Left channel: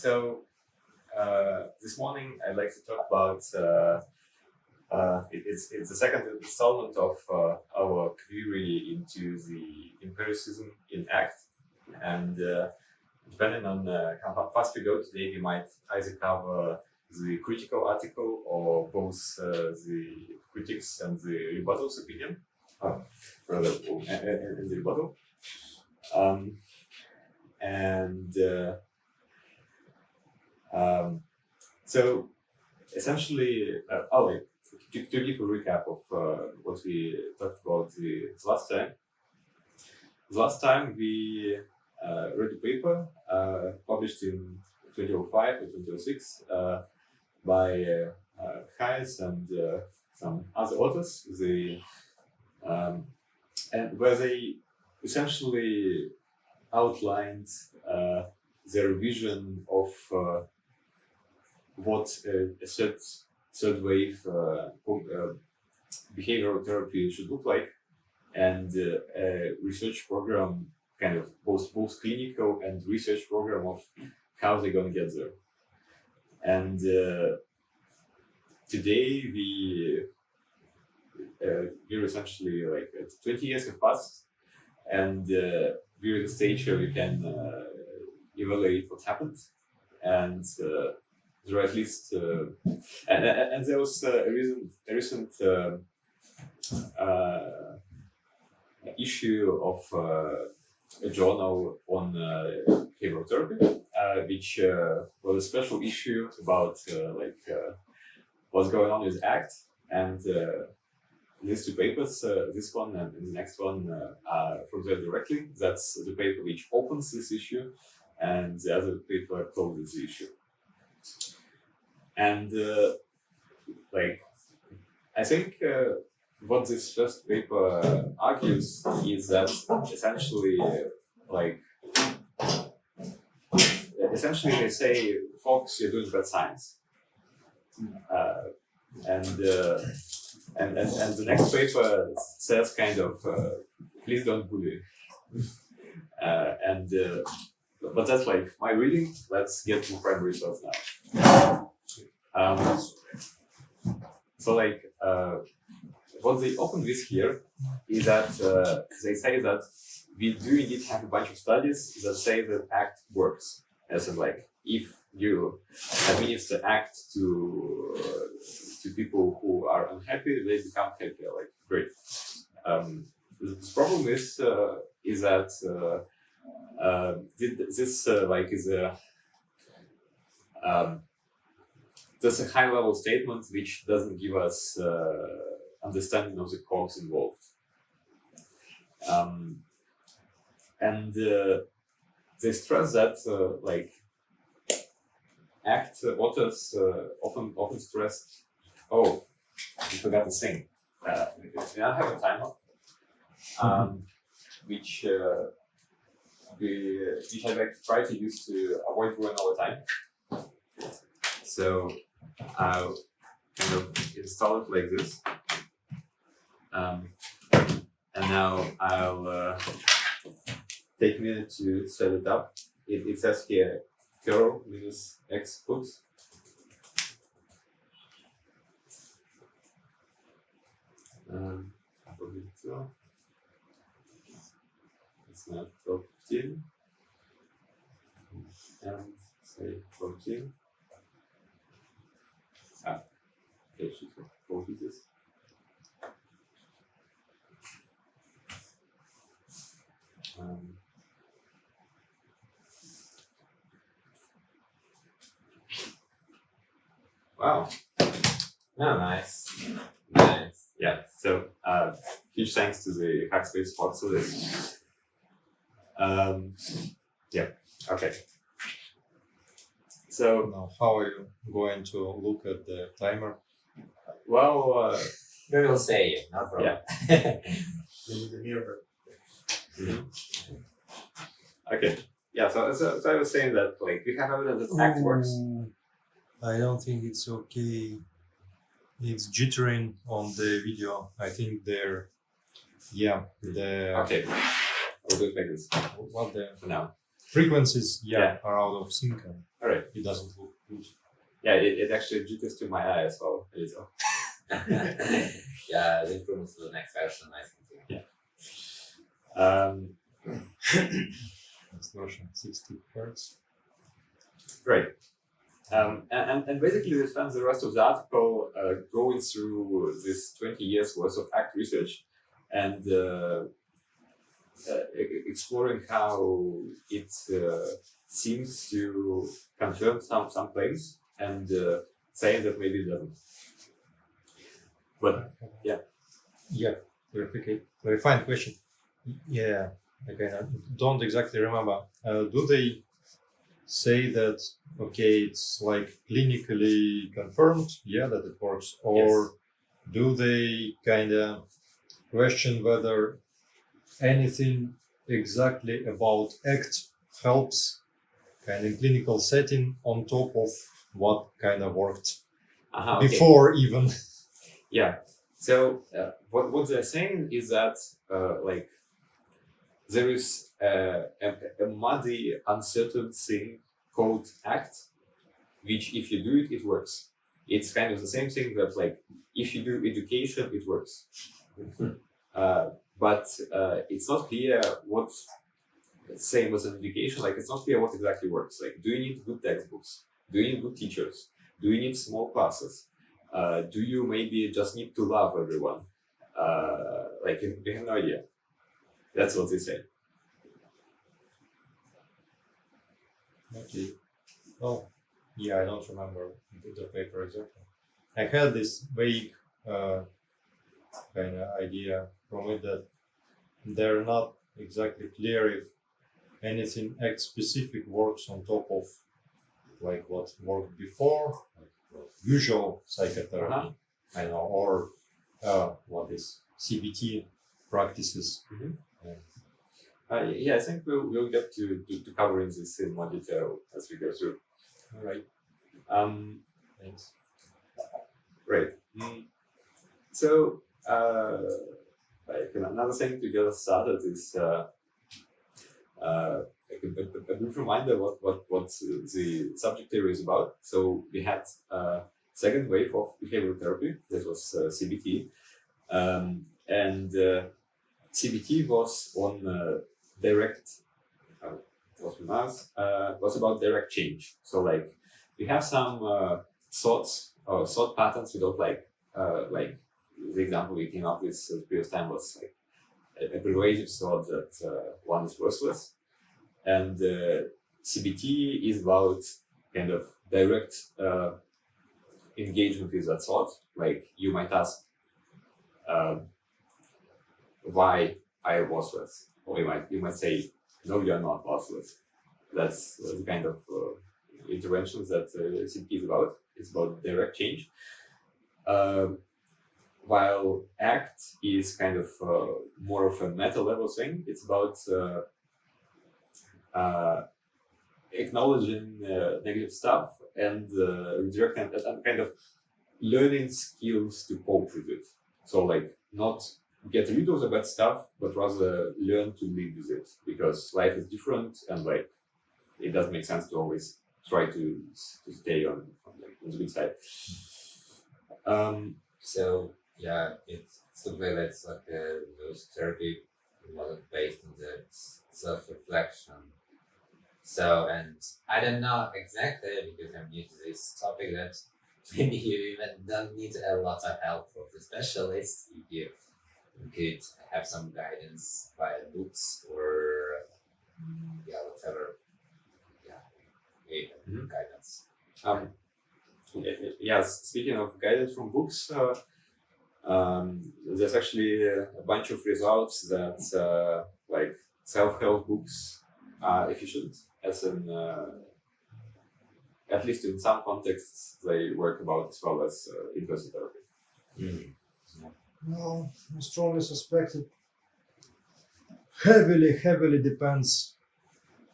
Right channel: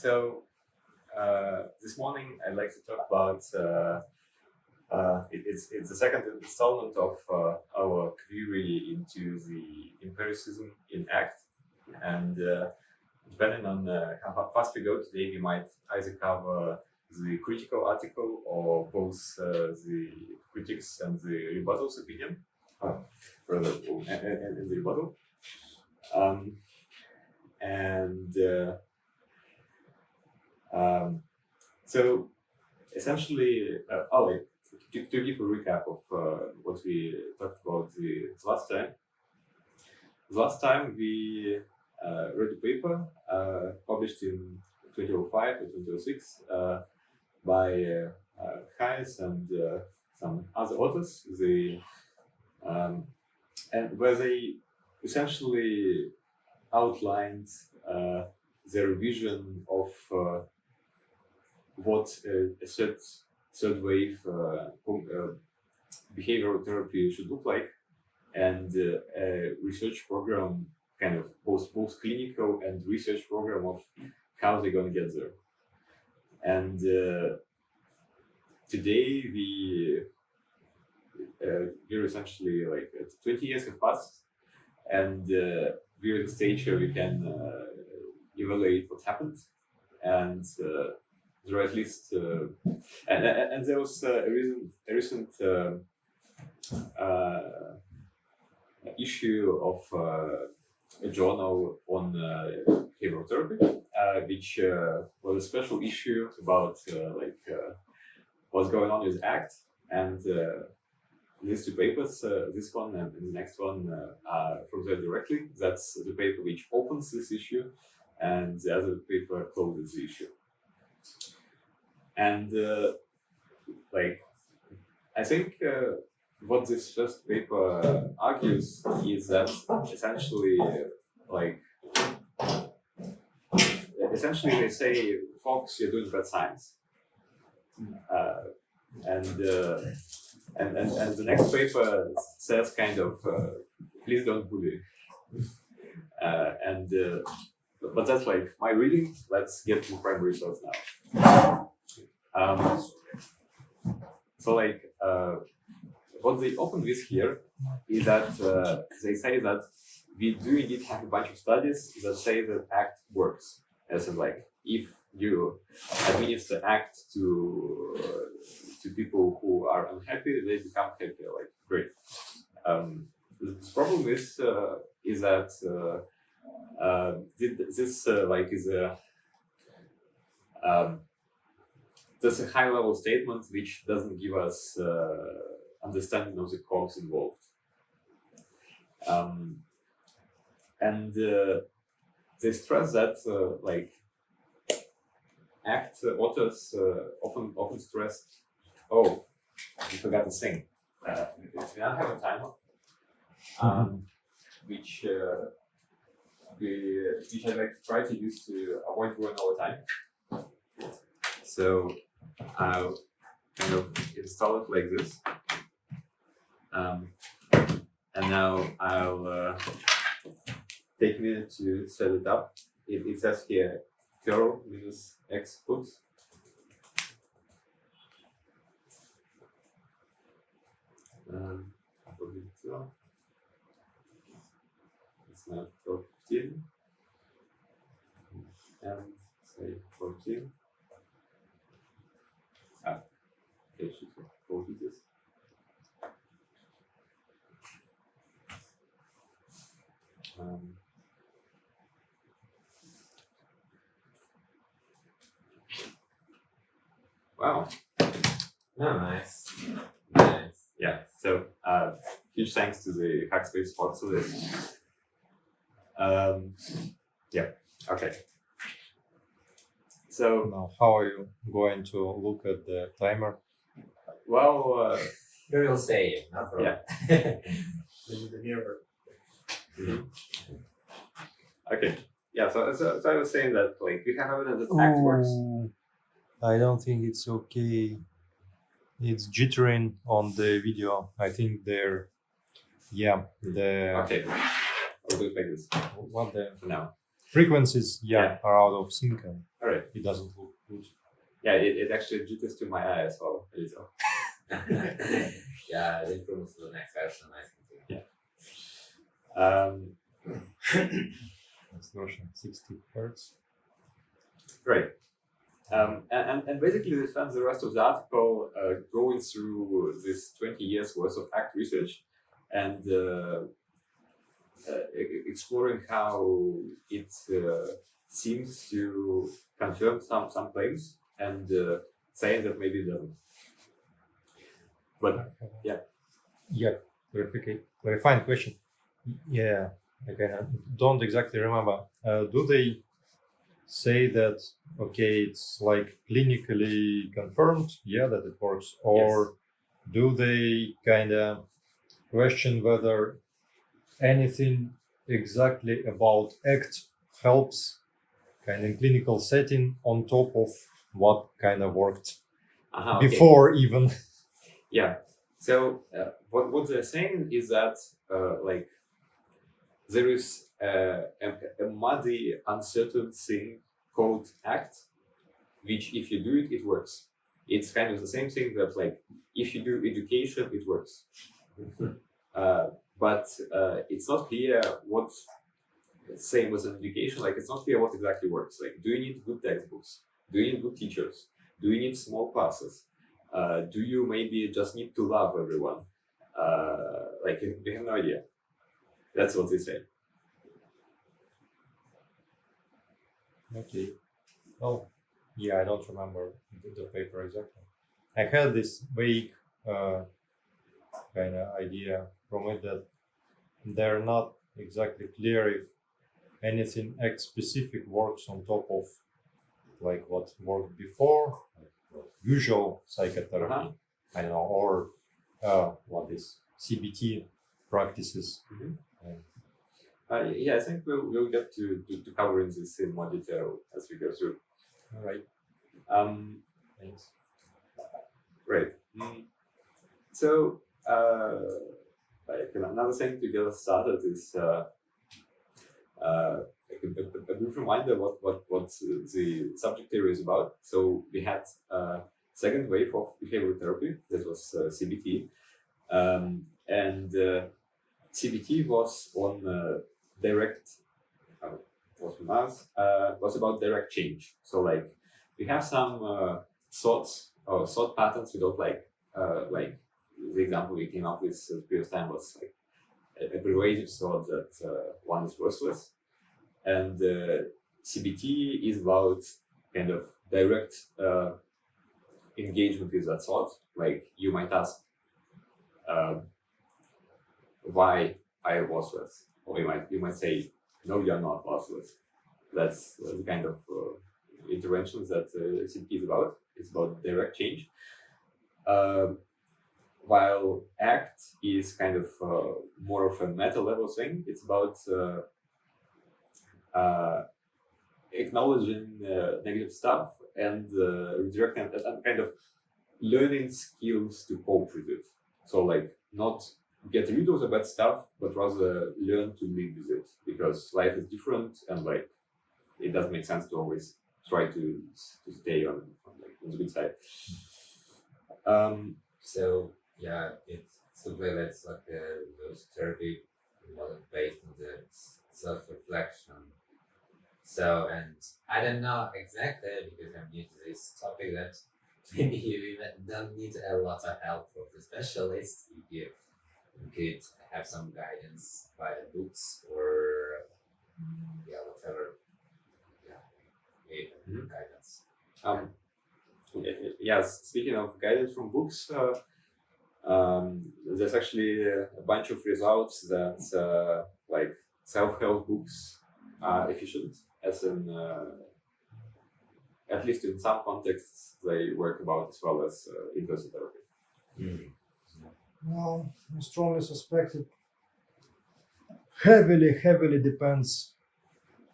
So this morning I'd like to talk about it's the second installment of our query into the empiricism in ACT, and depending on how fast we go today, we might either cover the critical article or both the critics and the rebuttal's opinion, rather in the rebuttal. So essentially, to give a recap of what we talked about the last time. Last time we read a paper published in 2005 or 2006 by Hayes and some other authors. And where they essentially outlined their vision of what a third wave behavioral therapy should look like, and a research program, kind of both clinical and research program of how they're going to get there. And today we're essentially like 20 years have passed, and we're at the stage where we can evaluate what happened, and there are at least and there was a recent issue of a journal on behavioral therapy, which was a special issue about what's going on with ACT, and these two papers, this one and the next one, are from there directly. That's the paper which opens this issue, and the other paper closes the issue. And I think what this first paper argues is that essentially they say, folks, you're doing bad science. And the next paper says kind of, please don't bully. But that's like my reading. Let's get to primary source now. What they open with here is that they say that we do indeed have a bunch of studies that say that ACT works. As in, like, if you administer ACT to people who are unhappy, they become happier. Like, great. The problem is that there's a high-level statement which doesn't give us understanding of the cogs involved, and they stress that ACT authors often stressed. Oh, I forgot to sing. We now have a timer, which I'd like to try to use to avoid going all the time. So I'll kind of install it like this. And now I'll take a minute to set it up. It says here curl -x put. It's now 12:15 and say 14. Okay, should have 4 pieces. Wow. Oh, nice. Yeah, so huge thanks to the Hackspace sponsor this. Yeah, okay. So Now, how are you going to look at the timer? well, We will say, no problem. Yeah. Okay. Yeah, so I was saying that we have evidence that ACT works. I don't think it's okay. It's jittering on the video. I think they're, Okay, I'll do it like this what the for now. frequencies, Yeah. are out of sync and All right. it doesn't look good. Yeah, it actually jitters to my eye as well. A little. Yeah, the improvements to the next version, I think. Next version, 60 hertz. Great. And basically, we spent the rest of the article going through this 20 years worth of ACT research and exploring how it seems to confirm some claims and saying that maybe it doesn't. But yeah. Yeah, clarifying question. Yeah, okay, I don't exactly remember. Do they say that, okay, it's like clinically confirmed, that it works? Or Yes. do they kind of question whether anything exactly about ACT helps kind of in clinical setting on top of what kind of worked Okay. before even? Yeah. So what they're saying is that like there is a muddy, uncertain thing called ACT, which if you do it, it works. It's kind of the same thing that like if you do education, it works. But it's not clear what. Same as an education, like it's not clear what exactly works. Like, do you need good textbooks? Do you need good teachers? Do you need small classes? Do you maybe just need to love everyone? Like, we have no idea. That's what they say. Okay. Well, I don't remember the paper exactly. I had this vague kind of idea from it that they're not exactly clear if anything X specific works on top of like what worked before, like usual psychotherapy, I know, or what is CBT practices. Yeah, I think we'll get to covering this in more detail as we go through. All right. Thanks. Great. So, like another thing to get us started is like a brief reminder what the subject area is about. So we had second wave of behavioral therapy. That was CBT, and CBT was on direct. Was about direct change. So like we have some thoughts or thought patterns we don't like. Like the example we came up with the previous time was like a pervasive thought that one is worthless, and CBT is about kind of direct engagement with that thought. Like you might ask, why I am worthless, or you might say, no, you are not worthless. That's the kind of interventions that CBT is about. It's about direct change. While ACT is kind of more of a meta level thing. It's about acknowledging negative stuff and redirecting and kind of learning skills to cope with it. So like not get rid of the bad stuff, but rather learn to live with it, because life is different and like it doesn't make sense to always try to stay on the good side. So yeah, it's something that's like those therapy model based on the self-reflection. So, and I don't know exactly, because I'm new to this topic, that maybe you even don't need a lot of help from the specialist if you could have some guidance via books or whatever. Guidance. Yes, speaking of guidance from books, there's actually a bunch of results that like self-help books are efficient, as in at least in some contexts they work about as well as in-person therapy. Well, I strongly suspect it heavily depends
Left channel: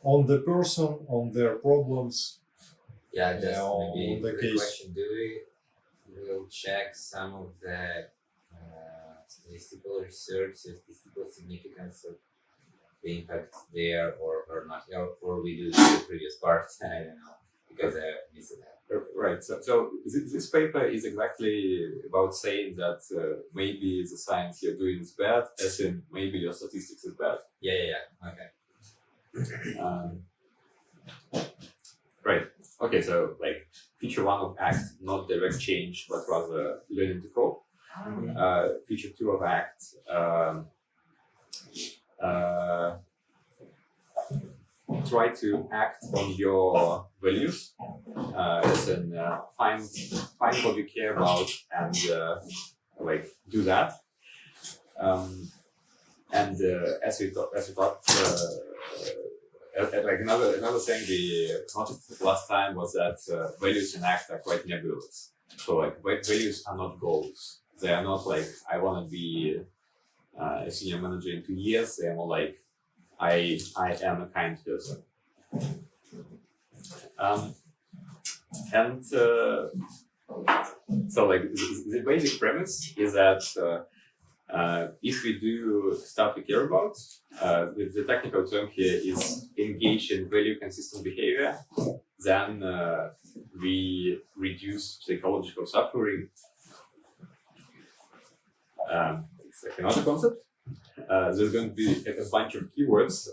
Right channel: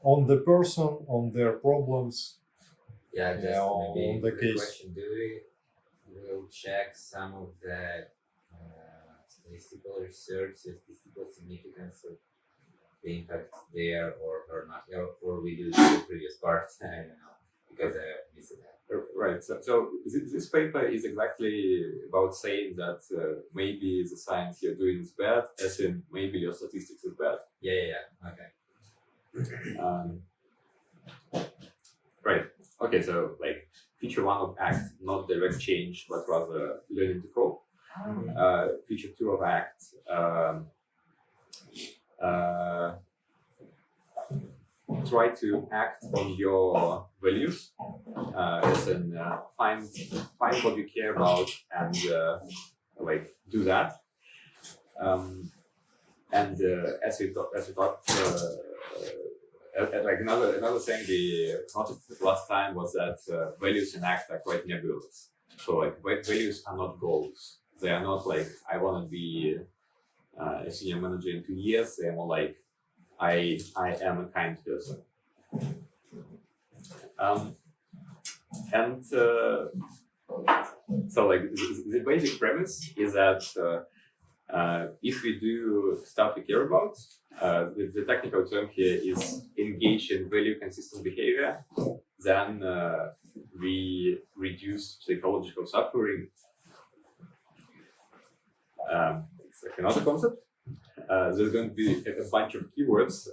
on the person, on their problems. Yeah, just maybe on the the case. question: we'll check some of the statistical research, statistical significance of the impact there or not, or we do the previous part. I don't know because I missed it. Right. So this paper is exactly about saying that maybe the science you're doing is bad, as in maybe your statistics is bad. Yeah. Okay. Right. Okay. So like feature one of ACT, not direct change, but rather learning to code. Feature two of ACT. Try to act on your values, as in find what you care about and like do that. And as we talked, like another thing we noticed last time was that values in ACT are quite nebulous. So like values are not goals. They are not like I want to be a senior manager in 2 years. They are more like I am a kind person. And so like the basic premise is that if we do stuff we care about, the technical term here is engage in value consistent behavior, then we reduce psychological suffering. It's like another concept. There's going to be a bunch of keywords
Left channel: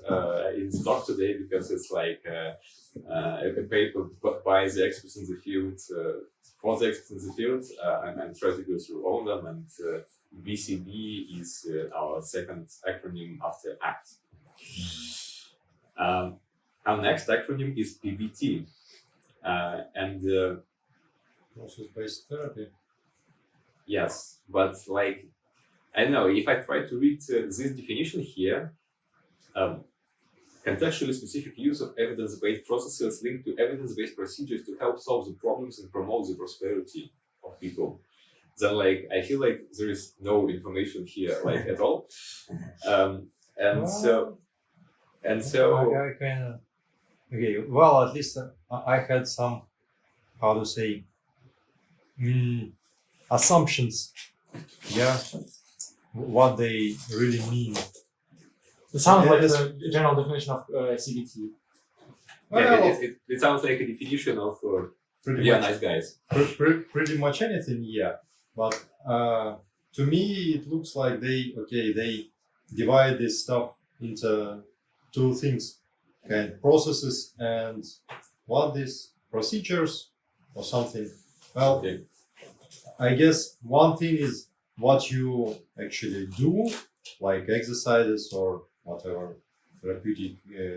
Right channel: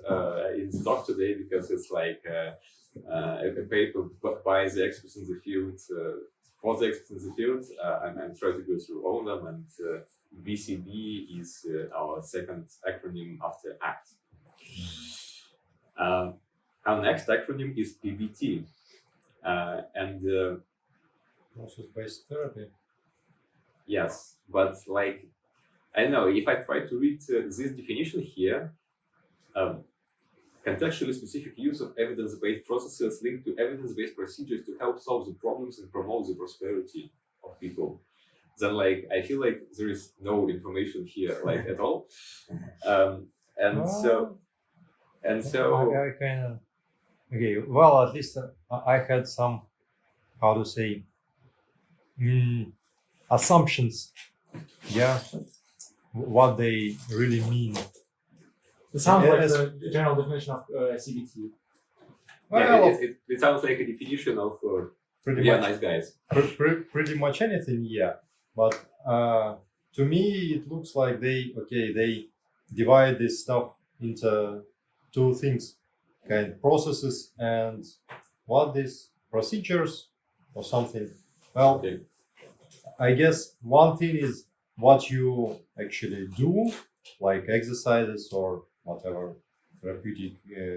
in the talk today because it's like a paper by the experts in the field, for the experts in the field. I'm trying to go through all of them, and VCB is our second acronym after ACT. Our next acronym is PBT, and process-based therapy. yes, but like I don't know if I try to read this definition here. Contextually specific use of evidence-based processes linked to evidence-based procedures to help solve the problems and promote the prosperity of people. Then, like, I feel like there is no information here, like at all. So Okay, well, at least I had some, how to say, assumptions. Yeah, what they really mean. It sounds like the general definition of CBT. yeah, it sounds like a definition of Pretty yeah, much, nice guys. pretty much anything, yeah. But to me, it looks like they divide this stuff into two things, kind of processes and what these procedures or something. Well, Okay. I guess one thing is what you actually do, like exercises or whatever therapeutic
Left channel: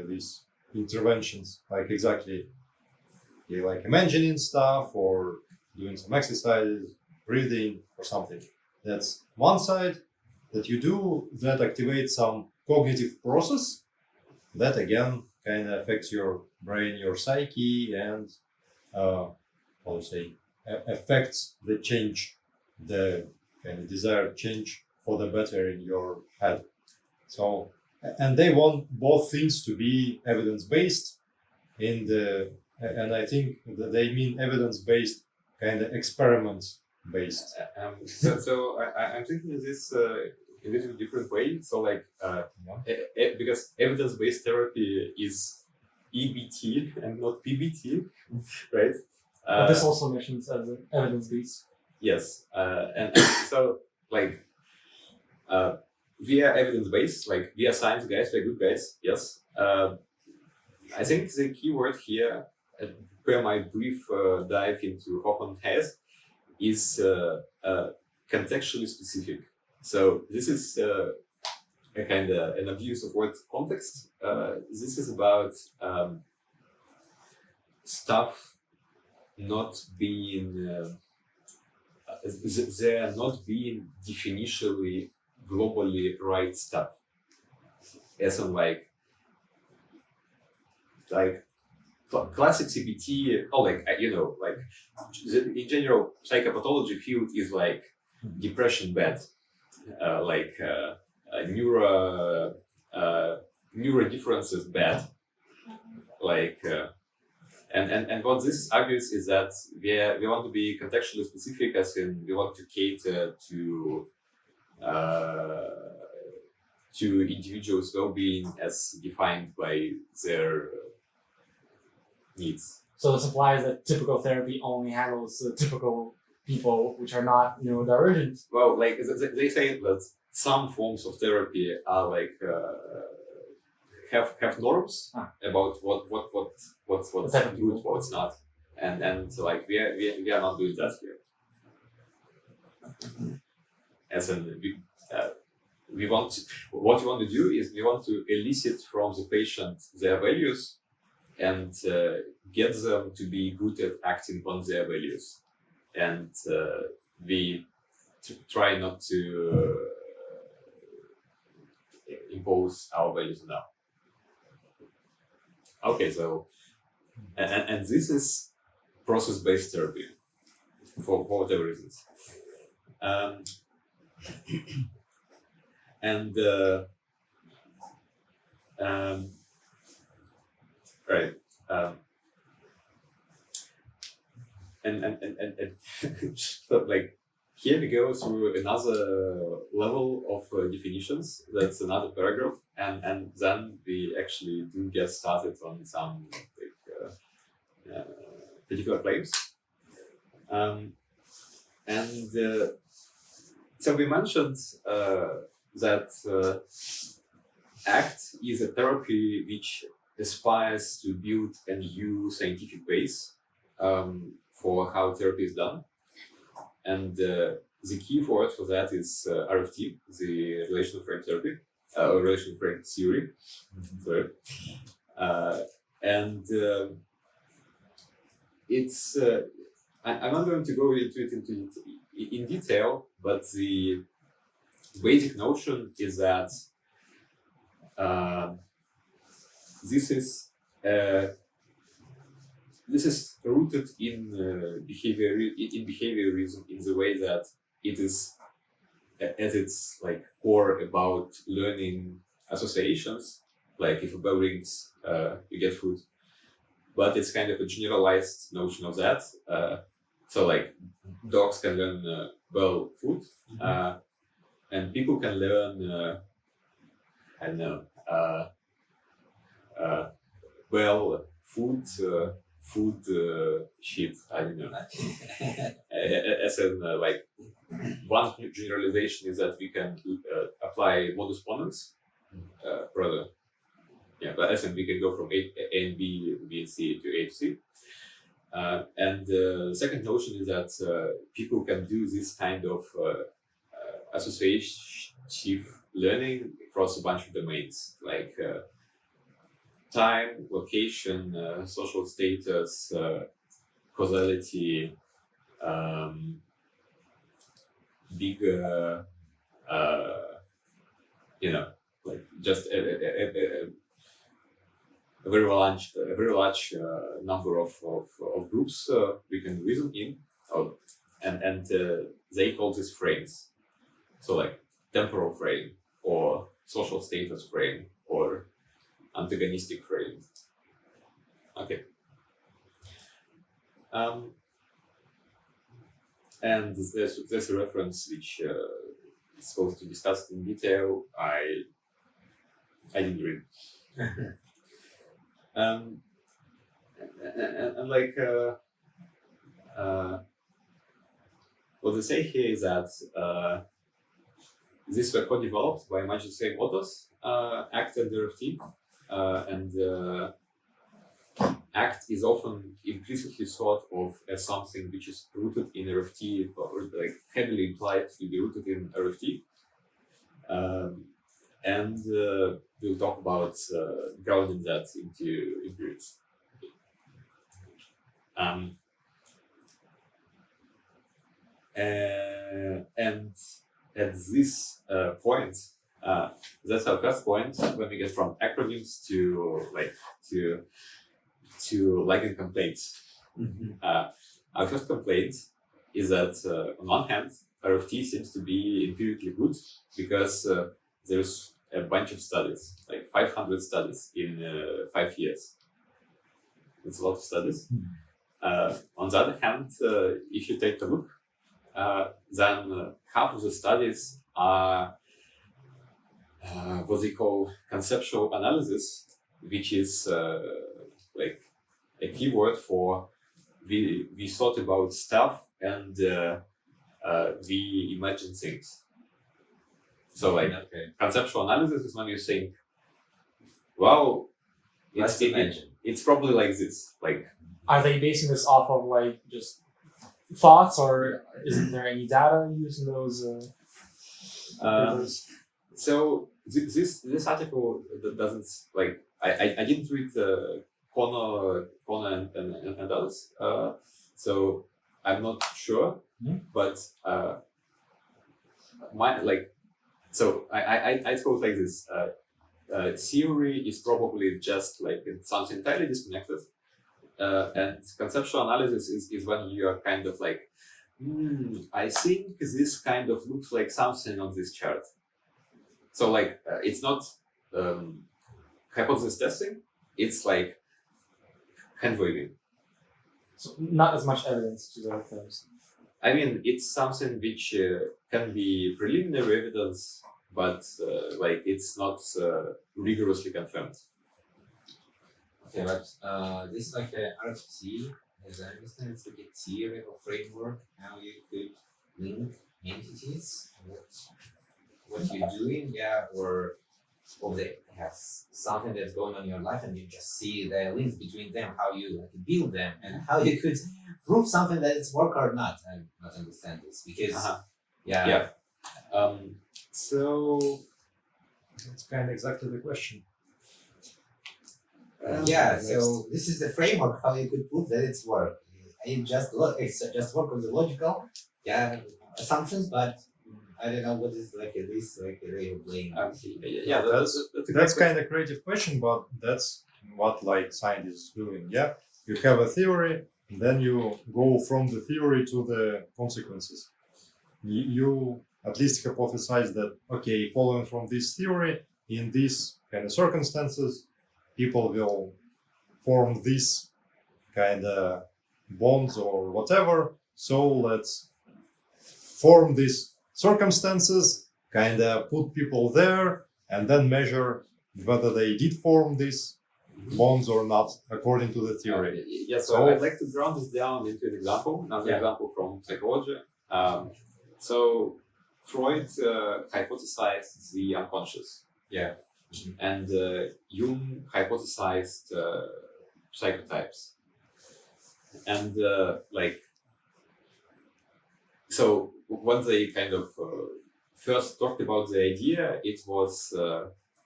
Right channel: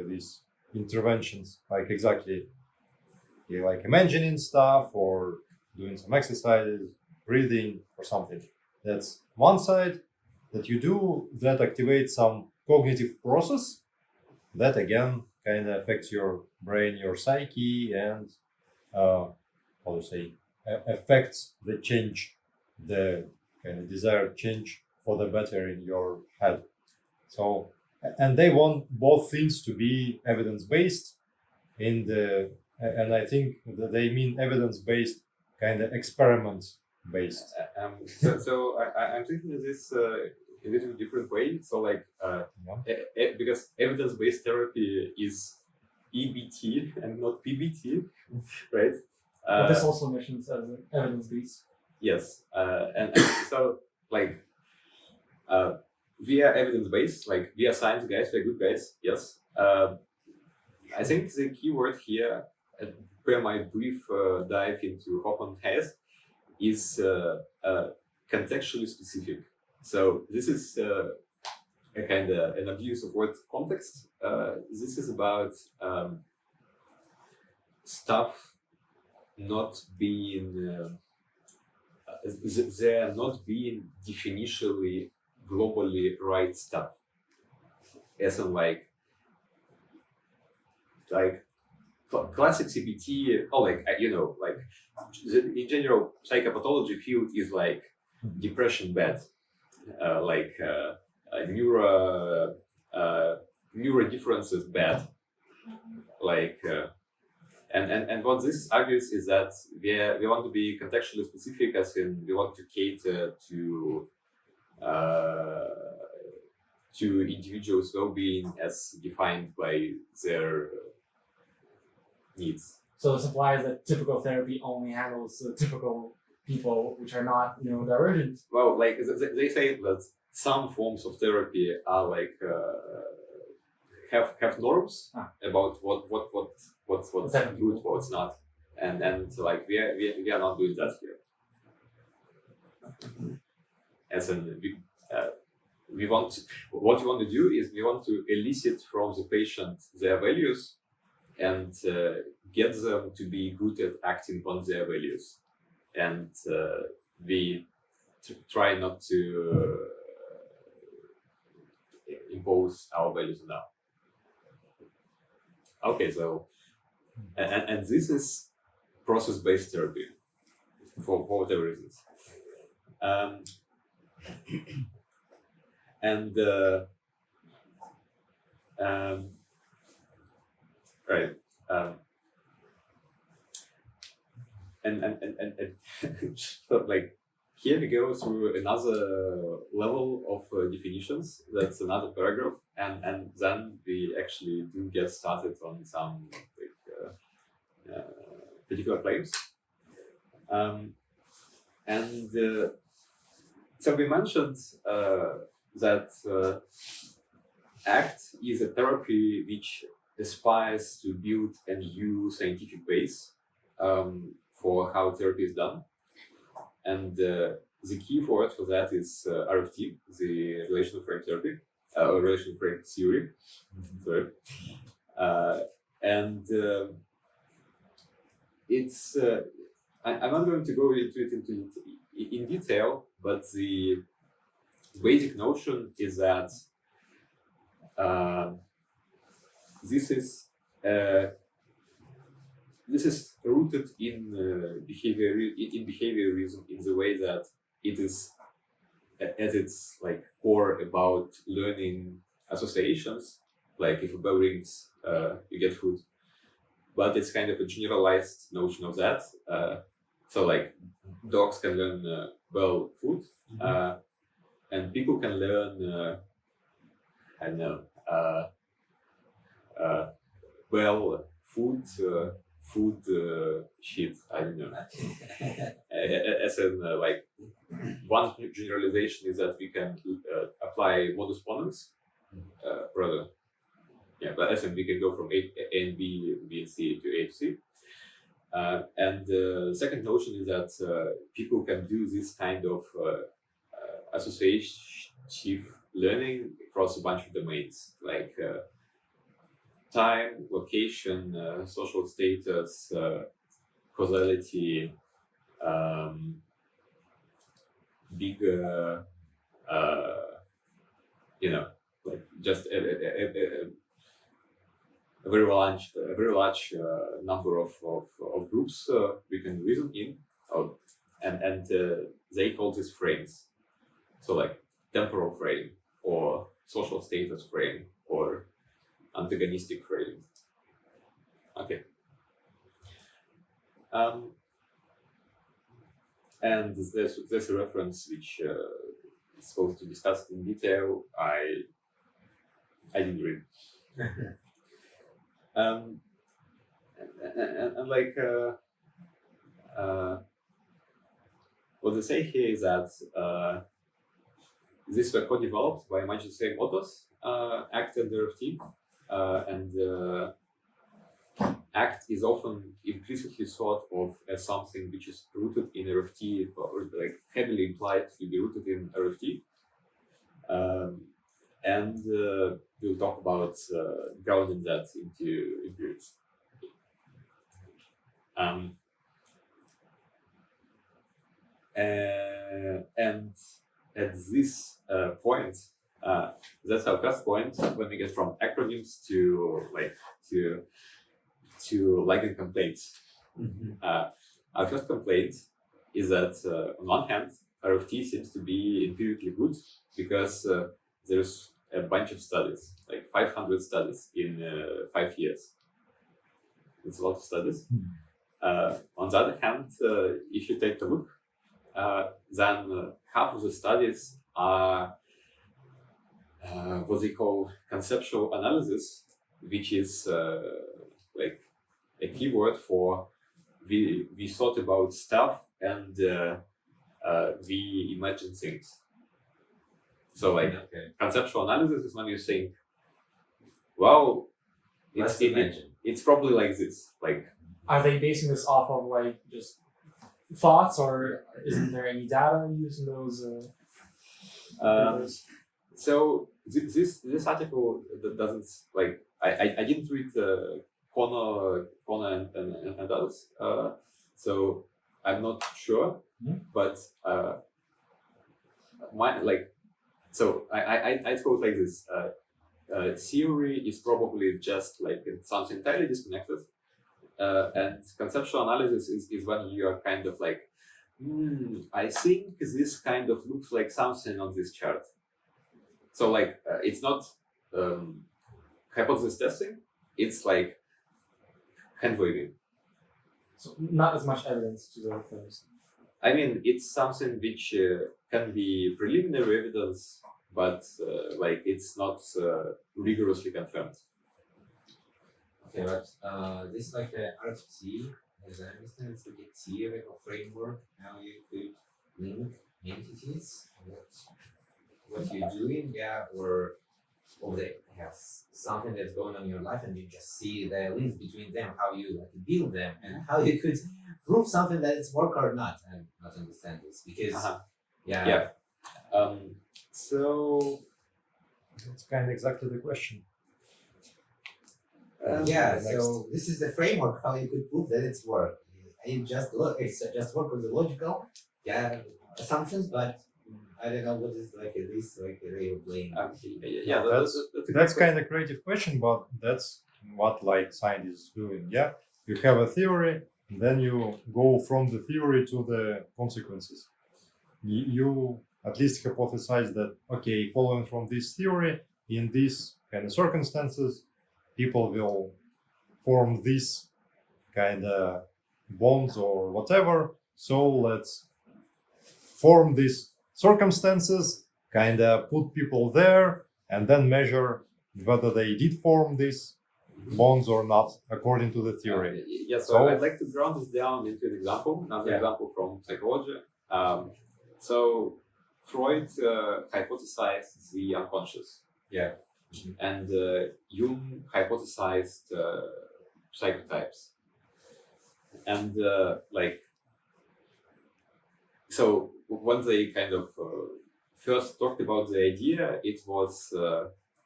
these interventions, like exactly like imagining stuff or doing some exercises, breathing or something. That's one side that you do that activates some cognitive process that again kind of affects your brain, your psyche, and how to say affects the change, the kind of desired change for the better in your head. So, and they want both things to be evidence-based in the, and I think that they mean evidence-based kind of experiment-based. So I'm thinking of this in a little different way. So like because evidence-based therapy is EBT and not PBT, right? But this also mentions as an evidence-based. Yes, and so like we are evidence-based, like we are science guys, we are good guys. Yes, I think the keyword here, per my brief dive into Hoffman has, is contextually specific. So this is a kind of an abuse of word context. This is about stuff not being there not being definitionally globally right stuff, as in like classic CBT, or like like in general psychopathology field is like depression bad, neuro differences bad, like. And what this argues is that we want to be contextually specific, as in we want to cater to to individuals' well-being as defined by their needs. So this implies that typical therapy only handles typical people, which are not neurodivergent. Well, like they say that some forms of therapy are like have norms about what's good, what's not, and like we are not doing that here. As in, we want to, what we want to do is we want to elicit from the patient their values and get them to be good at acting on their values, and we try not to impose our values now. Okay, so and this is process-based therapy for whatever reasons. Right. So like here we go through another level of definitions. That's another paragraph, and then we actually do get started on some like particular claims. So we mentioned that ACT is a therapy which aspires to build a new scientific base for how therapy is done. And the key word for that is RFT, the relational frame therapy, relational frame theory. Sorry. It's I'm not going to go into it in detail, but the basic notion is that this is rooted in behaviorism in the way that it is at its like core about learning associations. Like if a bell rings, you get food, but it's kind of a generalized notion of that. So like dogs can learn bell food, and people can learn I don't know bell food. Food shit, I don't know. As in, like, one generalization is that we can apply modus ponens, rather. Yeah, but as in, we can go from A and B and C to A to C. And the second notion is that people can do this kind of associative learning across a bunch of domains, like time, location, social status, causality, big, like just a very large number of groups we can reason in, and they call this frames. So like temporal frame or social status frame or antagonistic frame. Okay. And there's a reference which is supposed to discuss in detail. I didn't read. And like what they say here is that these were co-developed by much the same authors, ACT and RFT. And ACT is often implicitly thought of as something which is rooted in RFT, or like heavily implied to be rooted in RFT. And we'll talk about grounding that into empirics. And at this point, that's our first point when we get from acronyms to ligand complaints. Our first complaint is that on one hand, RFT seems to be empirically good because there's a bunch of studies, like 500 studies in 5 years. It's a lot of studies. On the other hand, if you take a look, then half of the studies are what they call conceptual analysis, which is like a keyword for we thought about stuff and we imagine things. So like conceptual analysis is when you think, well, it's probably like this. Like, are they basing this off of like just thoughts, or isn't there any data using those? Papers? So this article doesn't like I didn't read Connor and others. So I'm not sure, but my like so I thought like this. Theory is probably just like something entirely disconnected, and conceptual analysis is when you are kind of like, I think this kind of looks like something on this chart. So like it's not hypothesis testing; it's like hand waving. So not as much evidence to the claims. I mean, it's something which can be preliminary evidence, but like it's not rigorously confirmed. Okay, but this is like a RFC, as I understand, it's like a theoretical framework how you could link entities, what you're doing, or they have something that's going on in your life, and you just see the links between them, how you like build them, and how you could prove something that it's work or not. I not understand this because So That's kind of exactly the question. so this is the framework how you could prove that it's work. You just it's just work with the logical assumptions, but I don't know what is like this like a way of playing. that's a great That's question. kind of creative question, but that's what like scientists doing. Yeah, you have a theory, and then you go from the theory to the consequences. You at least hypothesize that okay, following from this theory, in these kind of circumstances, people will form this kind of bonds or whatever. So let's form these circumstances, kind of put people there, and then measure whether they did form these bonds or not, according to the theory. So I'd like to ground this down into an example, another example from psychology. So Freud hypothesized the unconscious. And Jung hypothesized psychotypes. And so when they kind of first talked about the idea, it was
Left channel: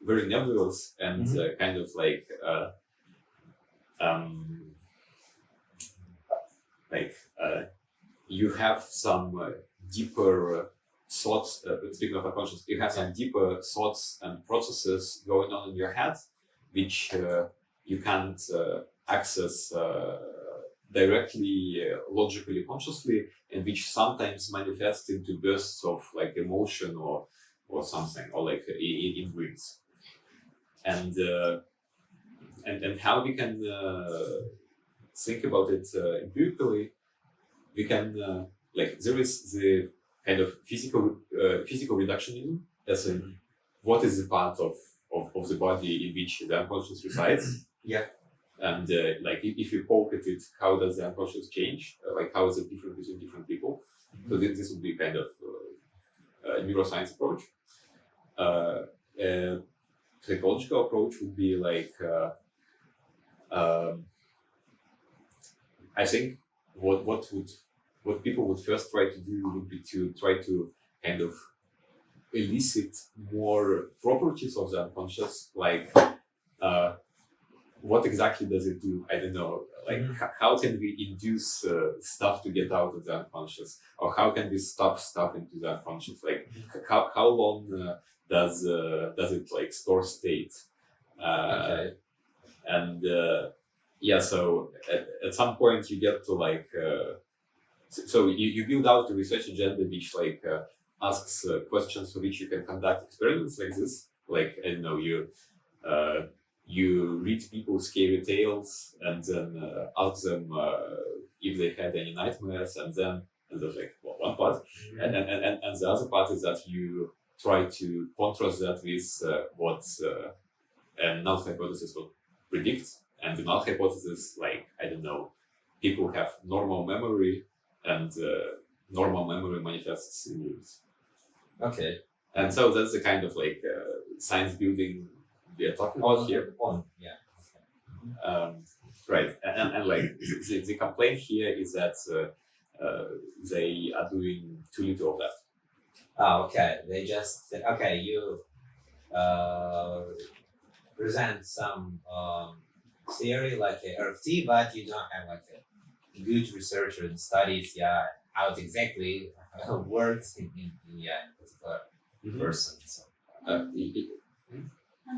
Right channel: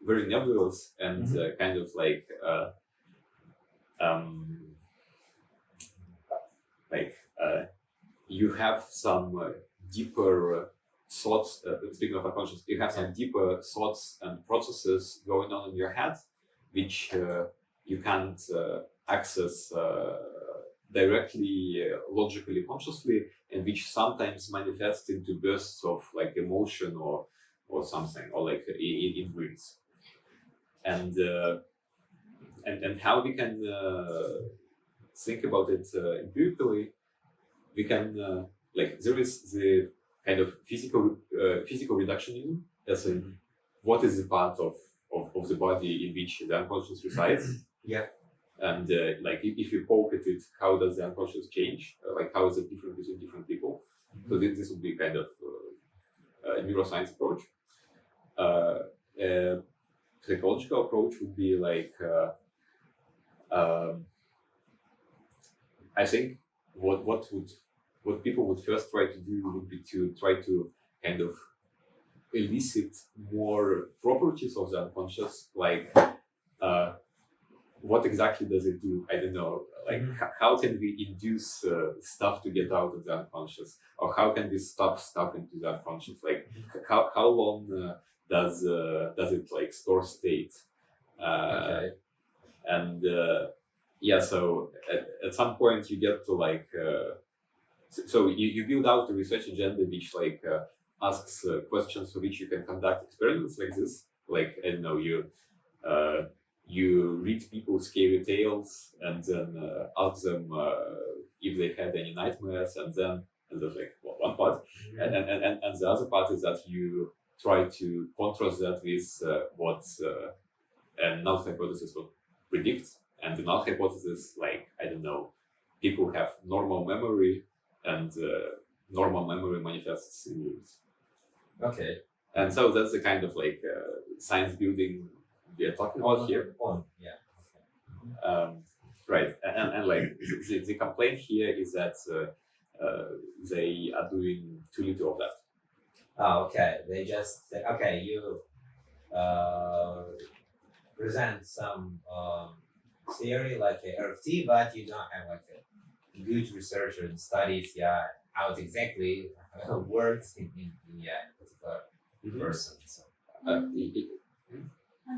very nebulous and kind of like you have some deeper thoughts. Speaking of unconscious, you have some deeper thoughts and processes going on in your head, which you can't access directly, logically, consciously, and which sometimes manifest into bursts of like emotion or something, or like in dreams. And how we can think about it empirically, we can like there is the kind of physical reductionism, as in what is the part of the body in which the unconscious resides. And like if you poke at it, how does the unconscious change? Like how is it different between different people? So this would be kind of a neuroscience approach. A psychological approach would be like I think what people would first try to do would be to try to kind of elicit more properties of the unconscious, like what exactly does it do? I don't know. Like how can we induce stuff to get out of the unconscious, or how can we stop stuff into the unconscious? Like how long does it like store state? And so at some point you get to like so you build out a research agenda which like asks questions for which you can conduct experiments like this. Like I don't know, you read people scary tales and then ask them if they had any nightmares, and there's like one part, and the other part is that you try to contrast that with what a null hypothesis would predict. And the null hypothesis, like, I don't know, people have normal memory, and normal memory manifests in rules. Okay. And so that's the kind of like science building we are talking about here. Yeah. Right, and like the complaint here is that they are doing too little of that. Oh, okay. They just say, okay, you present some theory like a RFT, but you don't have like a good researcher and studies, how it exactly works in particular person. So, I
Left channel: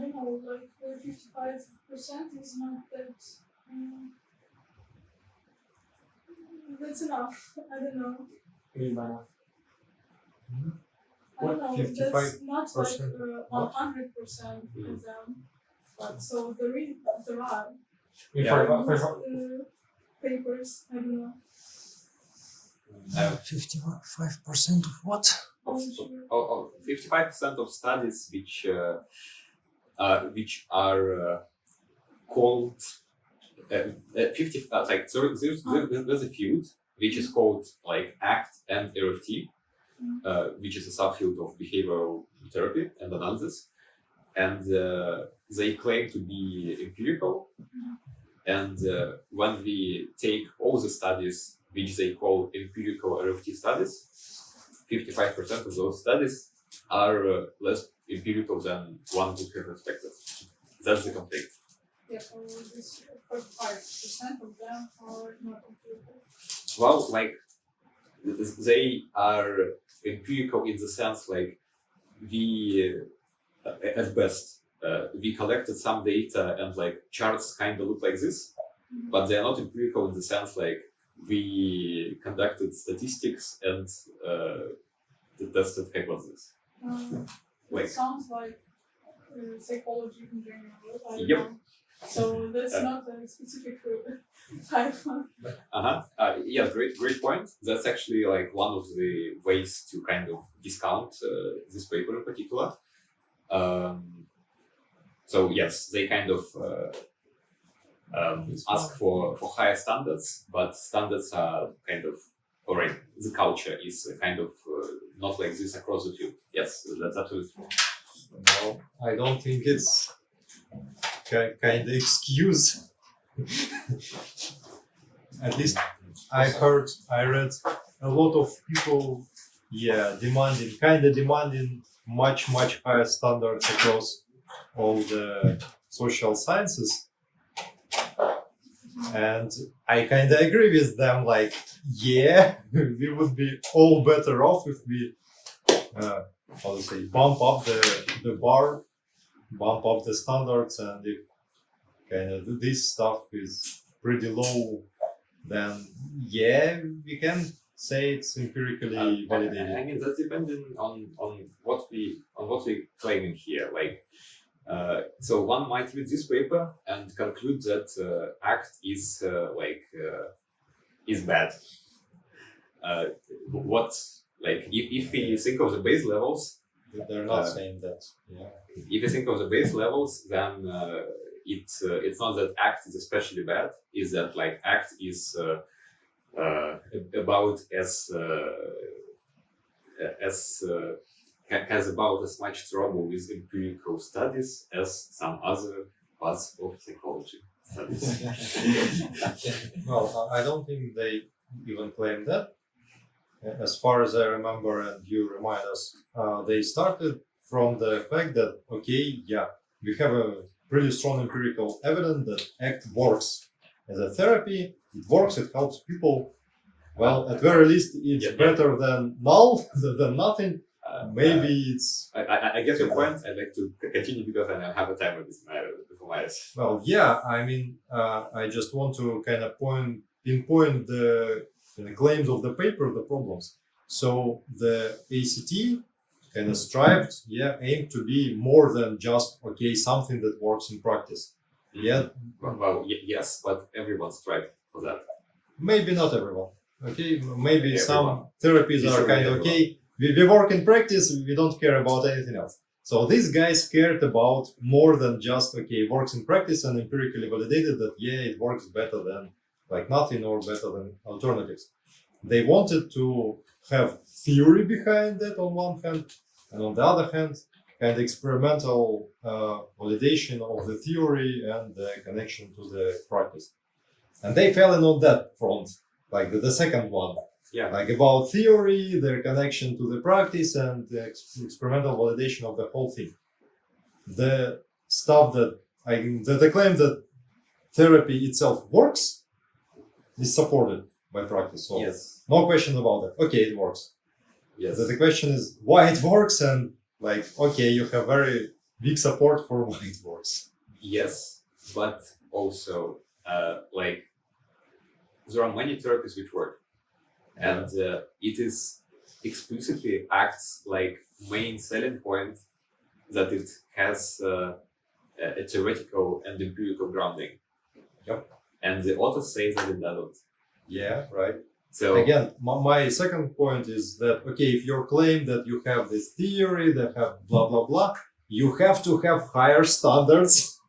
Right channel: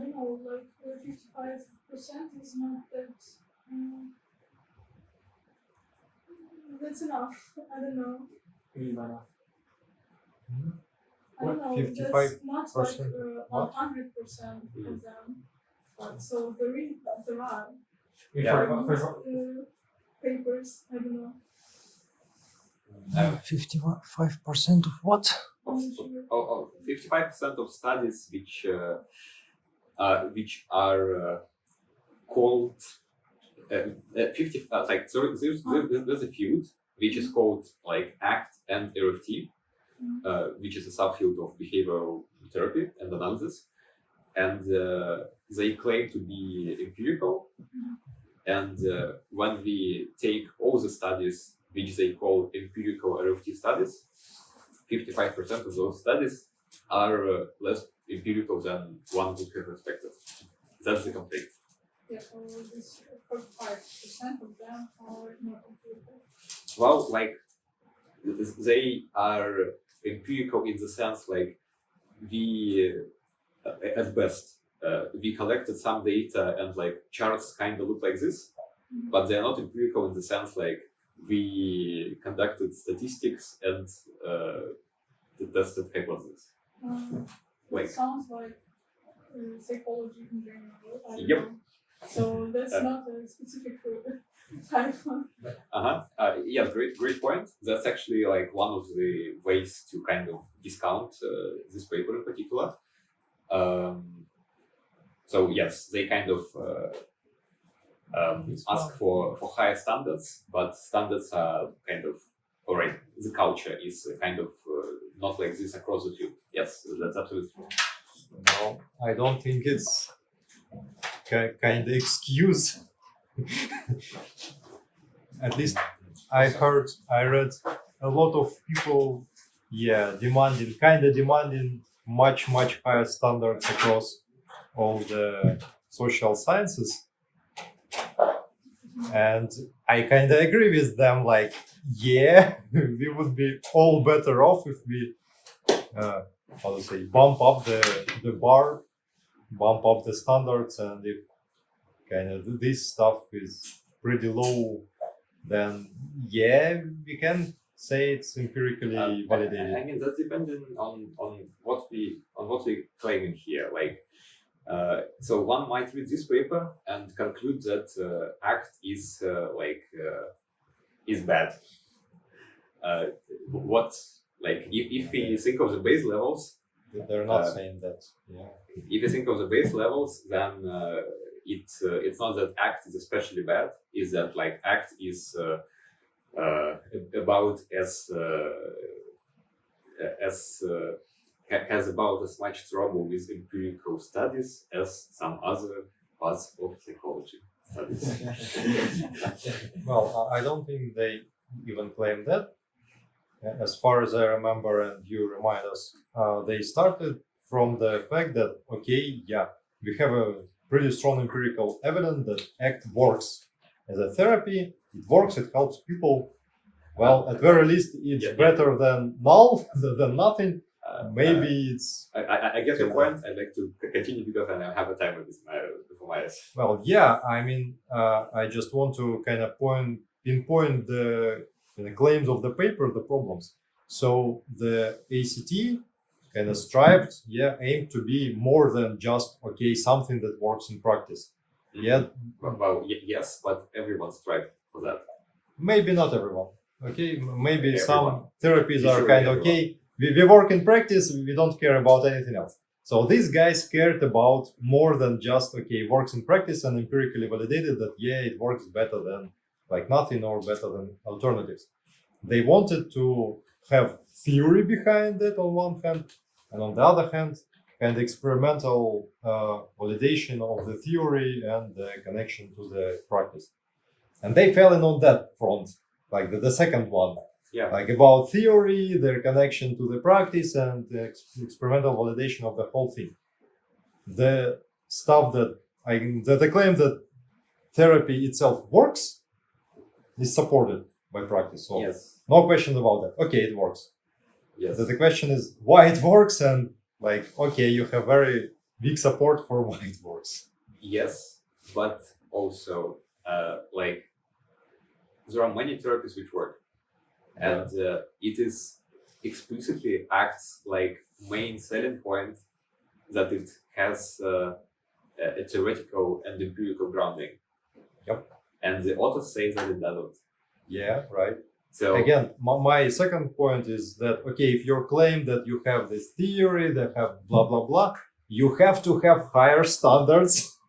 don't know, like 55% is not that. That's enough. I don't know. What do you mean by that? I don't know. 55% That's not like what? 100% of them. But so there are Yeah. For example, papers. I don't know. 55% of what? Of, I'm sure. 55% of studies which are called 50 like so there's a field which is called like ACT and RFT, which is a subfield of behavioral therapy and analysis, and they claim to be empirical. And when we take all the studies which they call empirical RFT studies, 55% of those studies are less empirical than one would have expected. That's the complaint. Yeah, so this 45% of them are not empirical. Well, like they are empirical in the sense like we, at best, we collected some data and like charts kind of look like this, but they are not empirical in the sense like we conducted statistics and tested hypotheses. Like- It sounds like psychology in general. I don't Yep. know. So that's not a specific type. Yeah, great point. That's actually like one of the ways to kind of discount this paper in particular. So yes, they kind of ask for higher standards, but standards are kind of alright. The culture is kind of not like this across the field. Yes, that's absolutely true. Well, I don't think it's kind of excuse. At least I read a lot of people, demanding much higher standards across all the social sciences. And I kind of agree with them, like, yeah, we would be all better off if we, bump up the bar, bump up the standards, and if kind of this stuff is pretty low, then yeah, we can say it's empirically validated. I mean that's depending on what we claiming here. Like, so one might read this paper and conclude that ACT is is bad. What like if we think of the base levels, They're not saying that. Yeah. if you think of the base levels, then it's not that ACT is especially bad. Is that like ACT is about has about as much trouble with empirical studies as some other parts of psychology studies. Well, I don't think they even claim that. As far as I remember, and you remind us, they started from the fact that, okay, yeah, we have a pretty strong empirical evidence that ACT works as a therapy. It works, it helps people. Well, at very least, it's better than null, than nothing. Maybe it's... I get your point. I'd like to continue because I have a timer before my eyes. Well, yeah, I mean, I just want to kind of pinpoint the claims of the paper, the problems. So the ACT kind of strived, aimed to be more than just, okay, something that works in practice. Yeah. Well, yes, but everyone strived for that. Maybe not everyone. Okay, maybe Everyone. some therapies are kind of Everyone. okay. we work in practice, we don't care about anything else. So these guys cared about more than just, okay, it works in practice and empirically validated that, yeah, it works better than like nothing or better than alternatives. They wanted to have theory behind it on one hand, and on the other hand, kind of experimental validation of the theory and the connection to the practice. And they fell in on that front, like the second one. Yeah. Like about theory, their connection to the practice, and the experimental validation of the whole thing. The stuff that the claim that therapy itself works is supported by practice. So Yes. no question about that. Okay, it works. Yes. The question is why it works, and like, okay, you have very big support for why it works. Yes, but also like there are many therapies which work, and it is explicitly acts like main selling point that it has a theoretical and empirical grounding. Yep. And the author says that it doesn't. Yeah, right. So Again, my second point is that, okay, if you claim that you have this theory that have blah blah blah, you have to have higher standards,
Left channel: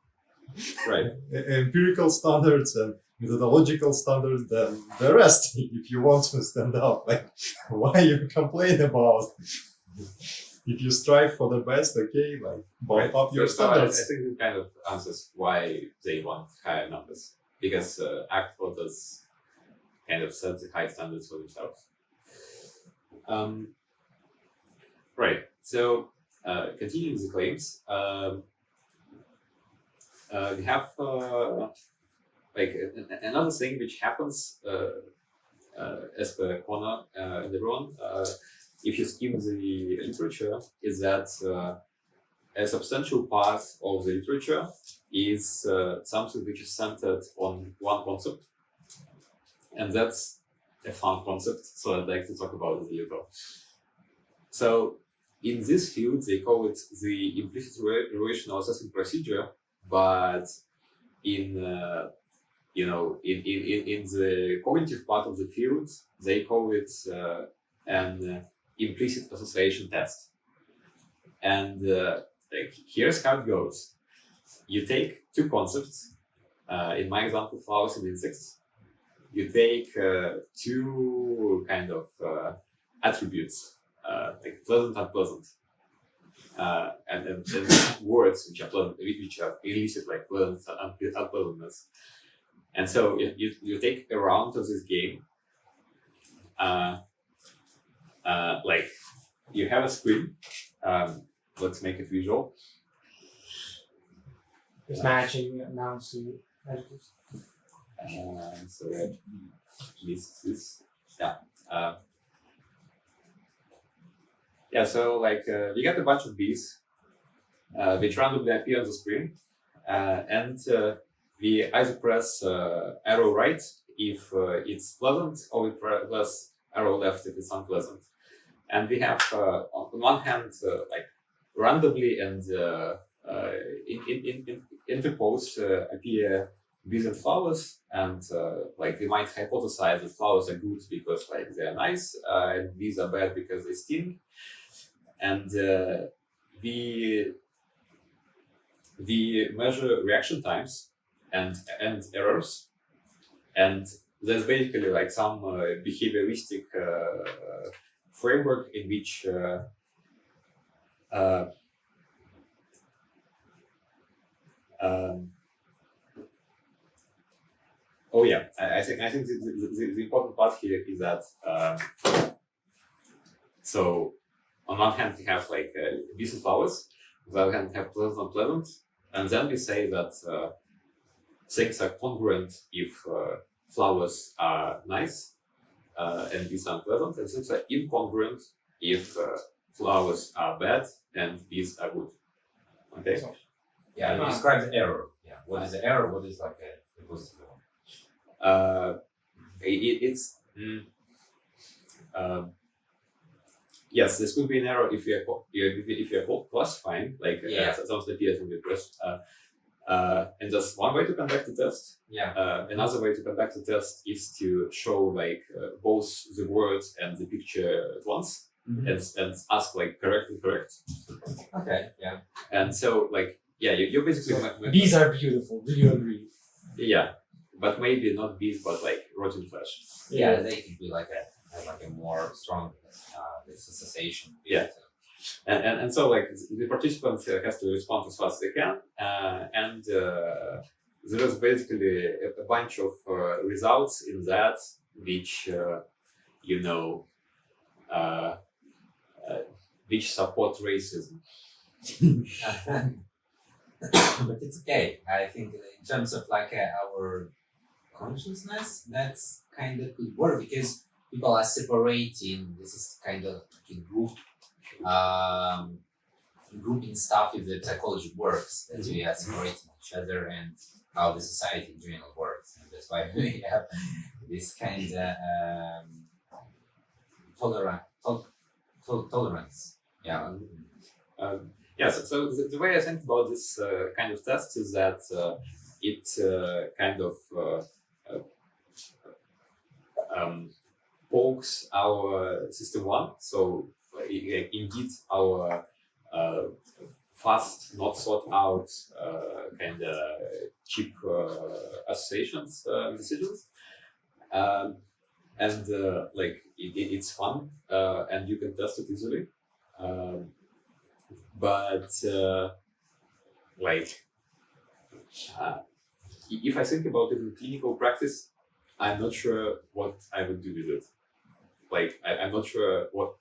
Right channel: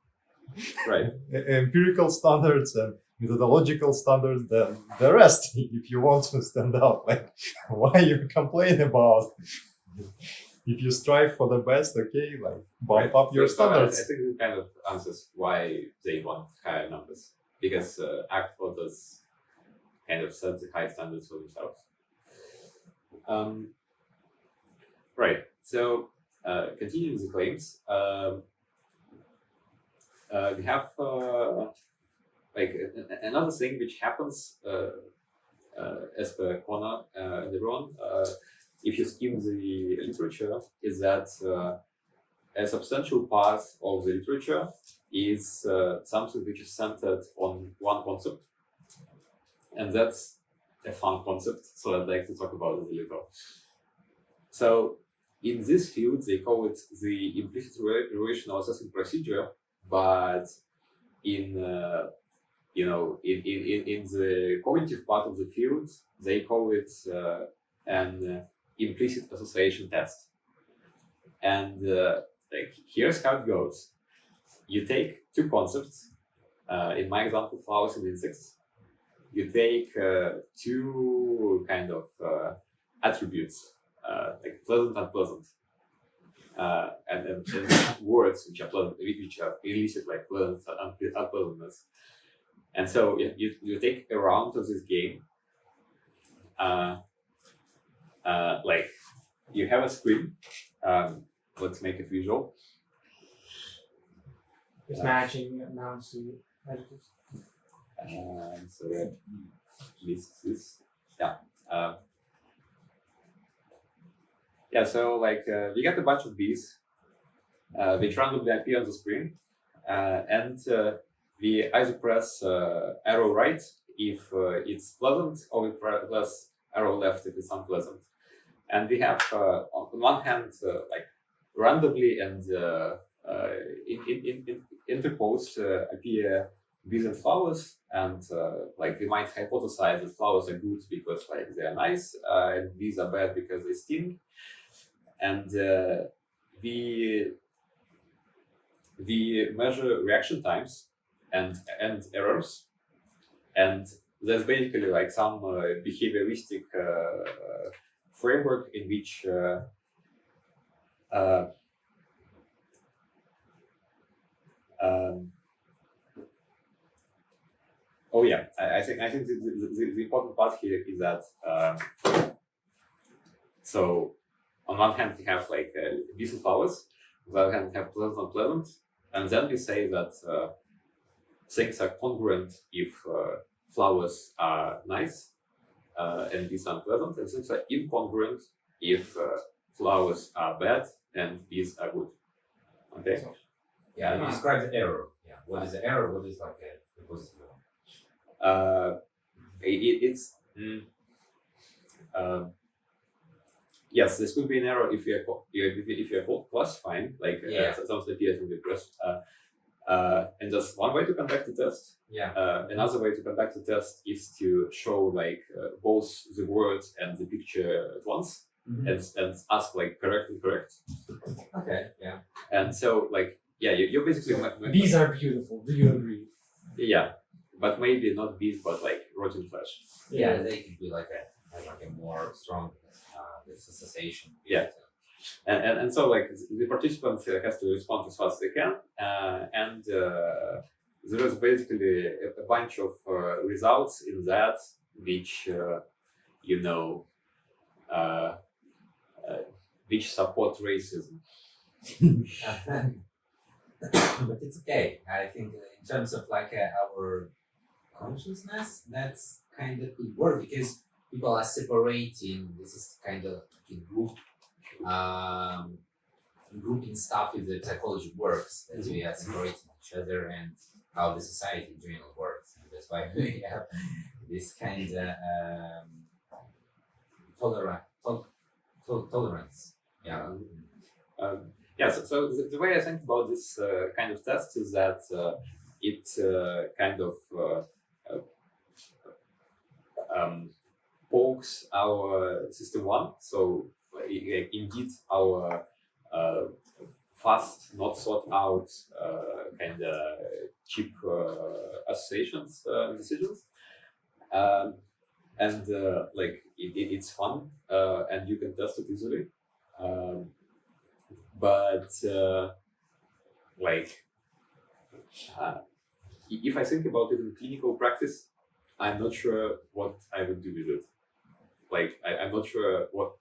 right. empirical standards and methodological standards than the rest. If you want to stand out, like, why you complain about? If you strive for the best, okay, like bump up your So I standards. think it kind of answers why they want higher numbers, because ACT authors kind of set the high standards for themselves. Right. So continuing the claims, we have like another thing which happens as per Connor and everyone. If you skim the literature, is that a substantial part of the literature is something which is centered on one concept, and that's a fun concept, so I'd like to talk about it a little. So in this field, they call it the implicit relational assessing procedure, but in in the cognitive part of the field, they call it an implicit association test. And like here's how it goes: you take two concepts. In my example, flowers and insects. You take two kind of attributes, like pleasant and unpleasant, and words which are pleasant, which are elicit like pleasant and unpleasantness. And so you take a round of this game. Like you have a screen. Let's make it visual. Just matching nouns to adjectives. So that lists this. Yeah. Yeah, so like we get a bunch of bees which randomly appear on the screen, and we either press arrow right if it's pleasant, or we press arrow left if it's unpleasant. And we have on one hand like randomly and interposed appear bees and flowers, and like we might hypothesize that flowers are good because like they are nice, and bees are bad because they sting. And we measure reaction times and errors, and there's basically like some behavioristic framework in which oh yeah, I think the important part here is that so on one hand we have like bees and flowers, on the other hand we have pleasant and unpleasant, and then we say that things are congruent if flowers are nice and bees are unpleasant, and things are incongruent if flowers are bad and bees are good. Okay. Yeah, you describe the error. Yeah, what is the error? What is like the positive one? It's yes, this could be an error if you are classifying like some of the appears in the press. And just one way to conduct the test. Yeah. Another way to conduct the test is to show like both the words and the picture at once. Mhm. and ask like correct and correct. Okay, yeah. And so like you basically Bees are beautiful. Do you agree? yeah, but maybe not bees, but like rotten flesh. Yeah, they could be like a more strong this association. Yeah. And so like the participant has to respond as fast as they can, and there is basically a bunch of results in that which you know uh, which support racism. But it's okay. I think in terms of like our consciousness, that's kind of could work because people are separating. This is kind of like a group, grouping stuff if the psychology works. That we are separating each other and how the society in general works, and that's why we have this kind of tolerance. Yeah. So the way I think about this kind of test is that it kind of pokes our system one. So indeed our fast, not thought out kind of cheap associations decisions. And like it's fun and you can test it easily. But like if I think about it in clinical practice, I'm not sure what I would do with it. Like I'm not sure what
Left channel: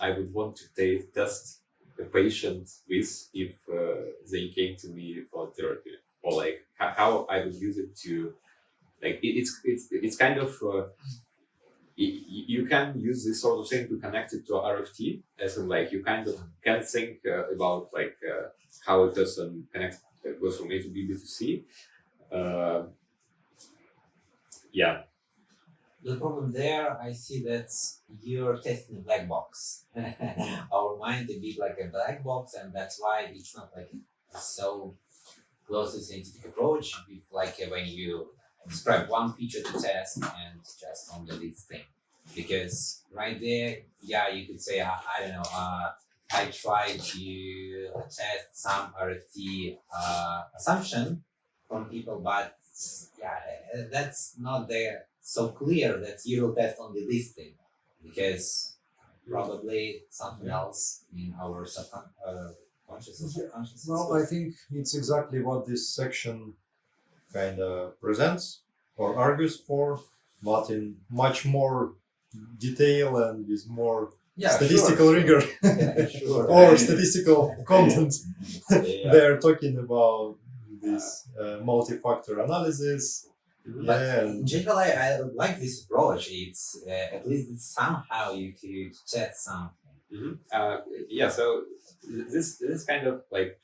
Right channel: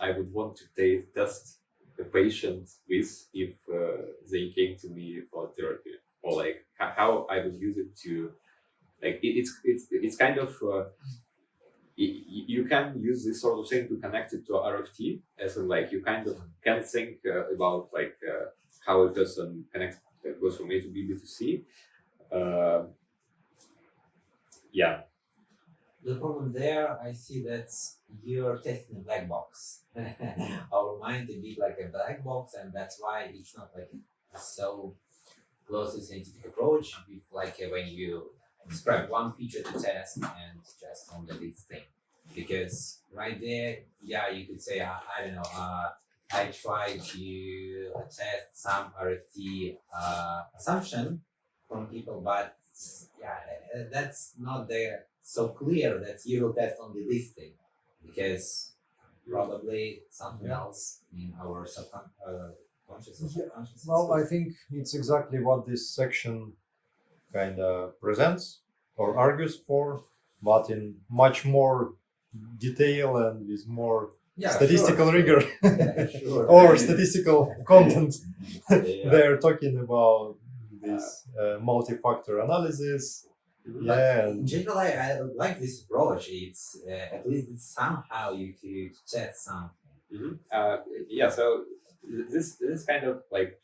I would want to test a patient with if they came to me for therapy, or like how I would use it to like it's kind of you can use this sort of thing to connect it to RFT, as in like you kind of can think about like how a person connects goes from A to B, B to C. Yeah. The problem there, I see that you're testing a black box. Our mind a bit like a black box, and that's why it's not like so close to scientific approach. With like when you describe one feature to test and just only this thing, because right there, yeah, you could say I don't know. I tried to test some RFT assumption from people, but yeah, that's not there so clear that you will test only this thing, because probably something else in our conscious or subconscious. Well, I think it's exactly what this section kind of presents or argues for, but in much more detail and with more statistical rigor Sure. or statistical content. Yeah. They are talking about this multi-factor analysis. But Yeah, in and general, I like this approach. It's at least somehow you could test something. So this kind of like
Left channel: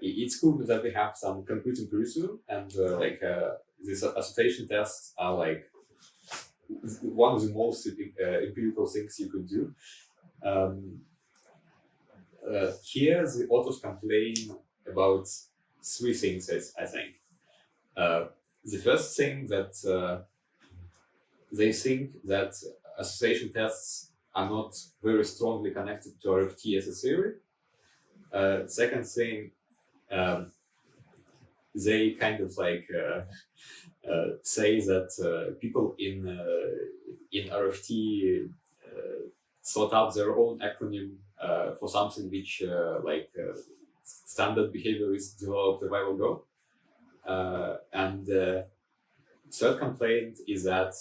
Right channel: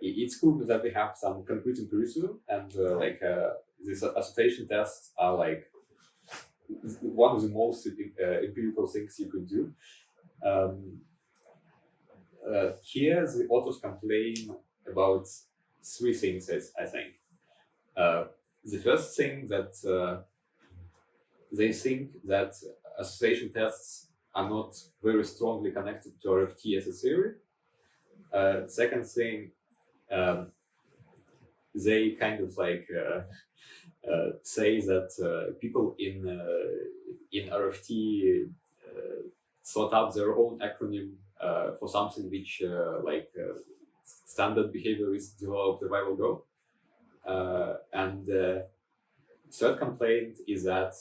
it's cool that we have some concrete empiricism and these association tests are like one of the most empirical things you could do. Here the authors complain about three things, I think. The first thing that they think that association tests are not very strongly connected to RFT as a theory. Second thing, they kind of like say that people in RFT thought up their own acronym for something which standard behaviorists developed a while ago. And third complaint is that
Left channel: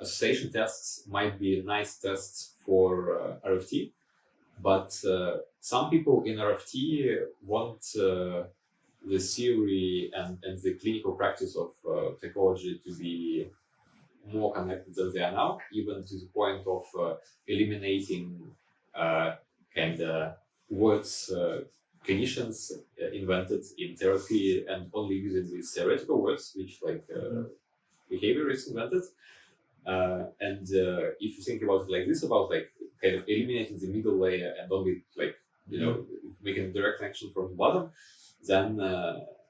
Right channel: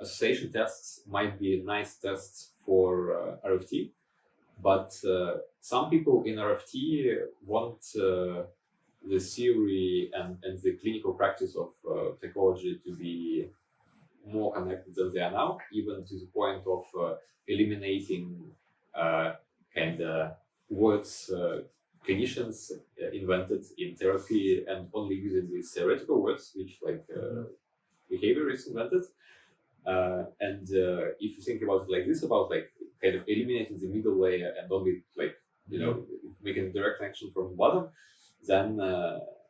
association tests might be nice tests for RFT, but some people in RFT want the theory and the clinical practice of psychology to be more connected than they are now, even to the point of eliminating kind of words clinicians invented in therapy and only using these theoretical words, which behaviorists invented. And if you think about it like this, about like kind of eliminating the middle layer and only making direct connection from the bottom, then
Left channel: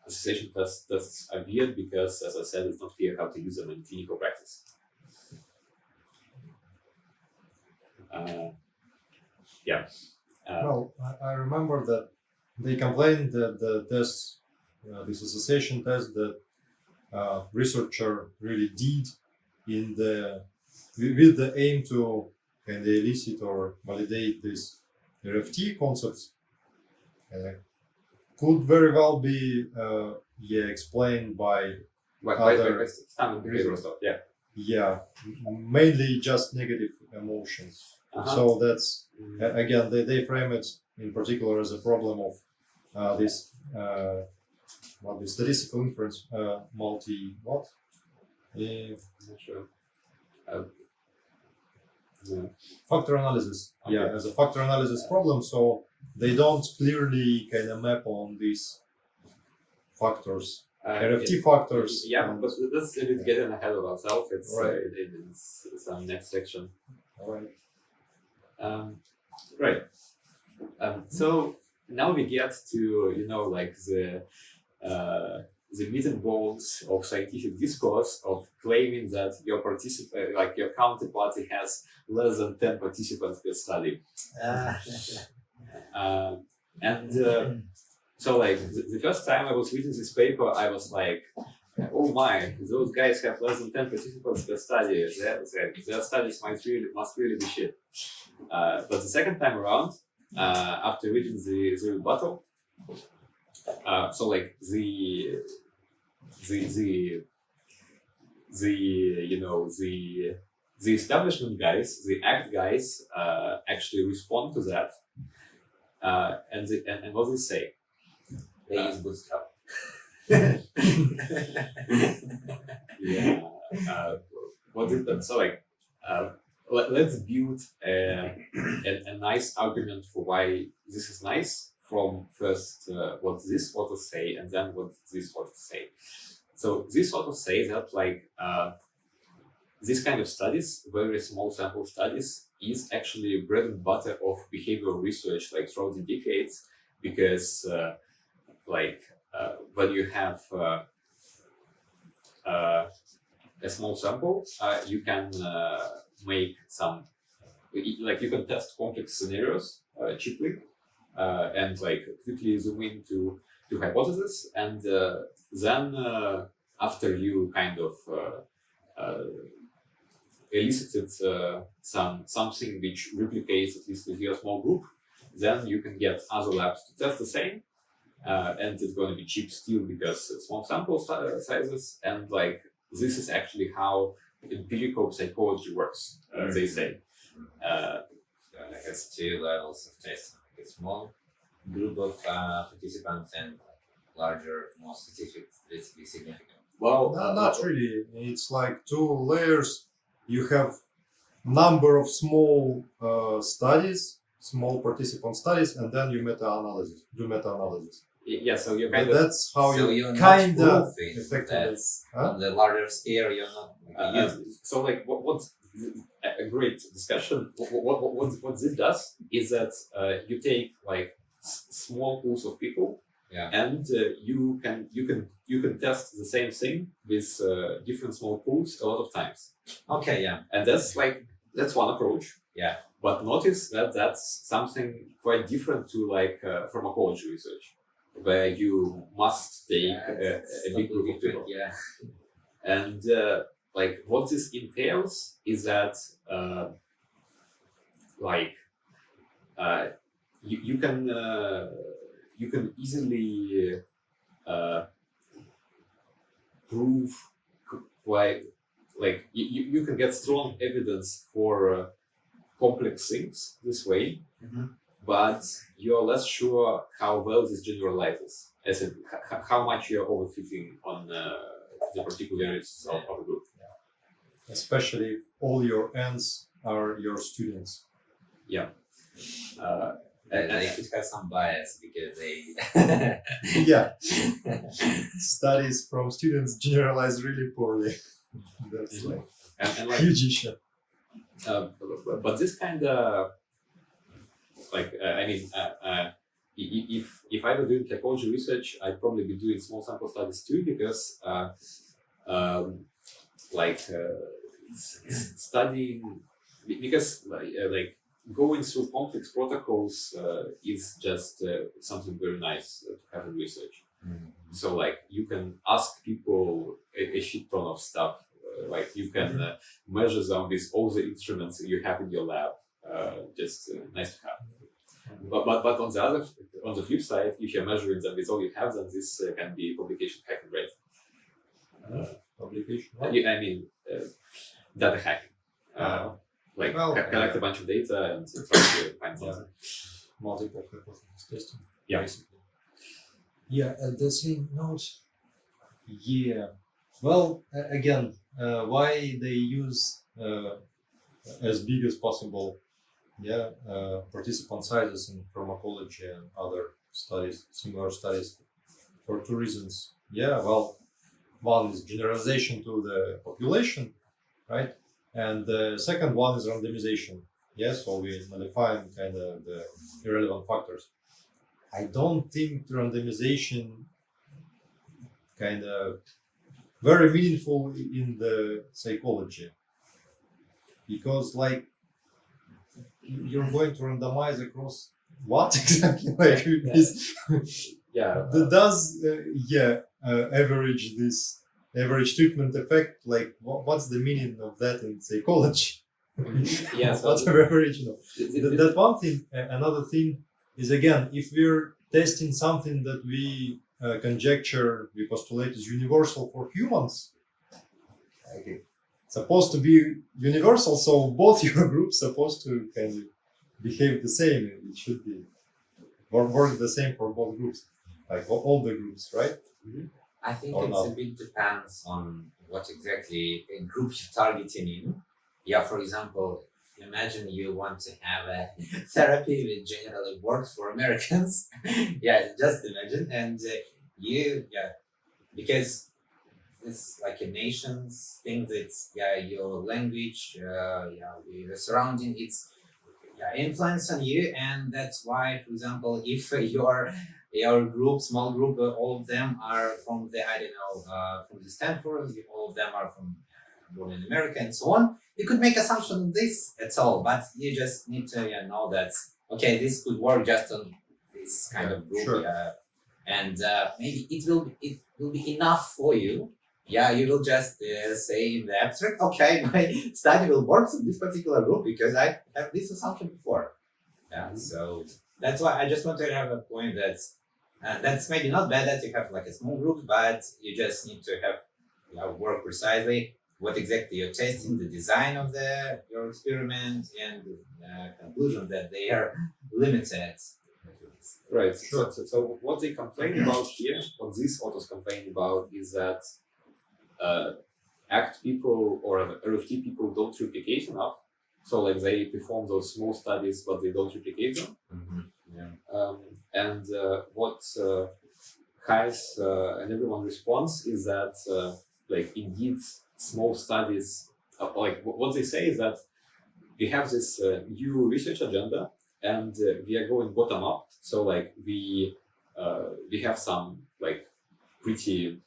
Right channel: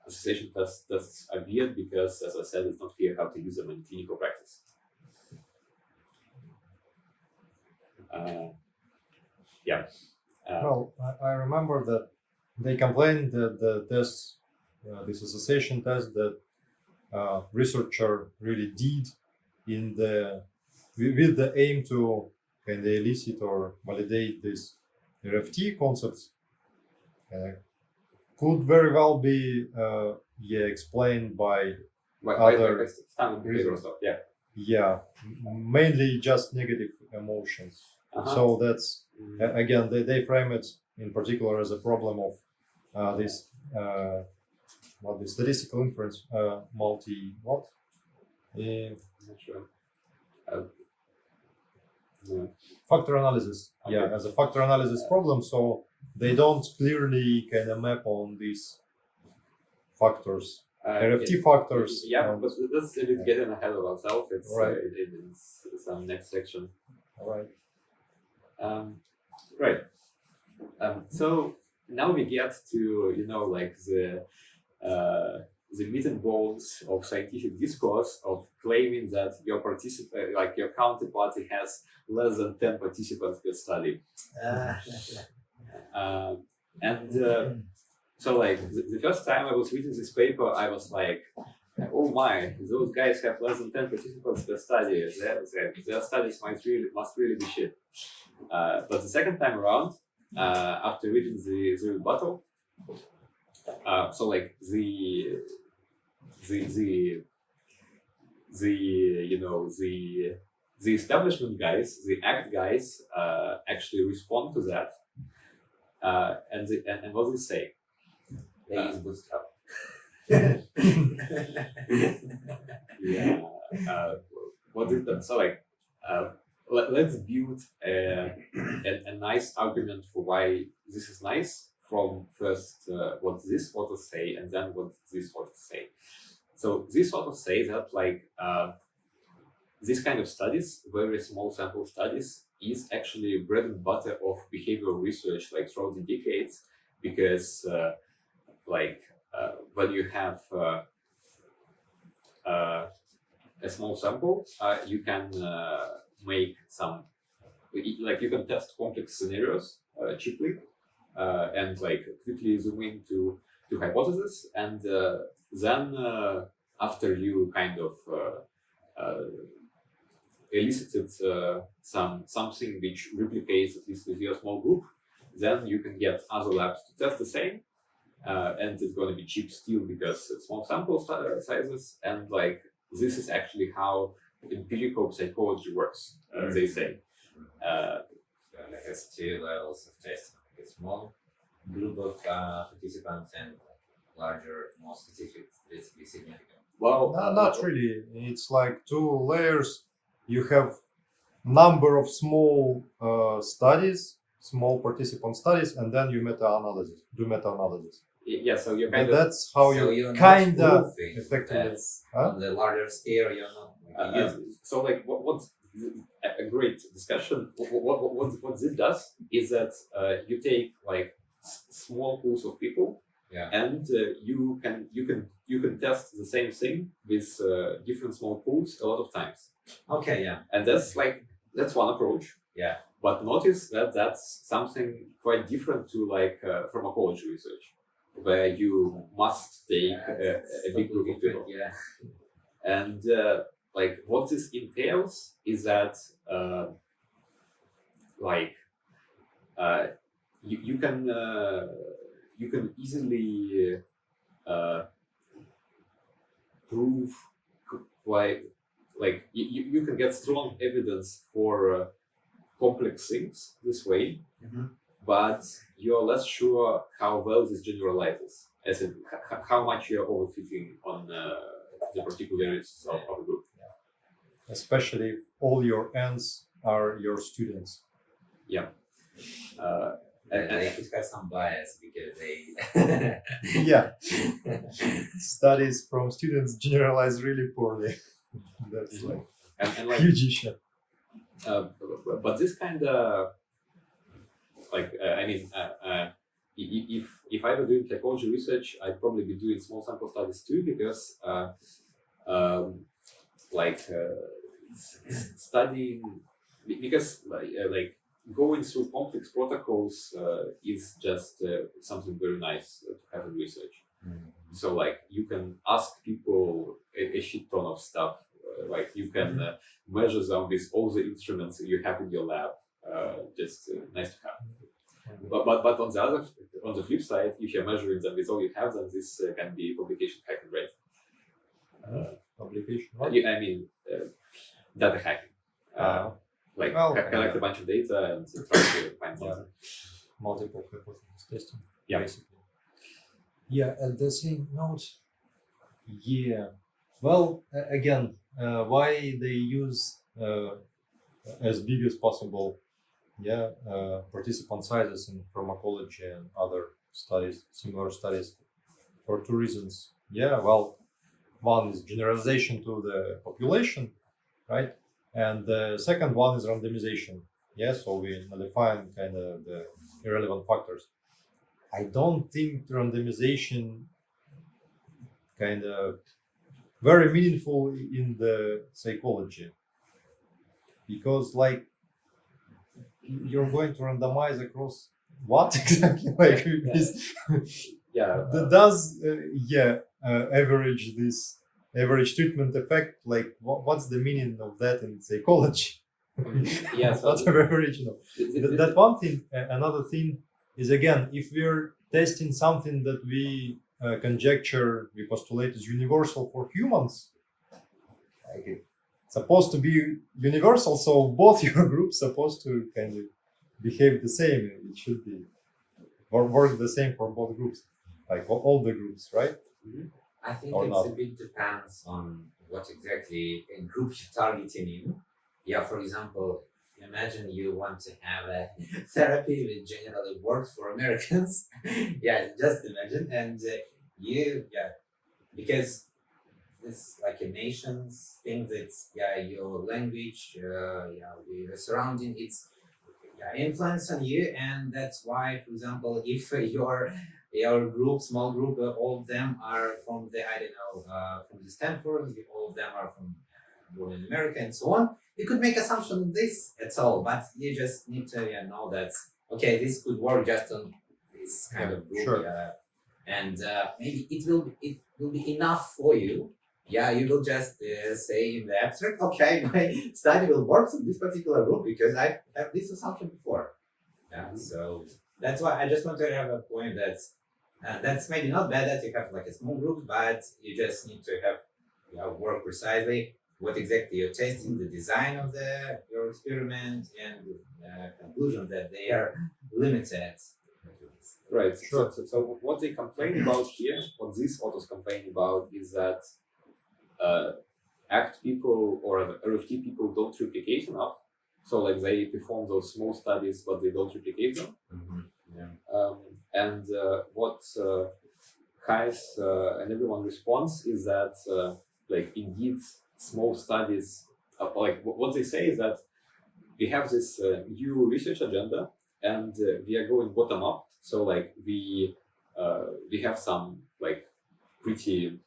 association tests are weird because, as I said, it's not clear how to use them in clinical practice. Well, I remember that they complained that the tests, this association test that researcher really did in the with the aim to kind of elicit or validate these RFT concepts, could very well be explained by By Other standard behavioral stuff, yeah. mainly just negative emotions. Uh-huh. So that's again they frame it in particular as a problem of this the statistical inference not Not sure. Yeah. factor analysis. Okay. Yeah, as a factor analysis problem. So they don't clearly kind of map on these factors, RFT factors. Yeah, and- but that's a bit getting ahead of ourselves. It's Right. it's some next section. Right. Right. So now we get to like the meat and bones of scientific discourse of claiming that your your counterparty has less than 10 participants per study. So like the first time I was reading this paper, I was like, oh my, those guys have less than 10 participants per study. Their studies must really be shit. But the second time around, after reading the rebuttal, so like the establishment guys, the ACT guys, actually respond to that, and what they say. They use Bootstrap. Yeah. What is that? So like, let's build a nice argument for why this is nice from first what this author say and then what this author say. So this author say that like this kind of studies, very small sample studies, is actually bread and butter of behavioral research like throughout the decades, because when you have a small sample, you can make some, like you can test complex scenarios cheaply, and like quickly zoom into hypotheses, and then after you kind of elicited something which replicates at least with your small group, then you can get other labs to test the same. And it's going to be cheap still because small sample sizes, and like this is actually how empirical psychology works, they say. So it has two levels of testing: a small group of participants and larger, more statistically significant. Well, Not really. It's like two layers. You have number of small studies, small participant studies, and then you do meta-analysis. Yeah, so you're kind of That's how So you you're kind not of proving effectively. that on the larger scale you're not using. so like what's a great discussion. What this does is that you take like small pools of people, Yeah. and you can test the same thing with different small pools a lot of times, Okay, yeah. and that's one approach. Yeah. But notice that that's something quite different to like pharmacology research, where you must take a big group of people. Yeah. And like what this entails is that you can easily prove quite like you can get strong evidence for complex things this way, but you're less sure how well this generalizes, as in how much you're overfitting on the particularities of a group. Especially if all your ends are your students. Yeah. And it has some bias because they Yeah. Studies from students generalize really poorly. That's like and like huge issue. but this kind of like if I were doing typology research, I'd probably be doing small sample studies too, because studying, because like going through complex protocols is just something very nice to have in research. So like you can ask people a shit ton of stuff. Like you can measure them with all the instruments you have in your lab. Just nice to have. But on the flip side, if you're measuring them with all you have, then this can be publication hacking, right? Publication. I mean, data hacking. Like collect a bunch of data and try to find something. Multiple hypothesis testing. Yeah. Basically. Yeah, the same note. Yeah. Well, again, why they use as big as possible, participant sizes in pharmacology and other studies, similar studies, for two reasons. Yeah, well, one is generalization to the population, right? And the second one is randomization. Yeah, so we define kind of the irrelevant factors. I don't think randomization kind of very meaningful in the psychology, because like you're going to randomize across what exactly? Like does average this average treatment effect, like what's the meaning of that in psychology? So what's average? That one thing. Another thing is, again, if we're testing something that we conjecture, we postulate is universal for humans, okay, supposed to be universal, so both your groups supposed to kind of behave the same. It should be or work the same for both groups, like all the groups, right? I think Or it's not. a bit depends on what exactly a group you're targeting in. Yeah, for example, imagine you want to have a therapy that generally works for Americans. Yeah, just imagine. And because it's like a nation's thing, that's your language, your surrounding, it's influence on you, and that's why, for example, if your group, small group, all of them are from the from the Stanford, all of them are from born in America, and so on. You could make assumption on this at all, but you just need to know that okay, this could work just on this kind of group, Sure. And maybe it will be enough for you. Yeah, you will just say in the abstract, okay, my study will work in this particular group because I have this assumption before. Yeah, so that's why I just want to have a point that's maybe not bad that you have like a small group, but you just need to have work precisely what exactly you're testing, the design of your experiment, and conclusion that they are limited. Right. Sure. So what they complain about here, what these authors complain about, is that ACT people or RFT people don't replicate enough. So like they perform those small studies, but they don't replicate them. And what Hayes and everyone responds is that like indeed small studies, like what they say is that we have this new research agenda, and we are going bottom up. So like we have some like pretty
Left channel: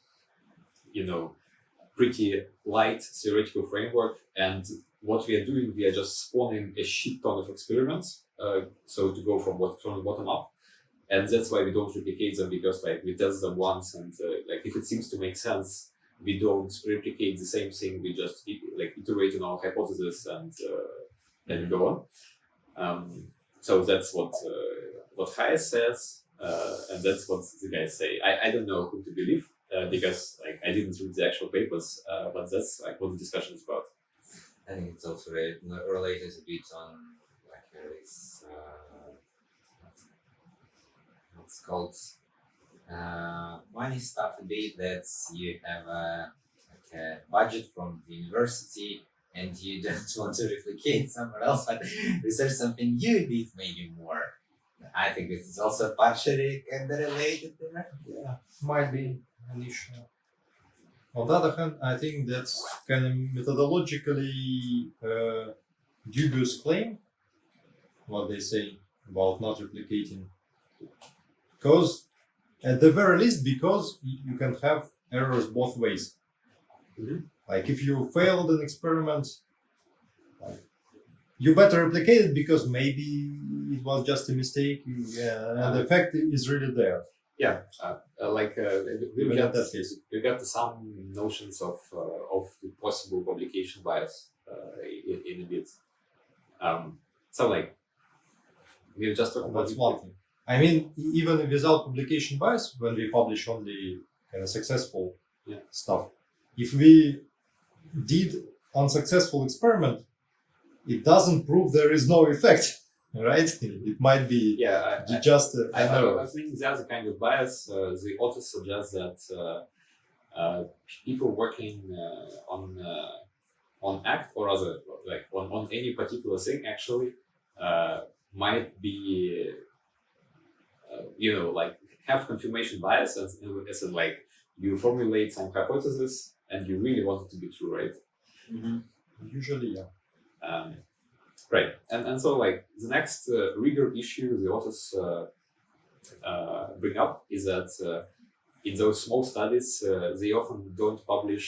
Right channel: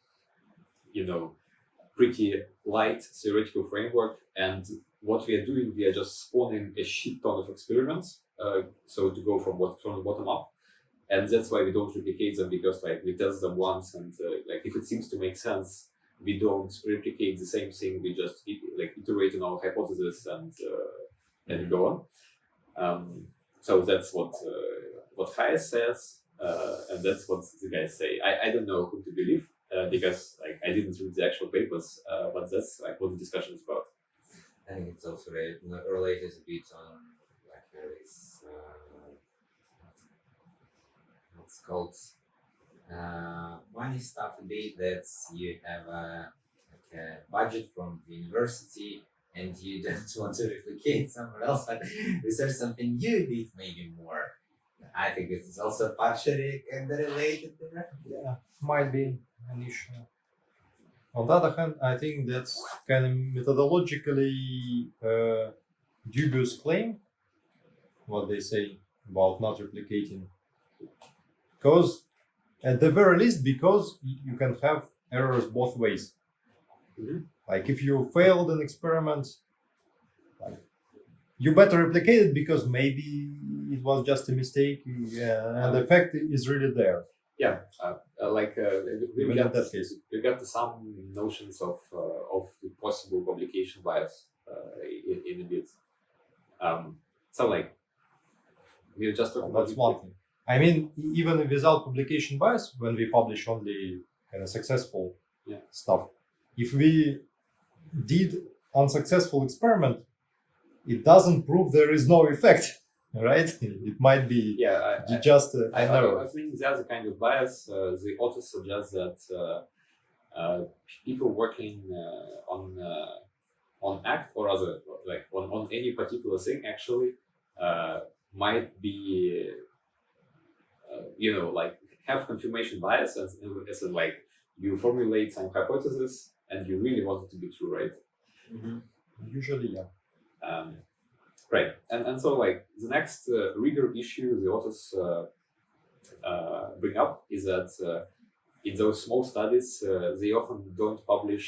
light theoretical framework, and what we are doing, we are just spawning a shit ton of experiments. So to go from the bottom up, and that's why we don't replicate them, because like we test them once, and like if it seems to make sense, we don't replicate the same thing. We just iterate on our hypothesis and go on. So that's what Hayes says, and that's what the guys say. I don't know who to believe because like I didn't read the actual papers, but that's like what the discussion is about. I think it's also related a bit on like this what's called money stuff a bit, that you have a budget from the university and you don't want to replicate somewhere else, but research something you did maybe more. I think this is also partially kind of related there. Yeah, might be an issue. On the other hand, I think that's kind of methodologically dubious claim, what they say about not replicating. because at the very least, because you can have errors both ways. Mhm. Like if you failed an experiment, like, you better replicate it because maybe it was just a mistake, and the effect is really there. Yeah, we Even got in that case. we got some notions of the possible publication bias in a bit. So like we were just talking about That's one thing. I mean, even without publication bias, when we publish only kind of successful Yeah. stuff, if we did unsuccessful experiment, it doesn't prove there is no effect, right? It might be Yeah, just I an error. think there's a kind of bias. The author suggests that people working on ACT or other like on any particular thing actually might be like have confirmation bias as in like you formulate some hypothesis and you really want it to be true, right? Usually, yeah. Right, and so like the next rigor issue the authors bring up is that in those small studies they often don't publish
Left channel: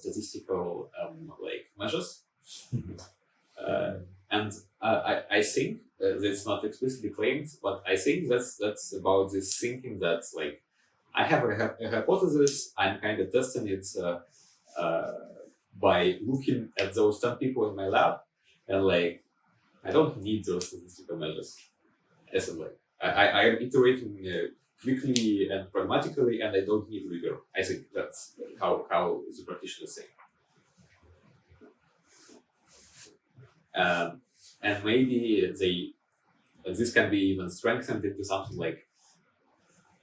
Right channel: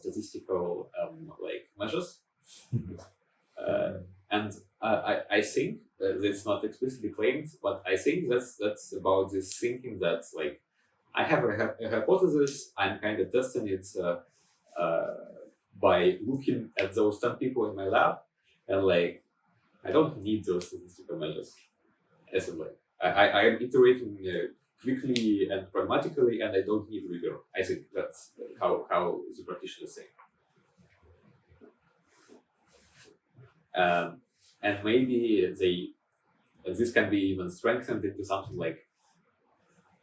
statistical like measures, and I think that's not explicitly claimed, but I think that's about this thinking that like I have a hypothesis, I'm kind of testing it by looking at those 10 people in my lab, and like I don't need those statistical measures. As in, like I am iterating quickly and pragmatically, and I don't need rigor. I think that's how the practitioners say. And maybe this can be even strengthened into something like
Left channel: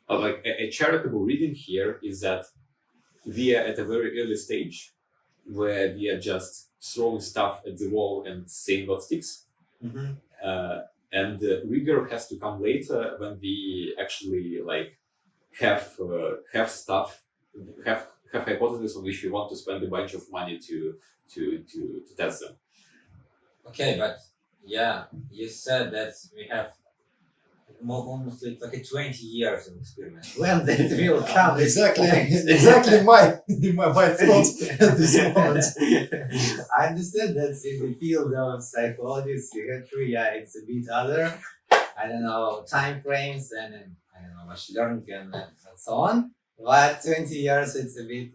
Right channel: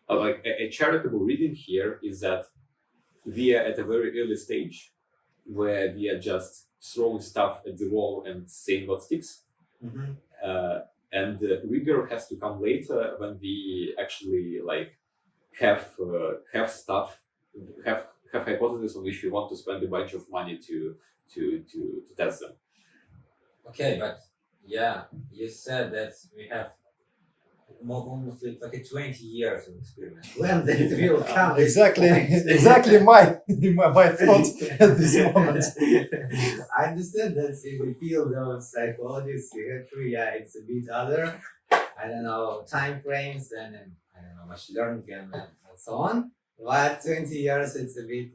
a charitable reading here is that we are at a very early stage where we are just throwing stuff at the wall and seeing what sticks. And rigor has to come later when we actually like have stuff, have hypotheses on which we want to spend a bunch of money to test them. Okay, but yeah, you said that we have almost like 20 years of experiment. When that will come? Exactly my thoughts at this moment. I understand that in the field of psychology, psychiatry, yeah, it's a bit other. I don't know, time frames and I don't know, machine learning and so on. But 20 years, it's a bit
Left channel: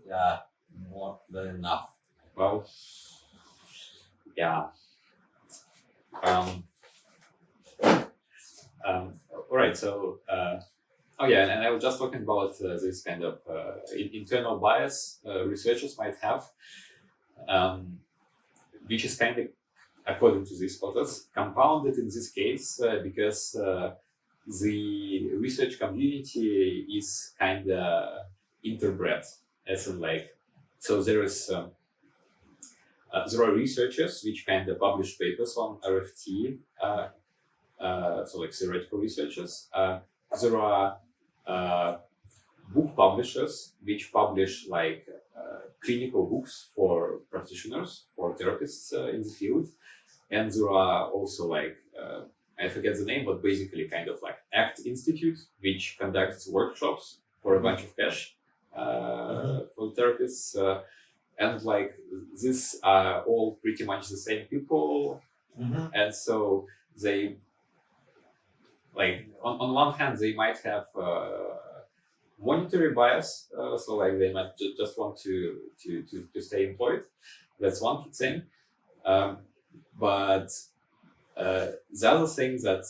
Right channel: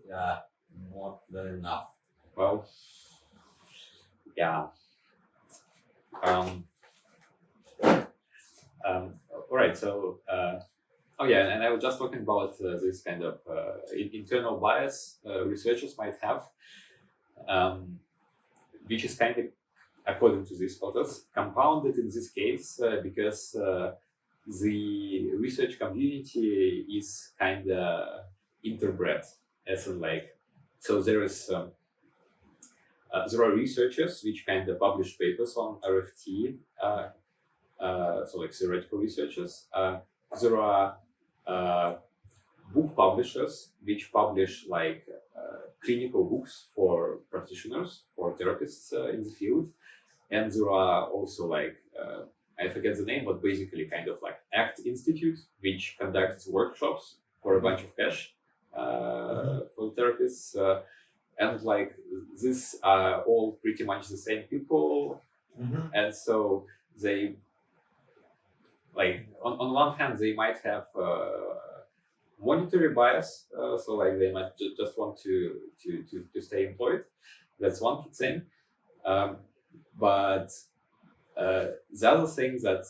more than enough. Well, yeah. All right. So, and I was just talking about this kind of internal bias researchers might have, which is kind of, according to these authors, compounded in this case because the research community is kind of interbred, as in like, so there are researchers which kind of publish papers on RFT, so like theoretical researchers. There are book publishers which publish like clinical books for practitioners, for therapists in the field, and there are also like I forget the name, but basically kind of like ACT Institute, which conducts workshops for a bunch of cash for therapists. And like these are all pretty much the same people, and so they like on one hand they might have monetary bias, so like they might just want to stay employed. That's one thing, but the other thing that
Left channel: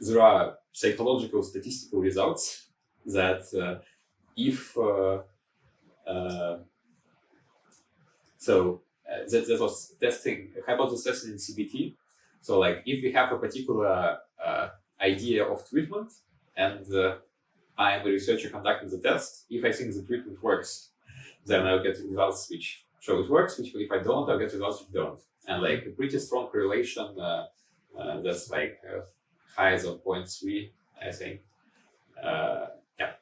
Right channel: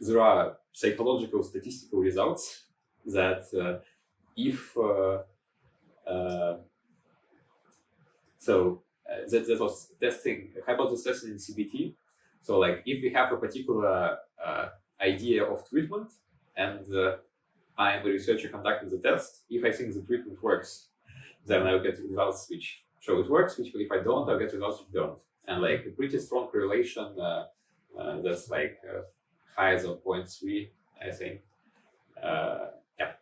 there are psychological statistical results that if that was hypothesis testing in CBT. So like if we have a particular idea of treatment and I am a researcher conducting the test, if I think the treatment works, then I'll get results which show it works, which if I don't, I'll get results which don't. And like a pretty strong correlation that's like higher than 0.3, I think. Yeah.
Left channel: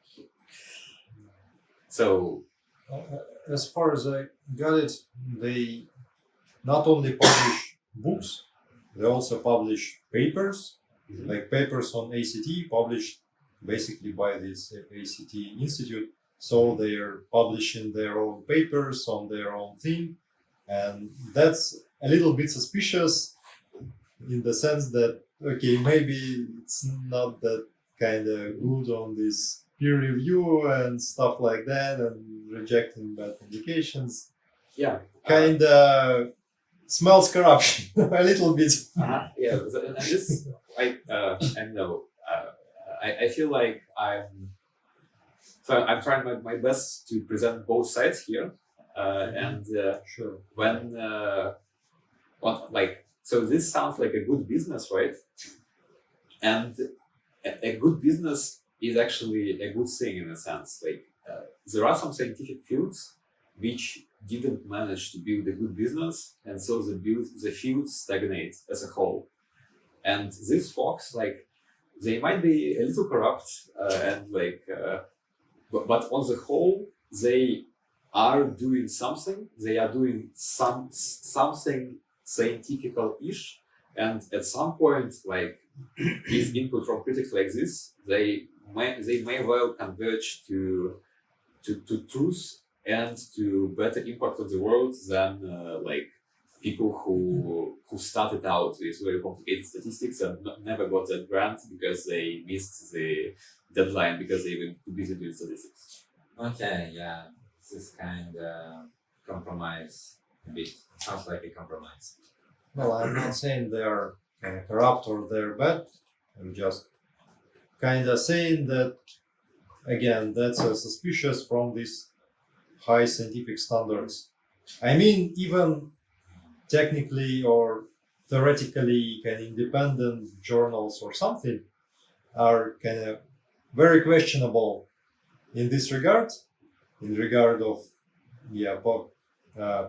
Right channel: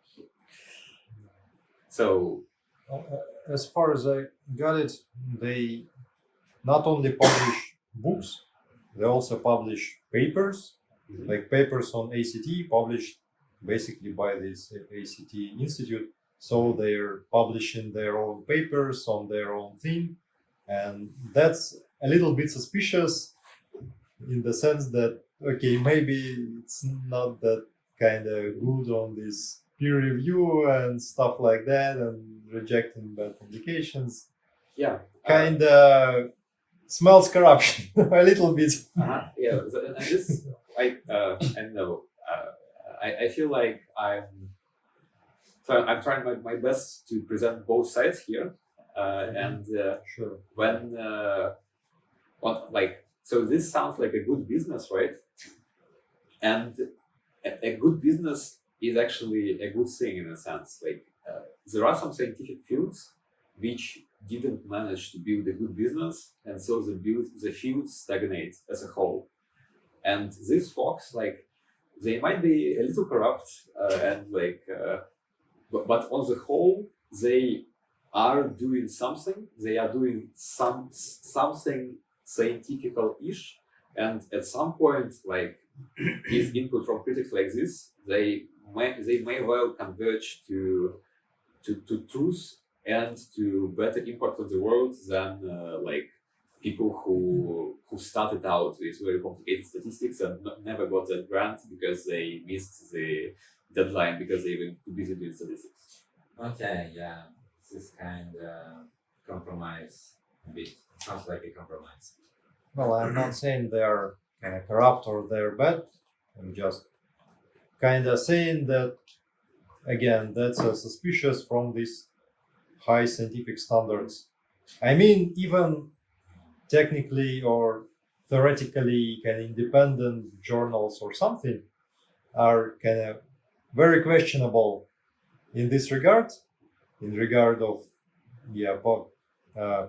So as far as I got it, they not only publish books, they also publish papers, like papers on ACT published basically by this ACT Institute. So they're publishing their own papers on their own theme, and that's a little bit suspicious in the sense that okay, maybe it's not that kind of good on this peer review and stuff like that, and rejecting bad publications. Yeah. Kind of smells corruption a little bit. Yeah. And this, I know. I feel like I'm trying my best to present both sides here, and Sure. so this sounds like a good business, right? And a good business is actually a good thing in a sense. Like there are some scientific fields which didn't manage to build a good business, and so the field stagnates as a whole. And these folks, like, they might be a little corrupt, but on the whole, they are doing something. They are doing something scientifical-ish, and at some point, like, with input from critics like this, they may well converge to truth and to better impact on the world than people who started out with very complicated statistics and never got that grant because they missed the deadline because they were too busy doing statistics. Okay, yeah, this is kind of compromise. A bit sounds like a compromise. Well, I'm not saying they're corrupt or they're bad. I'm just kind of saying that, again, that's suspicious from these high scientific standards. I mean, even technically or theoretically, independent journals or something are kind of very questionable in this regard, in regard of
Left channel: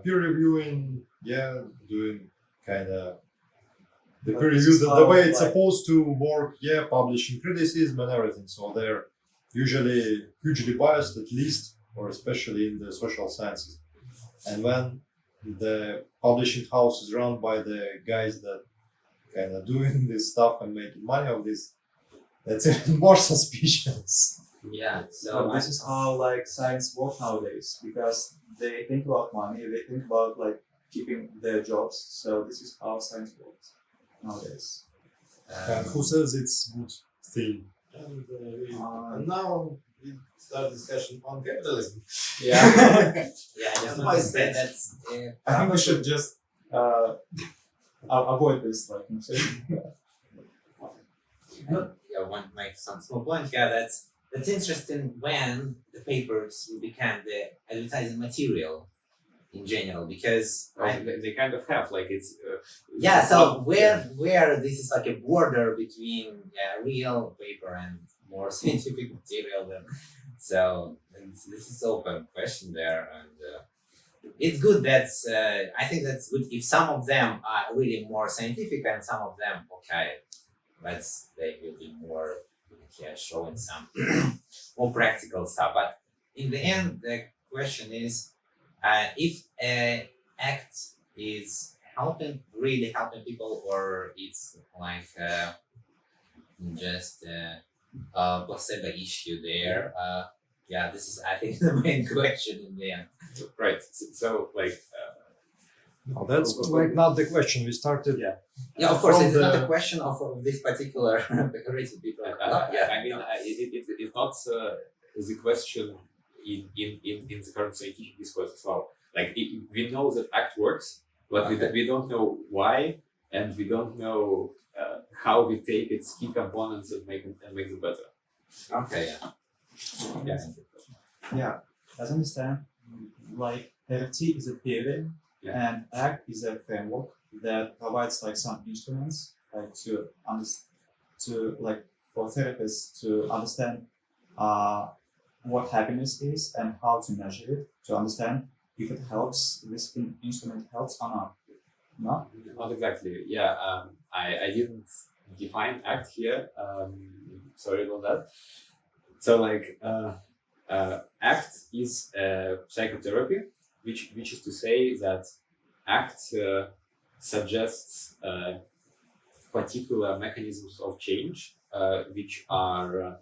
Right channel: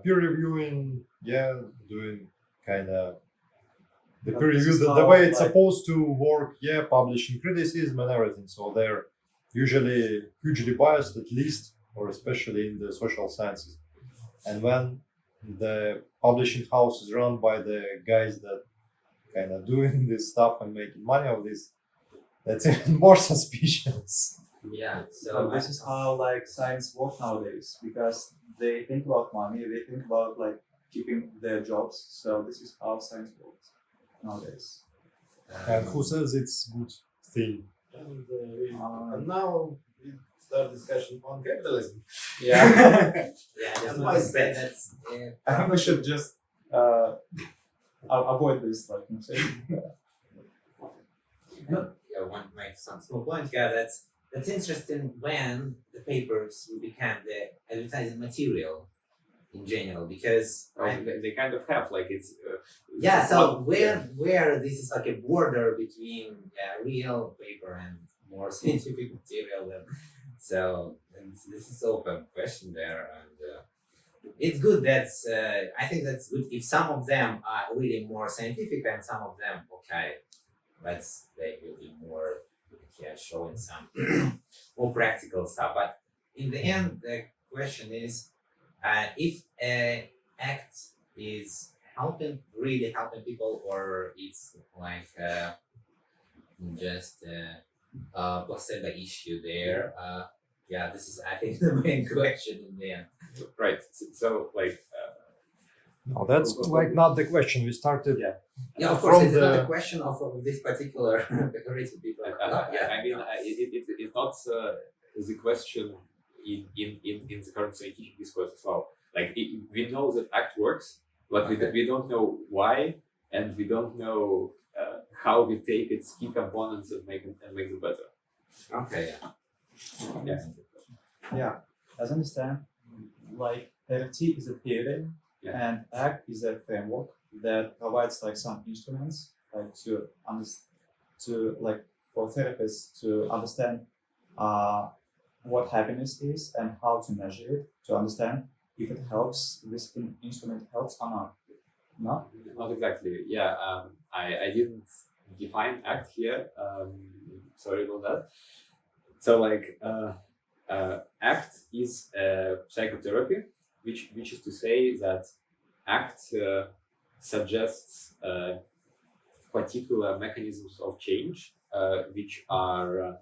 peer reviewing, doing kind of the peer review the way it's supposed to work, publishing criticism and everything. So they're usually hugely biased, at least, or especially in the social sciences. And when the publishing house is run by the guys that kind of doing this stuff and making money of this, that's even more suspicious. Yeah, So this is how like science works nowadays, because they think about money, they think about like keeping their jobs. So this is how science works nowadays. And who says it's good thing? And now we start discussion on capitalism. Yeah. just my sense. that's I think we should just avoid this like conversation. I want to make some small point here. That's interesting when the papers will become the advertising material in general, because They kind of have, like, it's so where this is like a border between real paper and more scientific material, then and this is open question there, and it's good. I think that's good if some of them are really more scientific and some of them they will be more showing some more practical stuff. But in the end, the question is if an act is really helping people, or it's like just a placebo issue there. This is, I think, the main question in the end. right. So No, that's like not the question. We started. Yeah, of course, From it's not the- a question of this particular decorated people. I mean, it's not the question in the current scientific discourse as well. Like, we know that ACT works, but we don't know why, and we don't know how we take its key components and make them better. Okay. Yeah, as I understand, like FT is a theory and ACT is a framework that provides like some instruments like for therapists to understand what happiness is and how to measure it, to understand if it helps, this instrument helps or not. No? Not exactly. Yeah, I didn't define ACT here. Sorry about that. So, like, ACT is psychotherapy, which is to say that ACT suggests particular mechanisms of change which are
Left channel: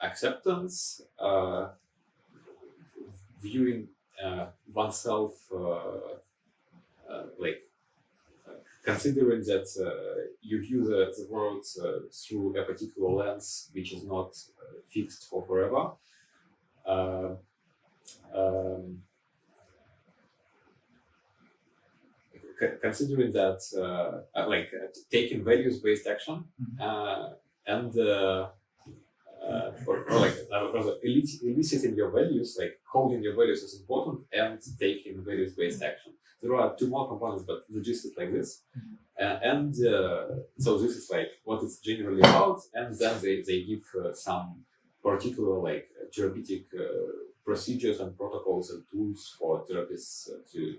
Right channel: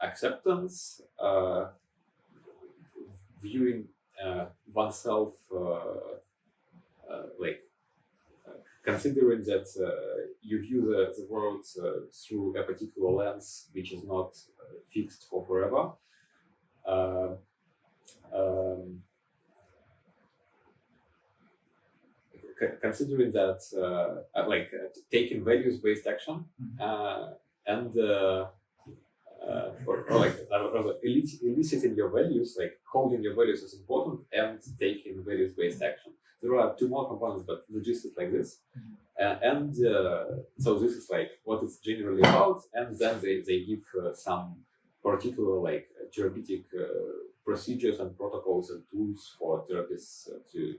acceptance, viewing oneself like considering that you view the world through a particular lens which is not fixed for forever. Considering that taking values-based action and or like rather eliciting your values, like holding your values is important, and taking values-based action. There are two more components, but the gist is like this. So this is like what it's generally about, and then they give some particular like therapeutic procedures and protocols and tools for therapists to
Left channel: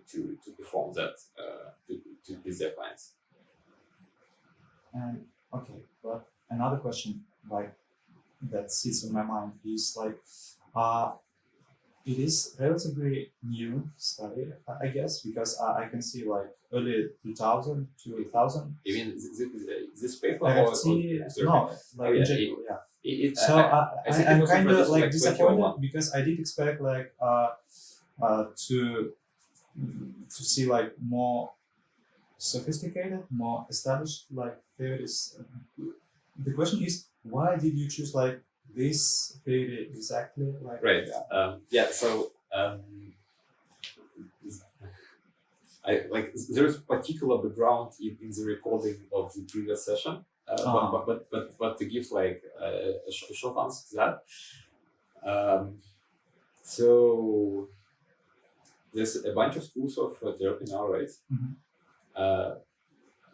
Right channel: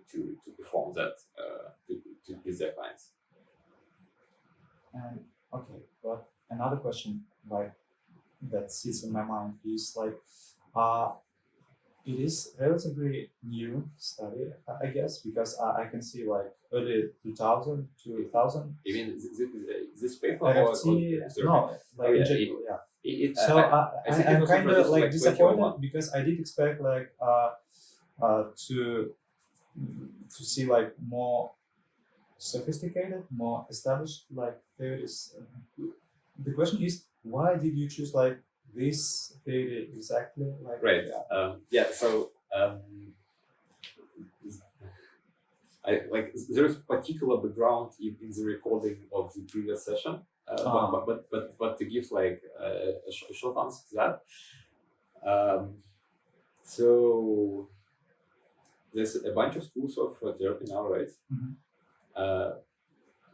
perform that with their clients. Okay, but another question like that sits in my mind is like it is relatively new study, I guess, because I can see like early 2000 to 2000. You mean this paper I or have seen, no, like in general, yeah. So I think it I'm was kind of introduced like like disappointed 2001. because I did expect like to see like more sophisticated, more established like theories. The question is, why did you choose like this theory exactly? Like Right. So I like there is particular background in the recording of the previous session. But to give like a short answer to that, so there's a bunch of schools of therapy now, right?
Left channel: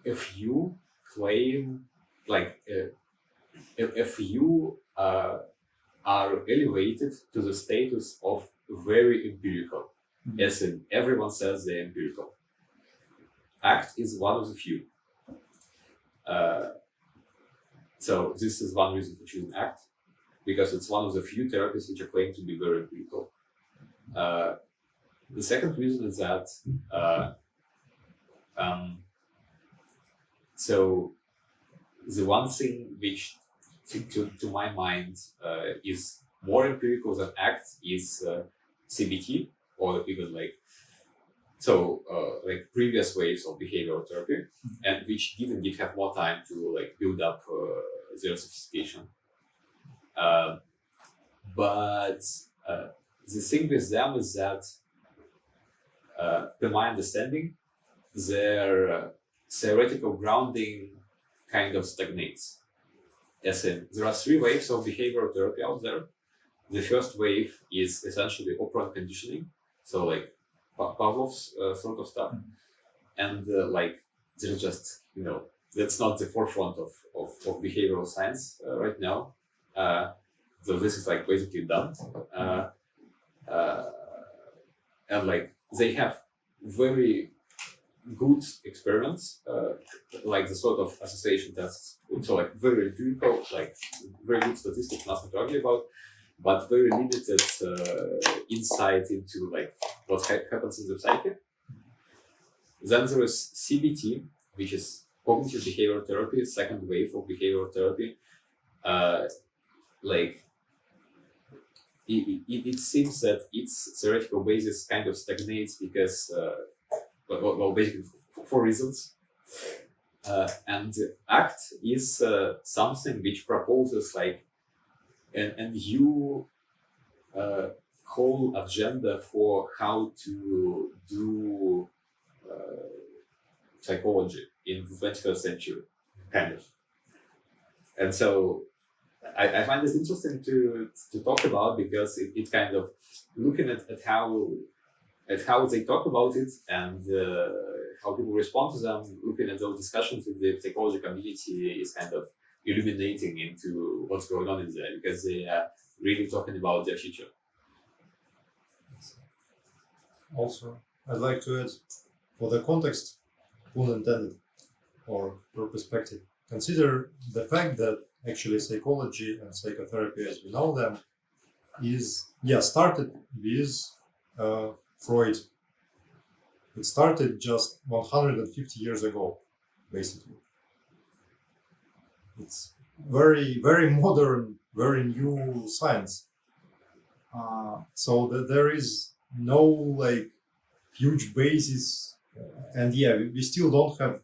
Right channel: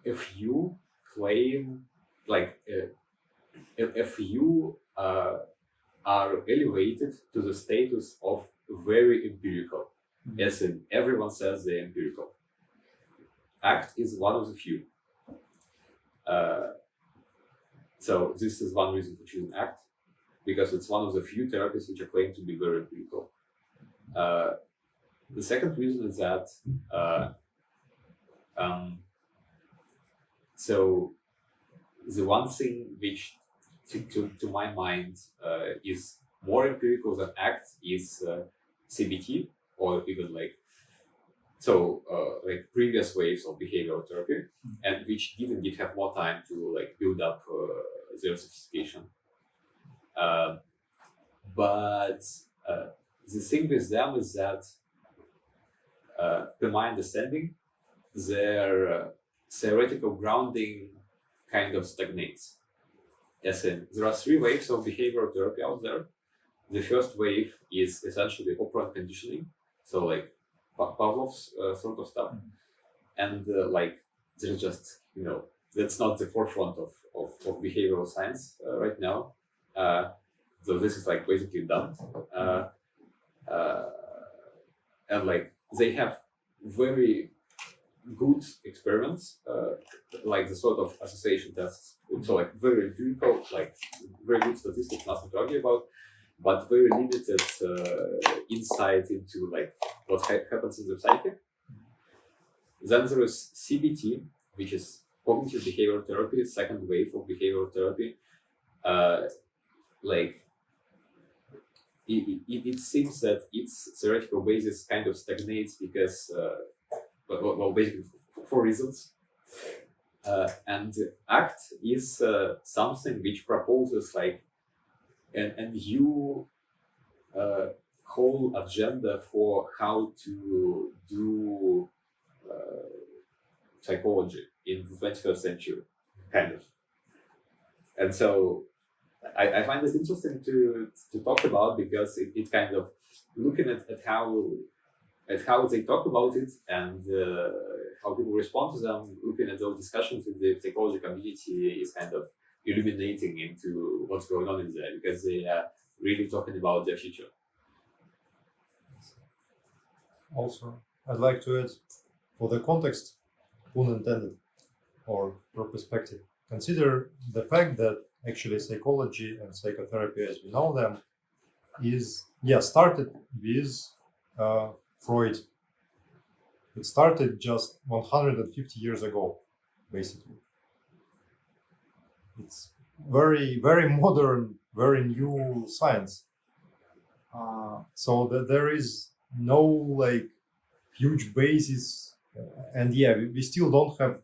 If you claim like if you are elevated to the status of very empirical, as in everyone says they're empirical, ACT is one of the few. So this is one reason for choosing ACT, because it's one of the few therapies which are claimed to be very empirical. The second reason is that so the one thing which to my mind is more empirical than ACT is CBT, or even like like previous waves of behavioral therapy, and which did have more time to like build up their sophistication. But the thing with them is that, to my understanding, their theoretical grounding kind of stagnates. As in, there are three waves of behavioral therapy out there. The first wave is essentially operant conditioning, so like Pavlov's sort of stuff, and like there's just that's not the forefront of behavioral science right now. So this is like basically done, and like they have very good experiments, like the sort of association tests. So like very empirical, like very good statistics, nothing to argue about, but very limited insight into like what happens in the psyche. Then there is CBT, which is cognitive behavioral therapy, second wave of behavioral therapy. Like it seems that its theoretical basis kind of stagnates because, well, basically for reasons. And ACT is something which proposes like a new whole agenda for how to do psychology in the 21st century, kind of. And so I find this interesting to talk about, because it kind of looking at how they talk about it and how people respond to them, looking at those discussions in the psychology community is kind of illuminating into what's going on in there, because they are really talking about their future. Also, I'd like to add, for the context, unintended, or for perspective, consider the fact that actually psychology and psychotherapy as we know them started with Freud. It started just 150 years ago, basically. It's very modern, very new science. So that there is no like huge basis, and yeah, we still don't have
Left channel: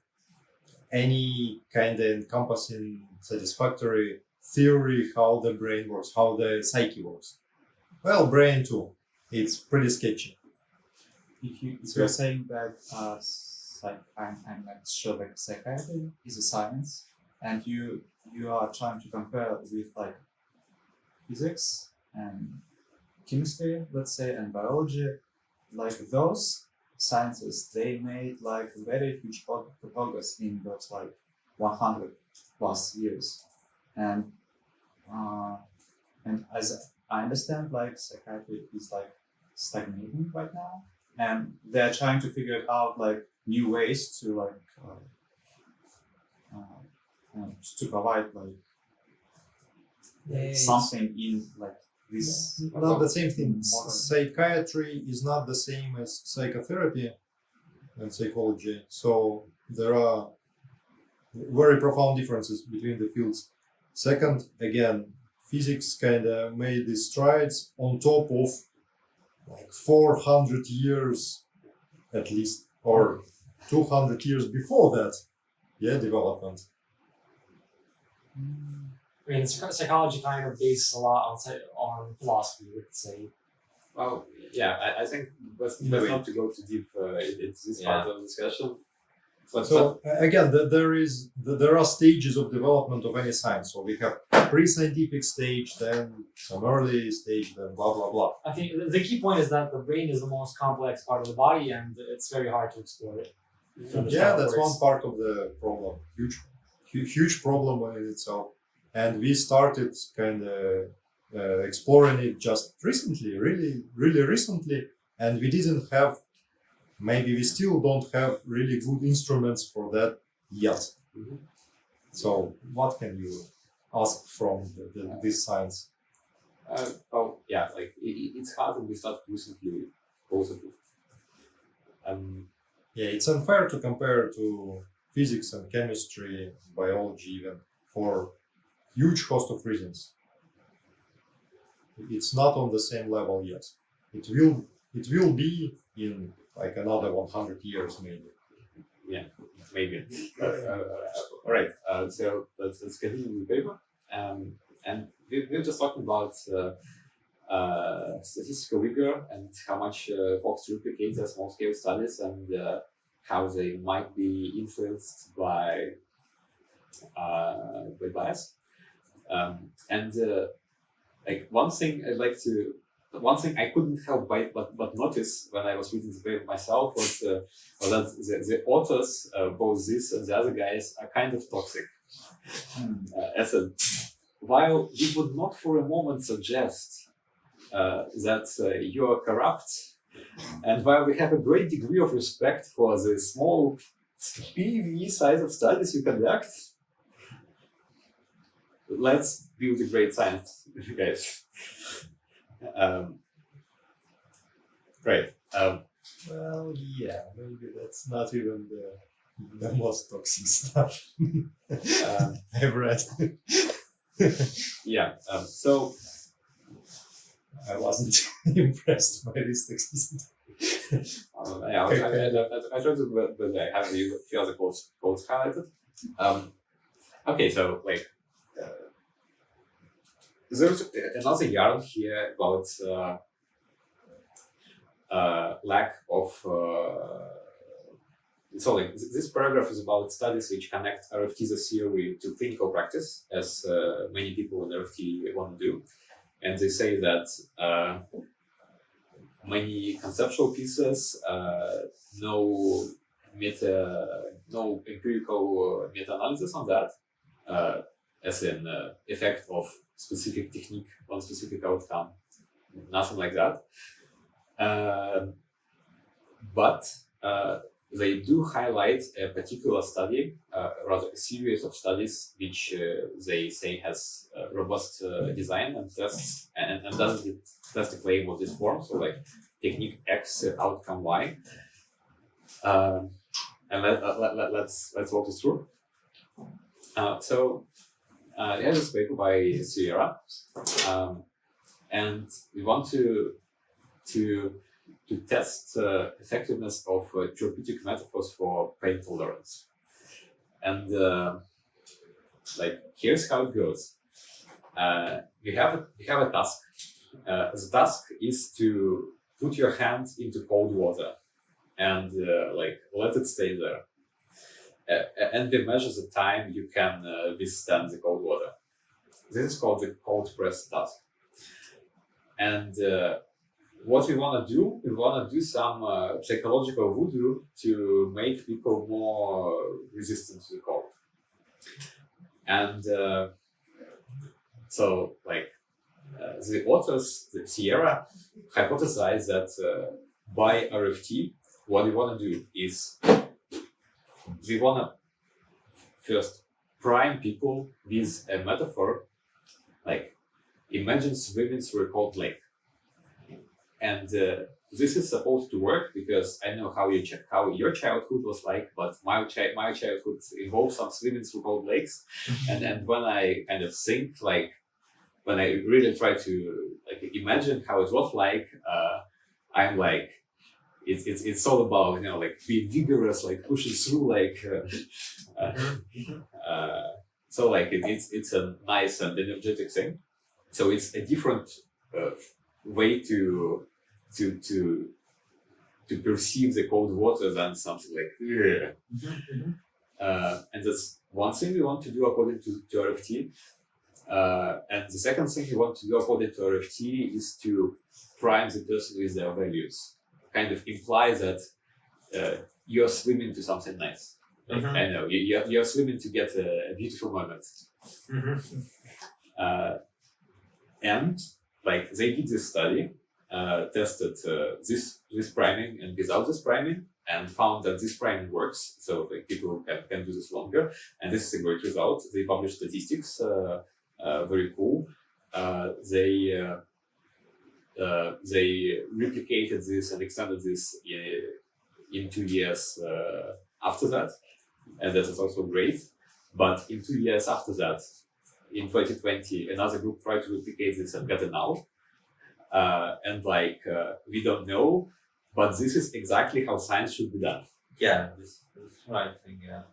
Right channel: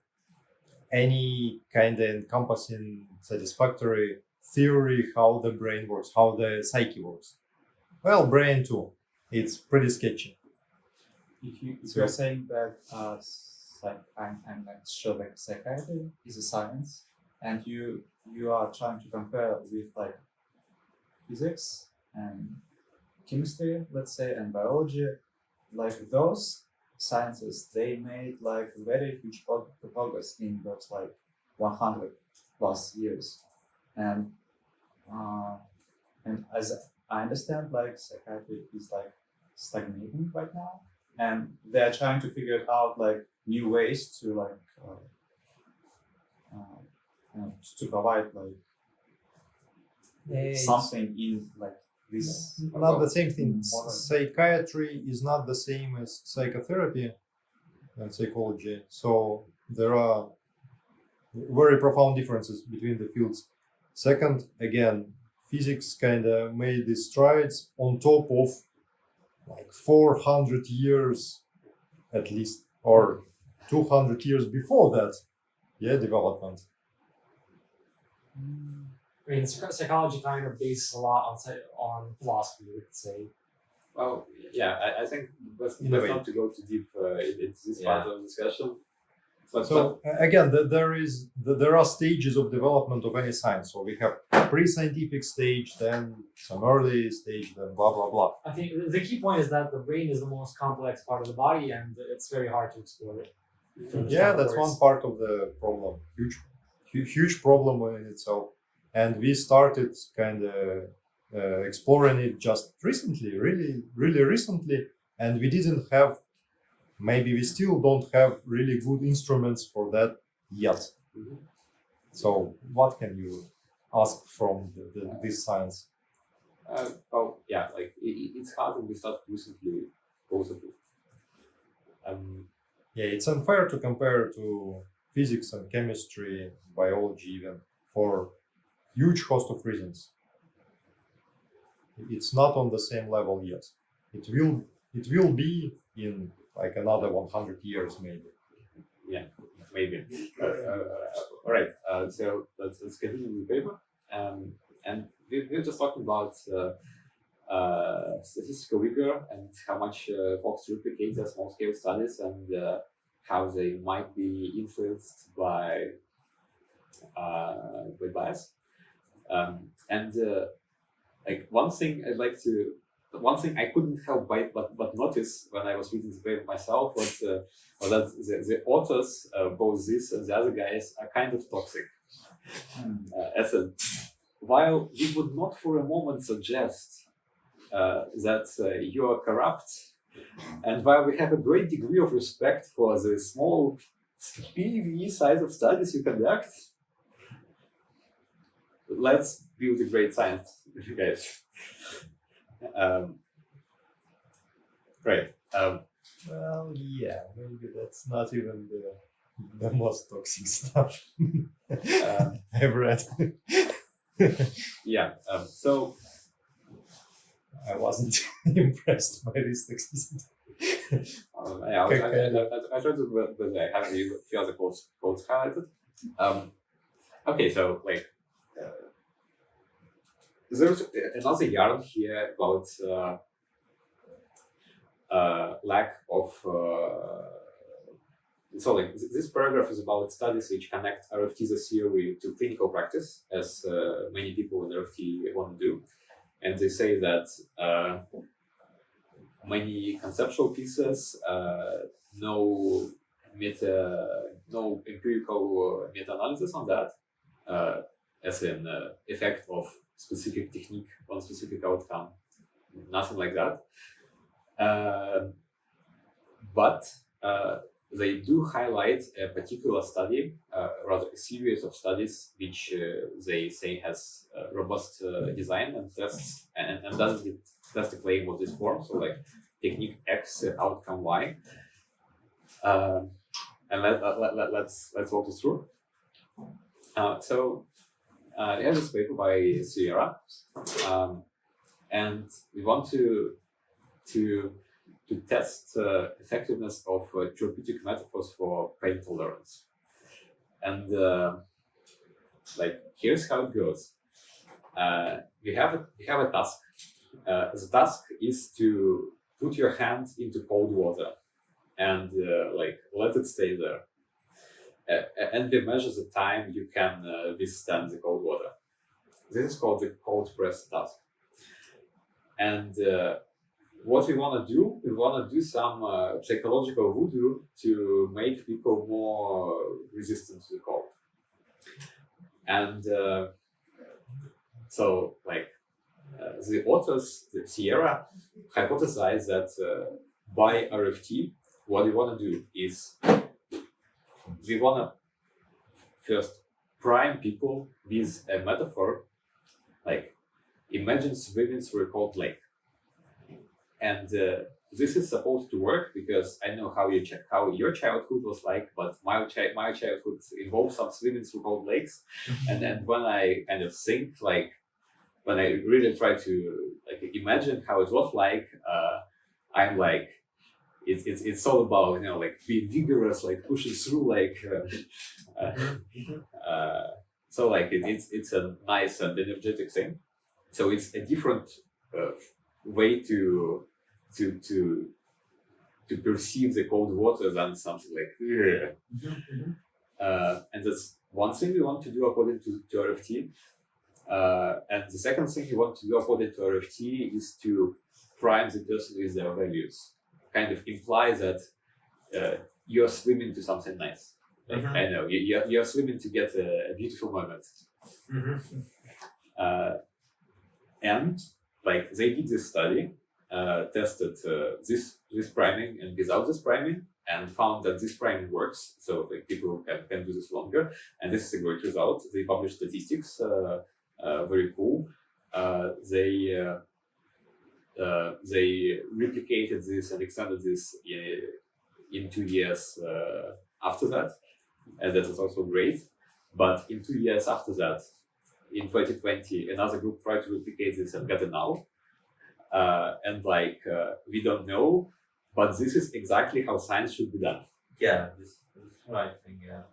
any kind of encompassing satisfactory theory how the brain works, how the psyche works. Well, brain too. It's pretty sketchy. If you're saying that I'm not sure that psychiatry is a science, and you are trying to compare with like physics and chemistry, let's say, and biology, like those sciences, they made like very huge progress in those like 100 plus years, and as I understand, like psychiatry is like stagnating right now, and they're trying to figure out like new ways to like to provide like something in like this. Not the same thing. modern- Psychiatry is not the same as psychotherapy and psychology. So there are very profound differences between the fields. Second, again, physics kind of made these strides on top of like 400 years at least, or 200 years before that, development. I mean, psychology kind of bases a lot on philosophy, we could say. Well, yeah, I think let's not to go too deep into this part of the discussion. But So again, there are stages of development of any science. So we have pre-scientific stage, then some early stage, then blah blah blah. I think the key point is that the brain is the most complex part of the body, and it's very hard to explore it. to understand Yeah, how it that's works. one part of the problem. Huge problem in itself. And we started kind of exploring it just recently, really recently. And we didn't have, maybe we still don't have really good instruments for that yet. Mhm. So what can you ask from this science? like it's hard, and we started recently, both of it. Yeah, it's unfair to compare to physics and chemistry, biology even, for huge host of reasons. It's not on the same level yet. It will be in like another 100 years maybe. Maybe. All right. So let's continue with the paper. And we're just talking about statistical rigor and how much folks replicate their small scale studies, and how they might be influenced by bias. And like one thing I couldn't help but notice when I was reading the paper myself was that the authors, both this and the other guys, are kind of toxic. As a, while we would not for a moment suggest that you are corrupt, and while we have a great degree of respect for the small PV size of studies you conduct, let's build a great science, guys. Great. Well, yeah, maybe that's not even the most toxic stuff I've read. Yeah. So I wasn't impressed by this toxicity. I tried to, but I have you feel the quotes highlighted. Okay, so like there's another yarn here about lack of. So like this paragraph is about studies which connect RFT the theory to clinical practice, as many people in RFT want to do, and they say that many conceptual pieces, no empirical meta-analysis on that, as an effect of specific technique on specific outcome, nothing like that. But they do highlight a particular study, rather a series of studies, which they say has robust design and tests, and doesn't test the claim of this form. So like technique X, outcome Y. And let's walk this through. So we have this paper by Sierra, and we want to test effectiveness of therapeutic metaphors for pain tolerance. And like here's how it goes. We have a task. The task is to put your hand into cold water and like let it stay there. And we measure the time you can withstand the cold water. This is called the cold press task. And what we want to do, we want to do some psychological voodoo to make people more resistant to the cold. And so, like, the authors, the Sierra, hypothesized that by RFT, what we want to do is we want to first prime people with a metaphor, like imagine swimming through a cold lake. And this is supposed to work because I know how your childhood was like, but my childhood involved some swimming through cold lakes. And when I kind of think, like, when I really try to like imagine how it was like, I'm like, it's all about, you know, like being vigorous, like pushing through, like so like it's a nice and energetic thing. So it's a different way to perceive the cold water than something like and that's one thing we want to do according to RFT. And the second thing you want to do according to RFT is to prime the person with their values. Kind of imply that you're swimming to something nice. Like, I know you're swimming to get a beautiful moment. And like they did this study, tested this priming and without this priming, and found that this priming works. So like people can do this longer, and this is a great result. They published statistics. Very cool. They replicated this and extended this in 2 years after that, and that is also great. But in 2 years after that, in 2020, another group tried to replicate this and got a null. And like we don't know, but this is exactly how science should be done. Yeah, this right thing. Yeah.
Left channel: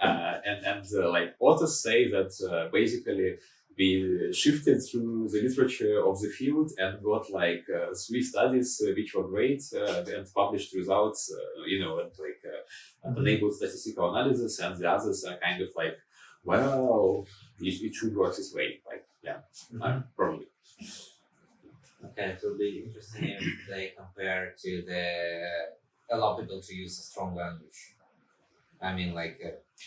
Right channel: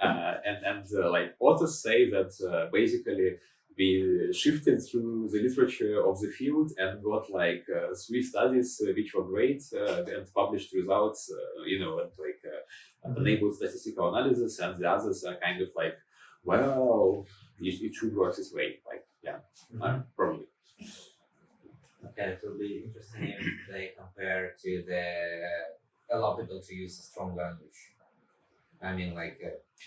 And like authors say that basically we shifted through the literature of the field and got like 3 studies which were great and published results, you know, and like enabled statistical analysis, and the others are kind of like, well, it should work this way. Like, yeah, probably. Okay, it will be interesting if they compare to allow people to use a strong language. I mean, like,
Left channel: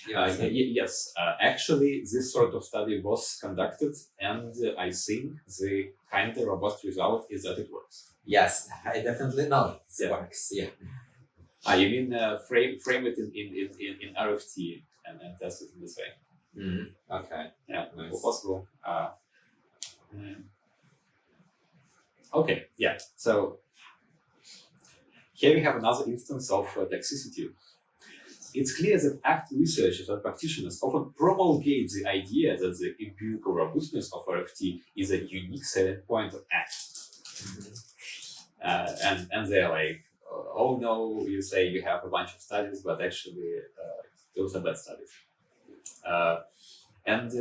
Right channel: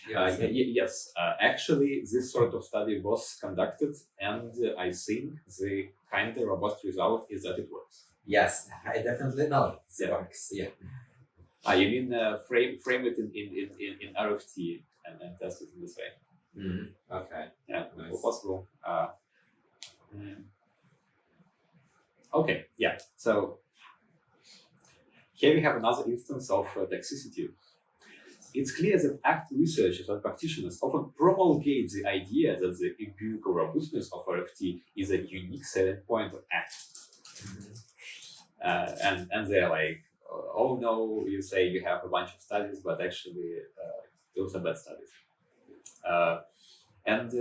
yes, actually, this sort of study was conducted, and I think the kind of robust result is that it works. Yes, I definitely know it works. Yeah. You mean frame it in RFT and test it in this way? Okay. Yeah, nice. possible. Okay, yeah. So here we have another instance of toxicity. It's clear that ACT researchers and practitioners often promulgate the idea that the empirical robustness of RFT is a unique selling point of ACT. And they're like, oh no, you say you have a bunch of studies, but actually those are bad studies. And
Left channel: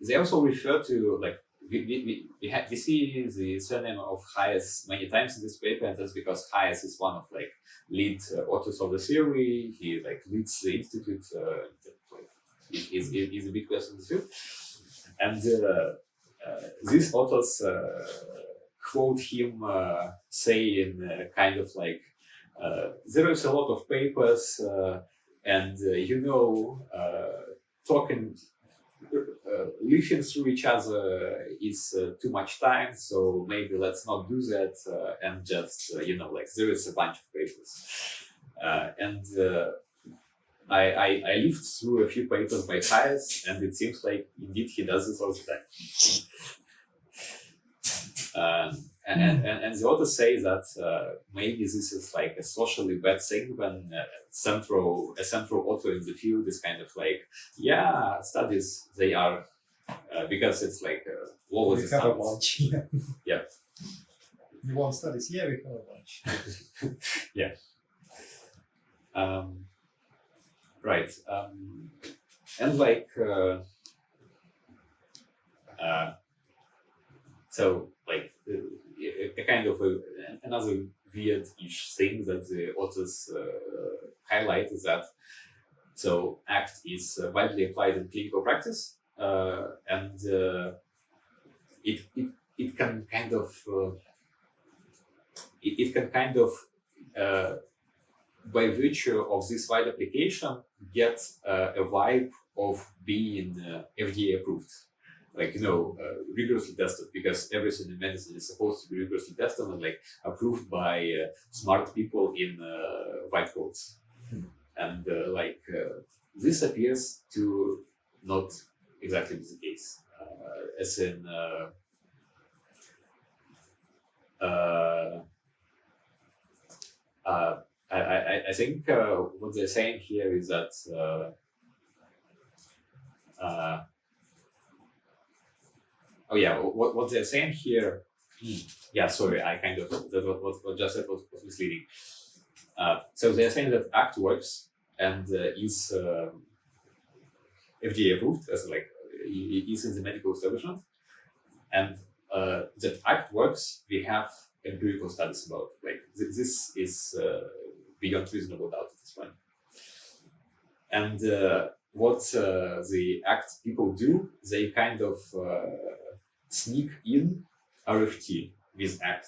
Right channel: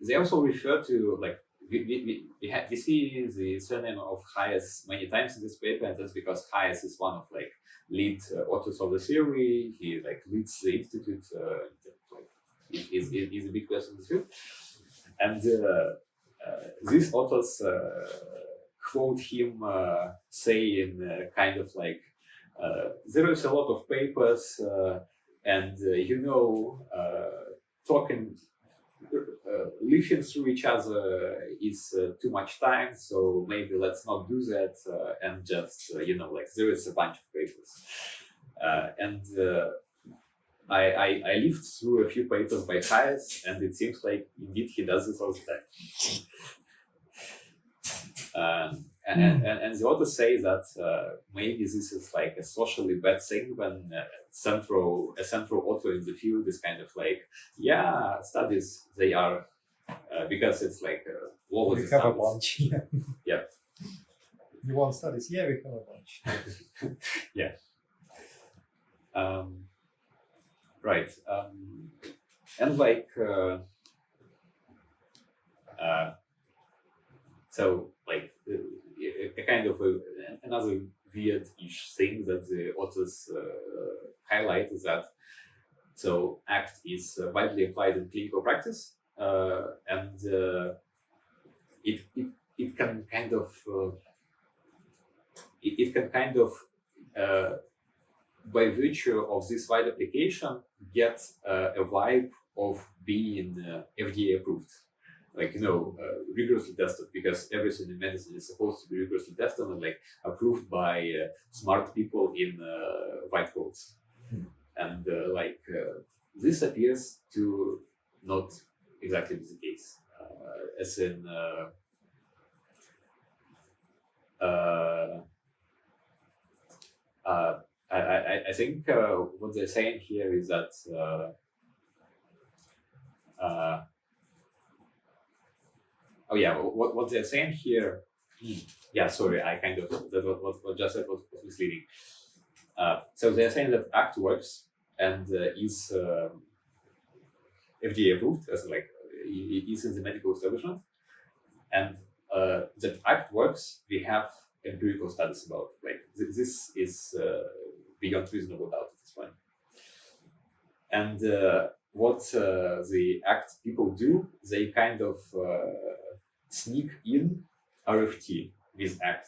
they also refer to, like, we see the surname of Hayes many times in this paper, and that's because Hayes is one of like lead authors of the theory. He like leads the institute. He's a big person in the field, and these authors quote him saying kind of like there is a lot of papers, and talking. Leafing through each other is too much time, so maybe let's not do that and just like there is a bunch of papers, and I lived through a few papers by Hayes, and it seems like indeed he does this all the time. And the authors say that maybe this is like a socially bad thing when a central author in the field is kind of like, yeah, studies, they are because it's like law was We have a established. bunch. Yeah. You want studies? Yeah, we have a bunch. Right. And like so like a kind of another weird-ish thing that the authors highlight is that so ACT is widely applied in clinical practice, and it can kind of it can kind of by virtue of this wide application get a vibe of being FDA approved, like rigorously tested, because everything in medicine is supposed to be rigorously tested and like approved by smart people in white coats. And this appears to not exactly be the case, as in I think what they're saying here is that what they're saying here. Yeah, sorry, I kind of that what just said was misleading. So they're saying that ACT works and is FDA approved, as like is in the medical establishment, and that ACT works. We have empirical studies about. Like this is beyond reasonable doubt at this point. And what the ACT people do, they kind of sneak in RFT with ACT,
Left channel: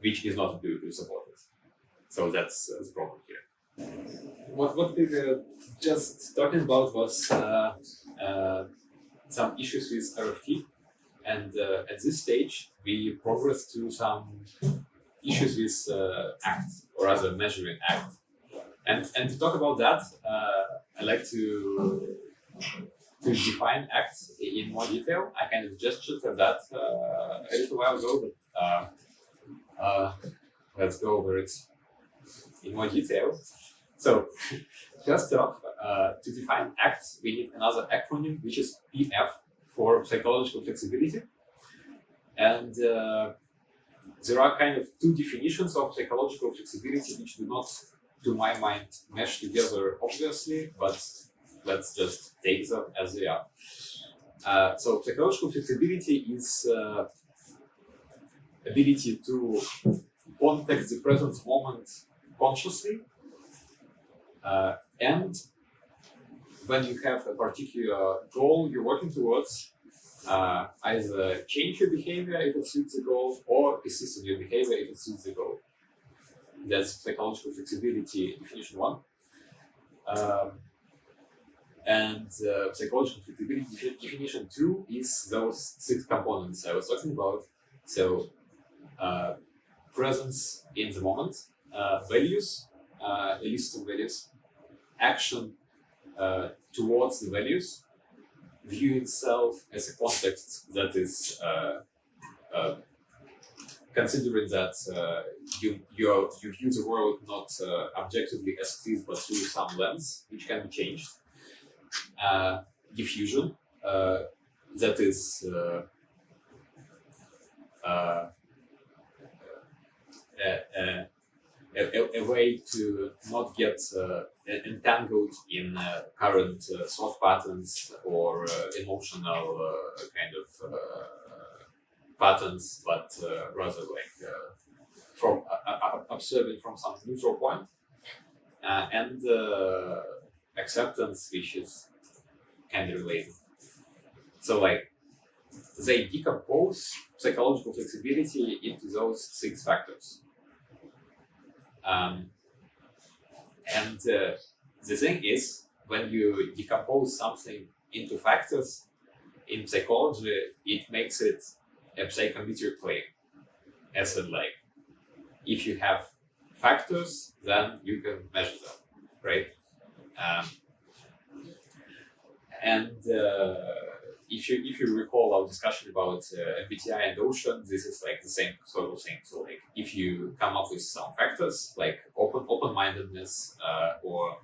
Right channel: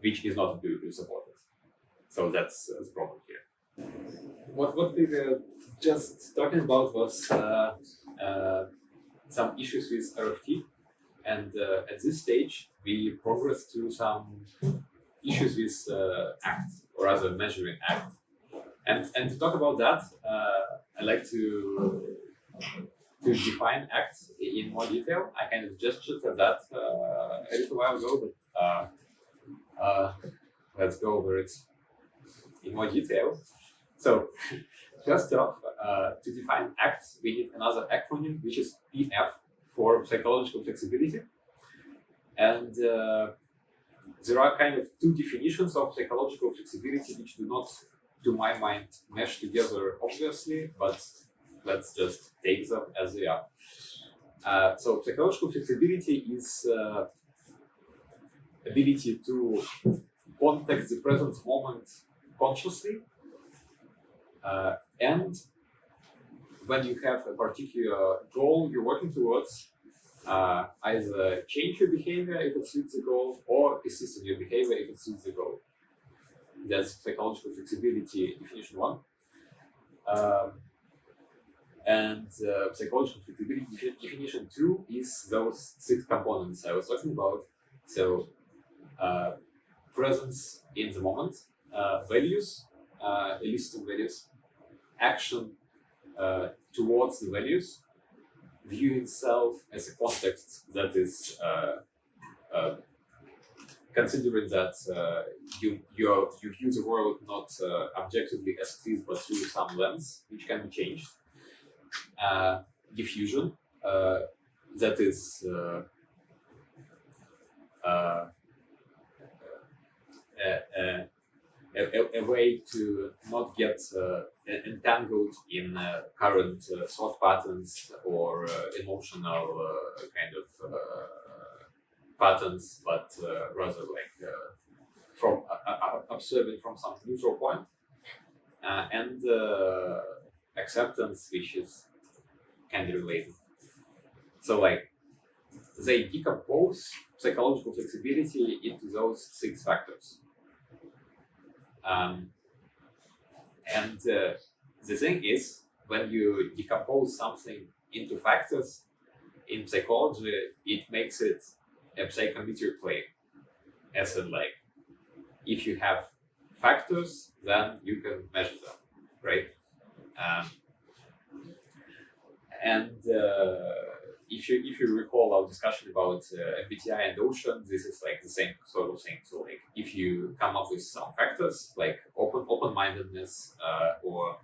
which is not empirically supported. So that's the problem here. What we were just talking about was some issues with RFT, and at this stage we progress to some issues with ACT, or rather measuring ACT. And to talk about that, I'd like to define ACT in more detail. I kind of gestured at that a little while ago, but let's go over it in more detail. So, first off, to define ACT, we need another acronym, which is PF, for psychological flexibility. And there are kind of two definitions of psychological flexibility, which do not, to my mind, mesh together obviously, but let's just take them as they are. So psychological flexibility is ability to contact the present moment consciously, and when you have a particular goal you're working towards, either change your behavior if it suits the goal, or persist in your behavior if it suits the goal. That's psychological flexibility definition one. And psychological flexibility definition two is those 6 components I was talking about. So presence in the moment, values, a list of values, action towards the values, view itself as a context that is considering that you view the world not objectively as it is, but through some lens which can be changed. Diffusion, that is a way to not get entangled in current thought patterns or emotional kind of patterns, but rather like from observing from some neutral point, and acceptance, which is kind of related. So like they decompose psychological flexibility into those 6 factors. And the thing is, when you decompose something into factors in psychology, it makes it a psychometric claim. As in, like, if you have factors, then you can measure them, right? If you recall our discussion about MBTI and Ocean, this is like the same sort of thing. So like if you come up with some factors like open-mindedness or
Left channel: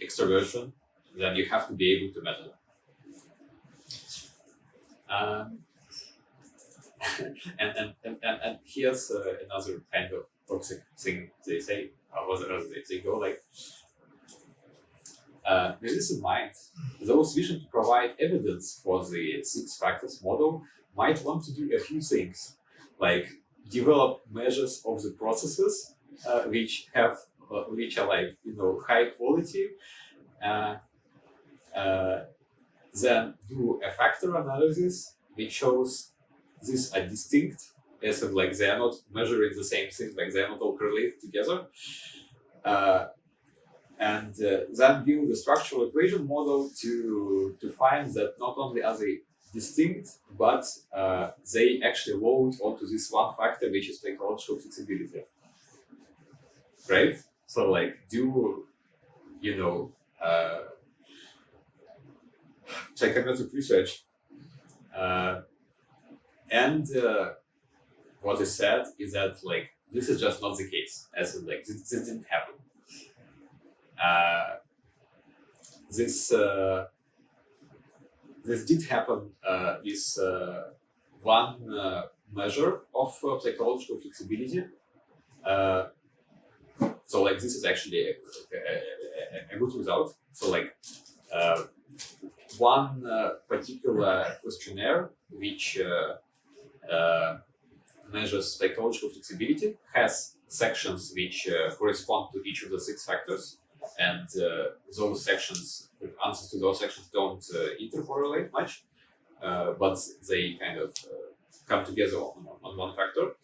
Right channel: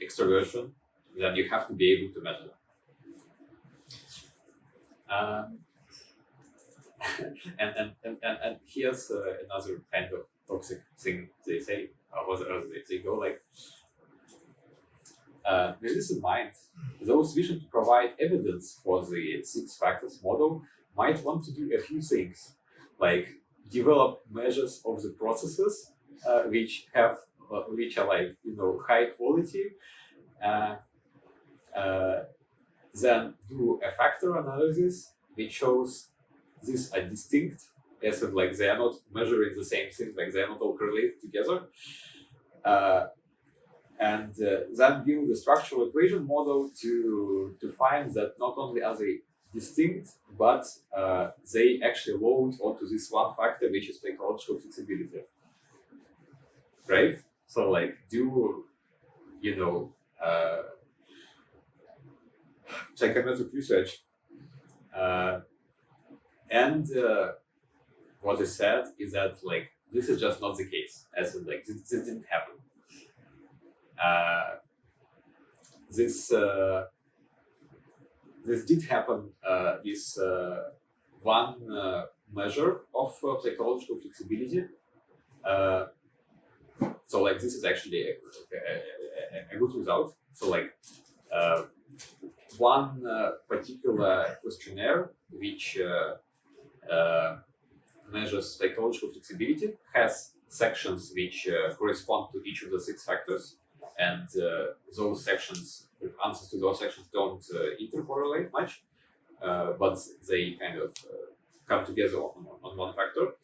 extroversion, then you have to be able to measure them. Um, and here's another kind of toxic thing they say, or they go like, with this in mind, those wishing to provide evidence for the six factors model might want to do a few things, like develop measures of the processes which are like high quality, uh, then do a factor analysis which shows these are distinct, as in like they are not measuring the same thing, like they are not all correlated together. And then build the structural equation model to find that not only are they distinct, but they actually load onto this one factor, which is psychological flexibility. Right? So like do, psychometric research. And what is said is that like this is just not the case, as in like this didn't happen. This did happen with one measure of psychological flexibility. So like this is actually a good result. So like one particular questionnaire which measures psychological flexibility has sections which correspond to each of the six factors, and those sections, answers to those sections don't intercorrelate much, but they kind of come together on one factor.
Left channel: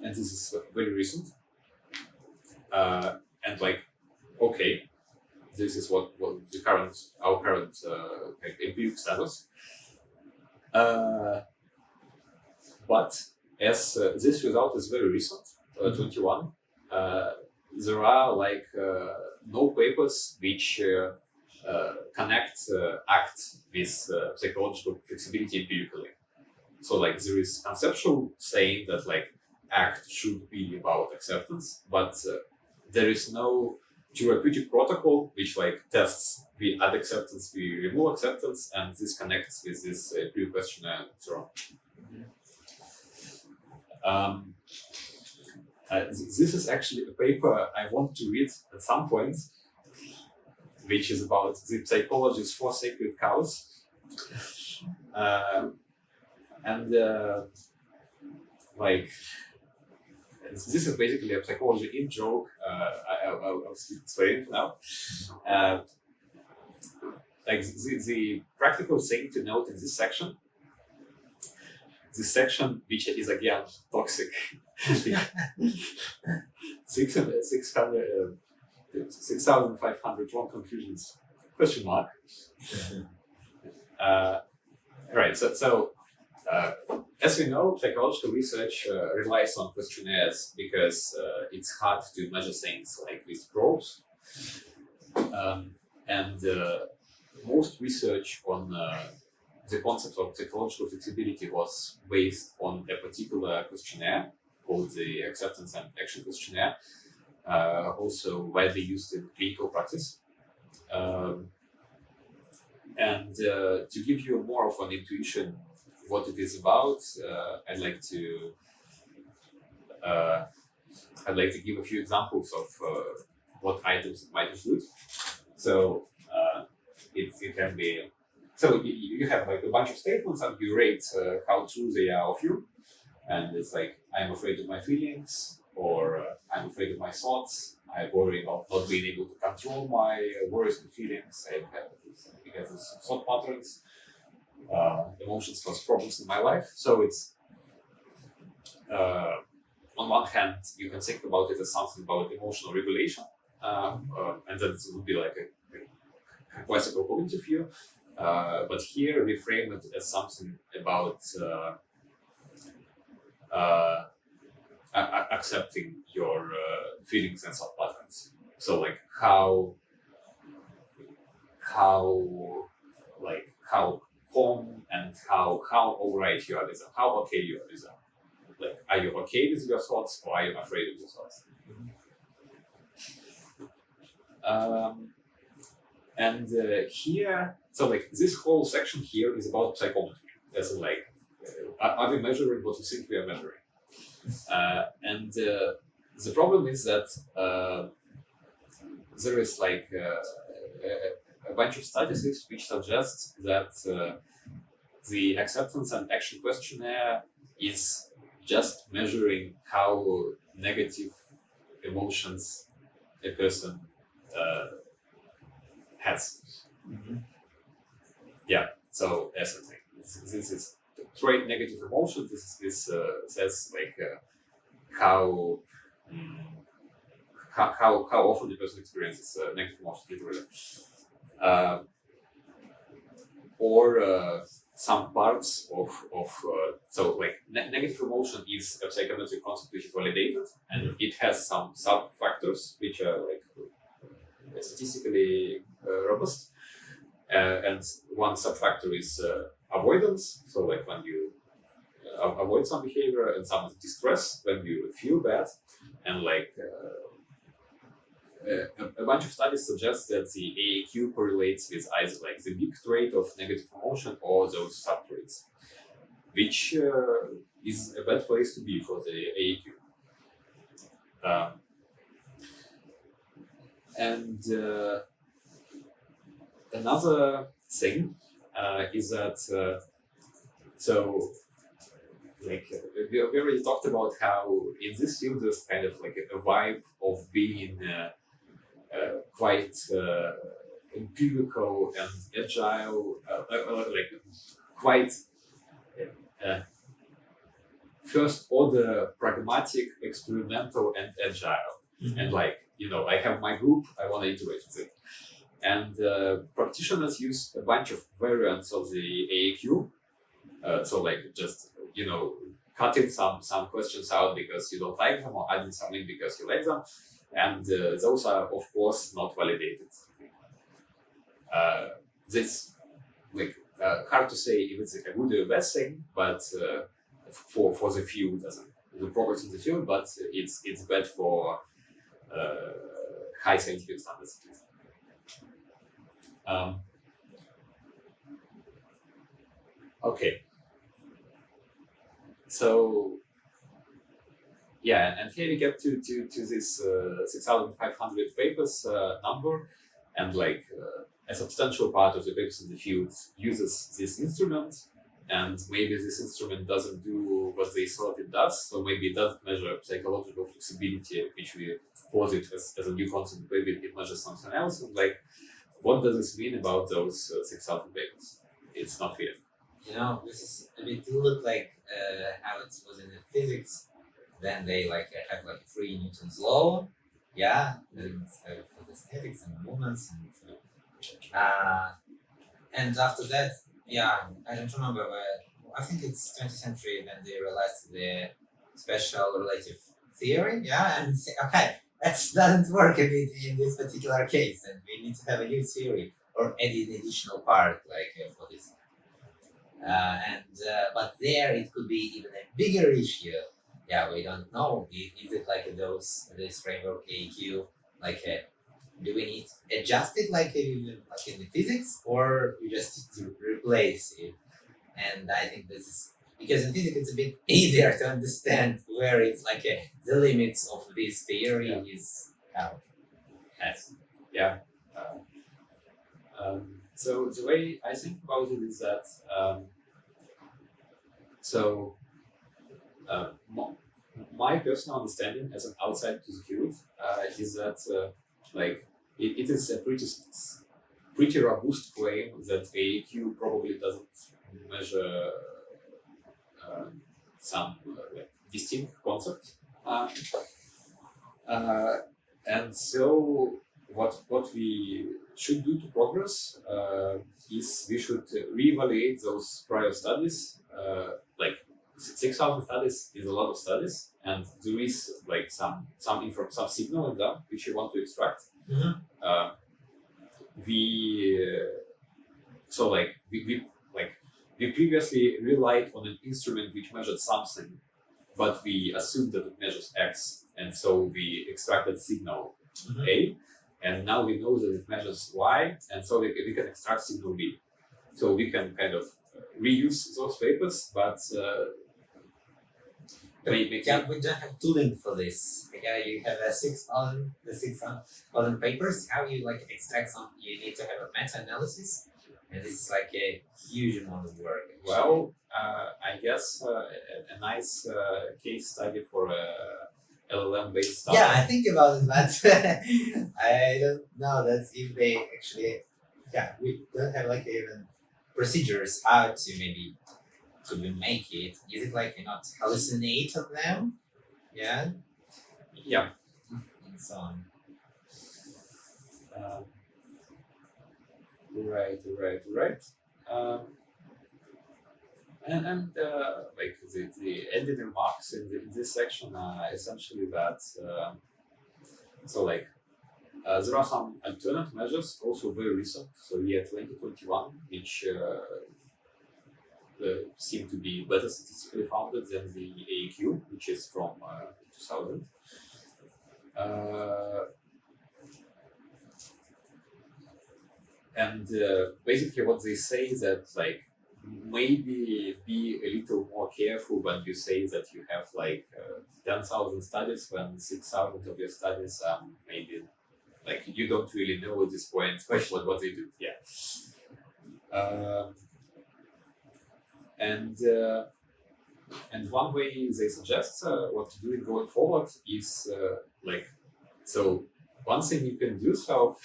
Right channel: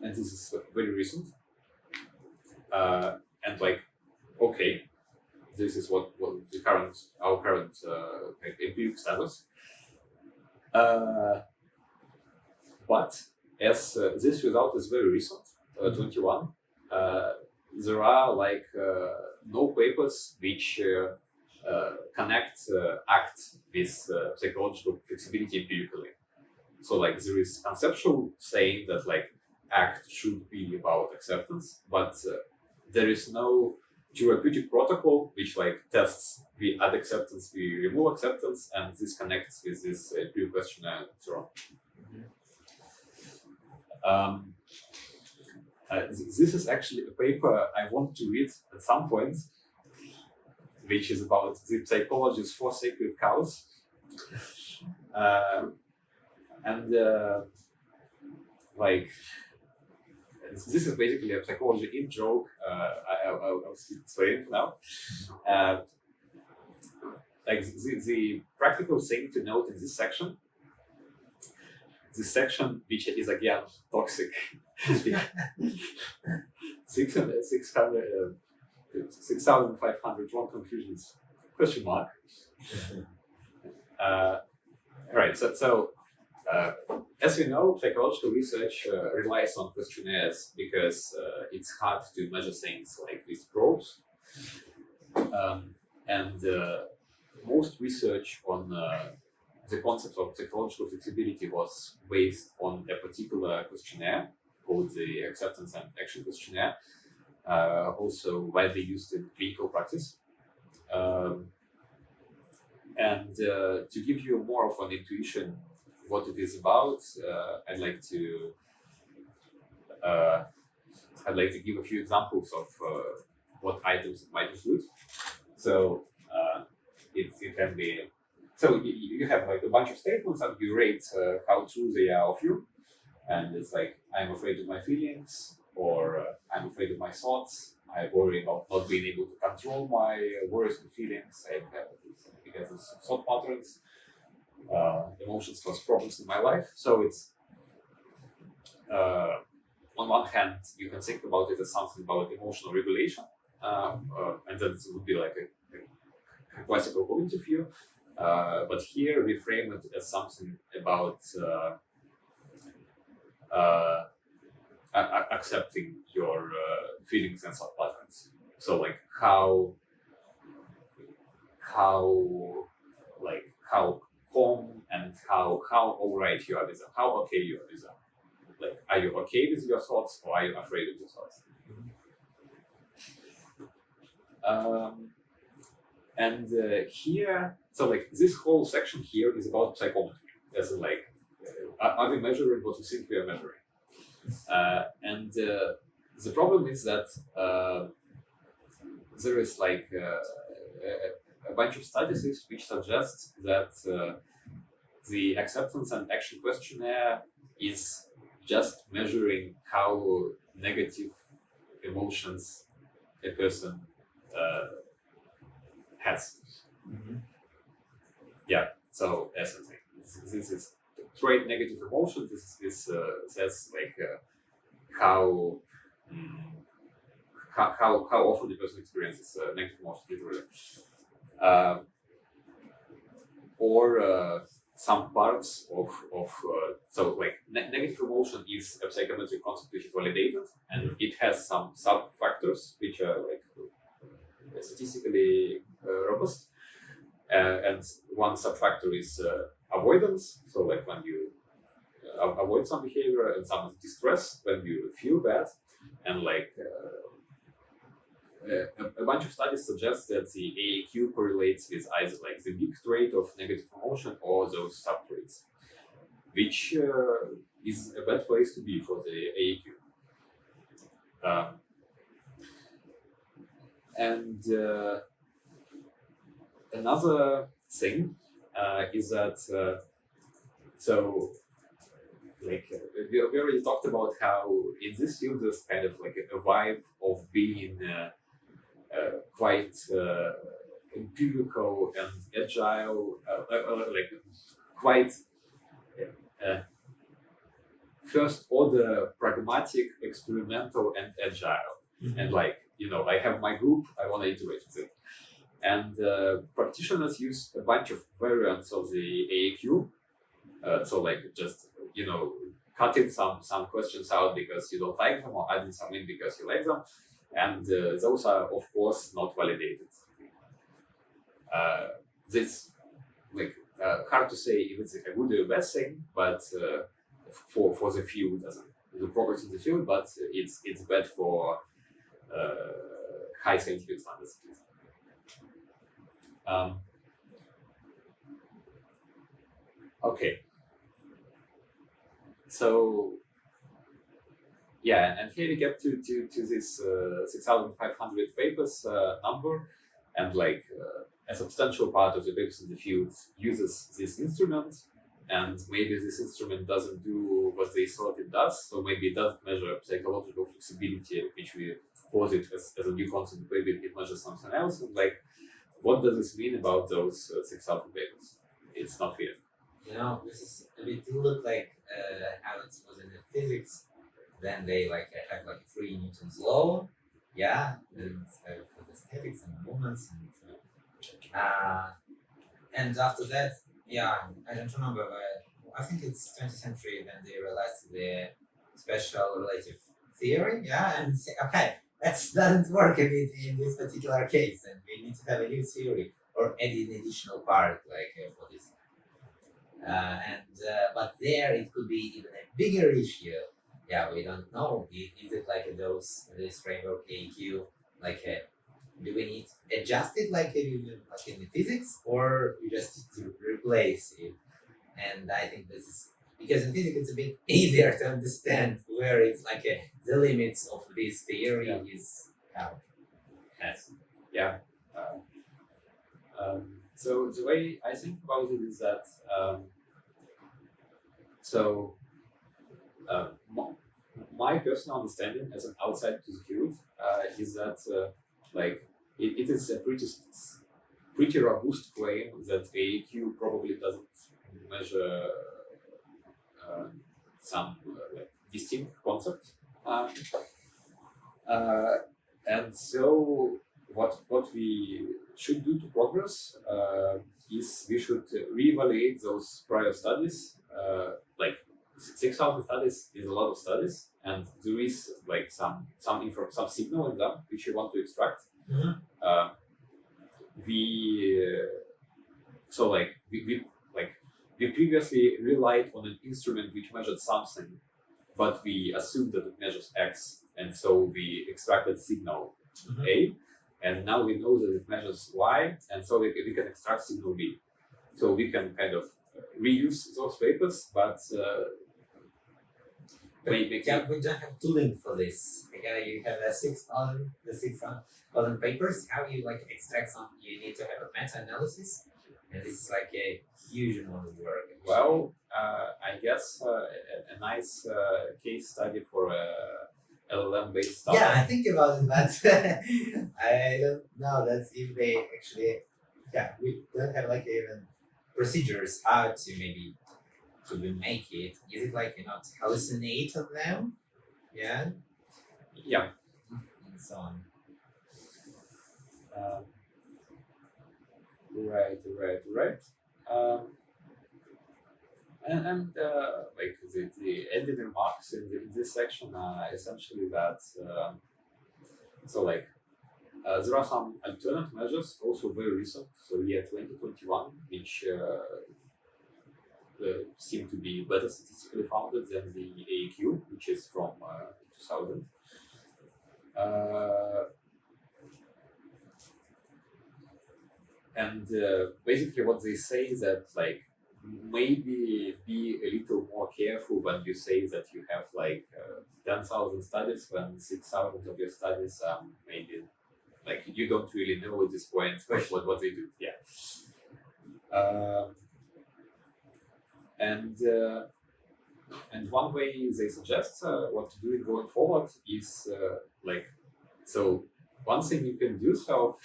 And this is very recent. And like, okay, this is what our current empirical status. But as this result is very recent, 21, there are like no papers which connect ACT with psychological flexibility empirically. So like there is conceptual saying that like ACT should be about acceptance, but there is no therapeutic protocol which like tests we add acceptance, we remove acceptance, and this connects with this empirical questionnaire and so on. This is actually a paper I want to read at some point, which is about the psychology's four sacred cows. Like, this is basically a psychology in joke. I'll explain it now. Like the practical thing to note in this section, which is again toxic, 6,500 wrong conclusions, question mark. Right, so as we know, psychological research relies on questionnaires because it's hard to measure things like with probes. And most research on the concept of psychological flexibility was based on a particular questionnaire called the Acceptance and Action Questionnaire, also widely used in clinical practice. And to give you more of an intuition what it is about, I'd like to give a few examples of what items it might include. So it can be, so you have like a bunch of statements and you rate how true they are of you, and it's like, I'm afraid of my feelings, or I'm afraid of my thoughts, I worry about not being able to control my worries and feelings, because of thought patterns, emotions cause problems in my life. So it's on one hand you can think about it as something about emotional regulation, and then it would be like a classical cognitive view, but here we frame it as something about accepting your feelings and thought patterns. So like how calm and how alright you are with them, how okay you are with them. Like, are you okay with your thoughts, or are you afraid of your thoughts? And here, so like this whole section here is about psychometry. As in like, are we measuring what we think we are measuring? And the problem is that there is like a bunch of studies which suggest that the acceptance and action questionnaire is just measuring how negative emotions a person has. Yeah, so essentially, this is trait negative emotion. This says like how often the person experiences negative emotions literally, or some parts of so like negative emotion is a psychometric concept which is validated, and it has some sub factors which are like statistically robust, and one sub factor is avoidance. So like when you avoid some behavior, and some is distress when you feel bad, and like a bunch of studies suggest that the AAQ correlates with either like the big trait of negative emotion or those sub traits, which is a bad place to be for the AAQ. And another thing is that so like we already talked about how in this field there's kind of like a vibe of being quite empirical and agile, like quite first order pragmatic, experimental, and agile. And like, you know, I have my group, I want to iterate with it. And practitioners use a bunch of variants of the AAQ. So like just, you know, cutting some questions out because you don't like them, or adding some in because you like them. And those are, of course, not validated. This, like, hard to say if it's a good or a bad thing, but for the field, as the progress in the field, but it's bad for high scientific standards. Okay. So yeah, and here we get to this 6,500 papers number, and like a substantial part of the papers in the field uses this instrument, and maybe this instrument doesn't do what they thought it does, so maybe it doesn't measure psychological flexibility, which we posit as a new concept. Maybe it measures something else, and like, what does this mean about those 6,000 papers? It's not clear. You know, this is a bit look like how it was in the physics. Then they like have like 3 Newton's law, yeah, and for the statics and movements, and after that, yeah, I don't remember where. I think it's 20th century when they realized the special relative theory, yeah, and say, okay, that doesn't work a bit in this particular case, and we need to have a new theory or add an additional part like for this. But there it could be even a bigger issue. Yeah, we don't know. Is it like this framework AQ? Like, do we need to adjust it like in the physics, or we just need to replace it? And I think this is because in physics it's a bit easier to understand where it's like the limits of this theory is out. Yes. Yeah. So the way I think about it is that my personal understanding as an outsider to the field is that like it is a pretty robust claim that AAQ probably doesn't measure some like distinct concept, and so what we should do to progress is we should reevaluate those prior studies. Like 6,000 studies is a lot of studies, and there is like some signal in them which you want to extract. We previously relied on an instrument which measured something, but we assumed that it measures X, and so we extracted signal A. and now we know that it measures Y, and so we can extract signal B. So we can kind of reuse those papers, but We don't have tooling for this. Like, you have a 6,000 papers. How you like extract some? You need to have a meta-analysis, and this is like a huge amount of work. actually. well, I guess a nice case study for a LLM-based startup. Yeah, I think about it, but I don't know that's if they actually. Yeah, we don't have like even procedures how to maybe to make it. Is it like you not hallucinate of them? Yeah, Yeah. and so on. Right. And like the ending remarks in this section are essentially that so like there are some alternate measures also very recent, so year 2021, which seem to be better statistically founded than the AAQ, which is from 2000. And basically what they say is that like maybe be a little more careful when you say that you have like 10,000 studies when 6,000 of your studies maybe like you don't really know at this point what they do. Yeah. And one way they suggest what to do going forward is like, so one thing you can do, so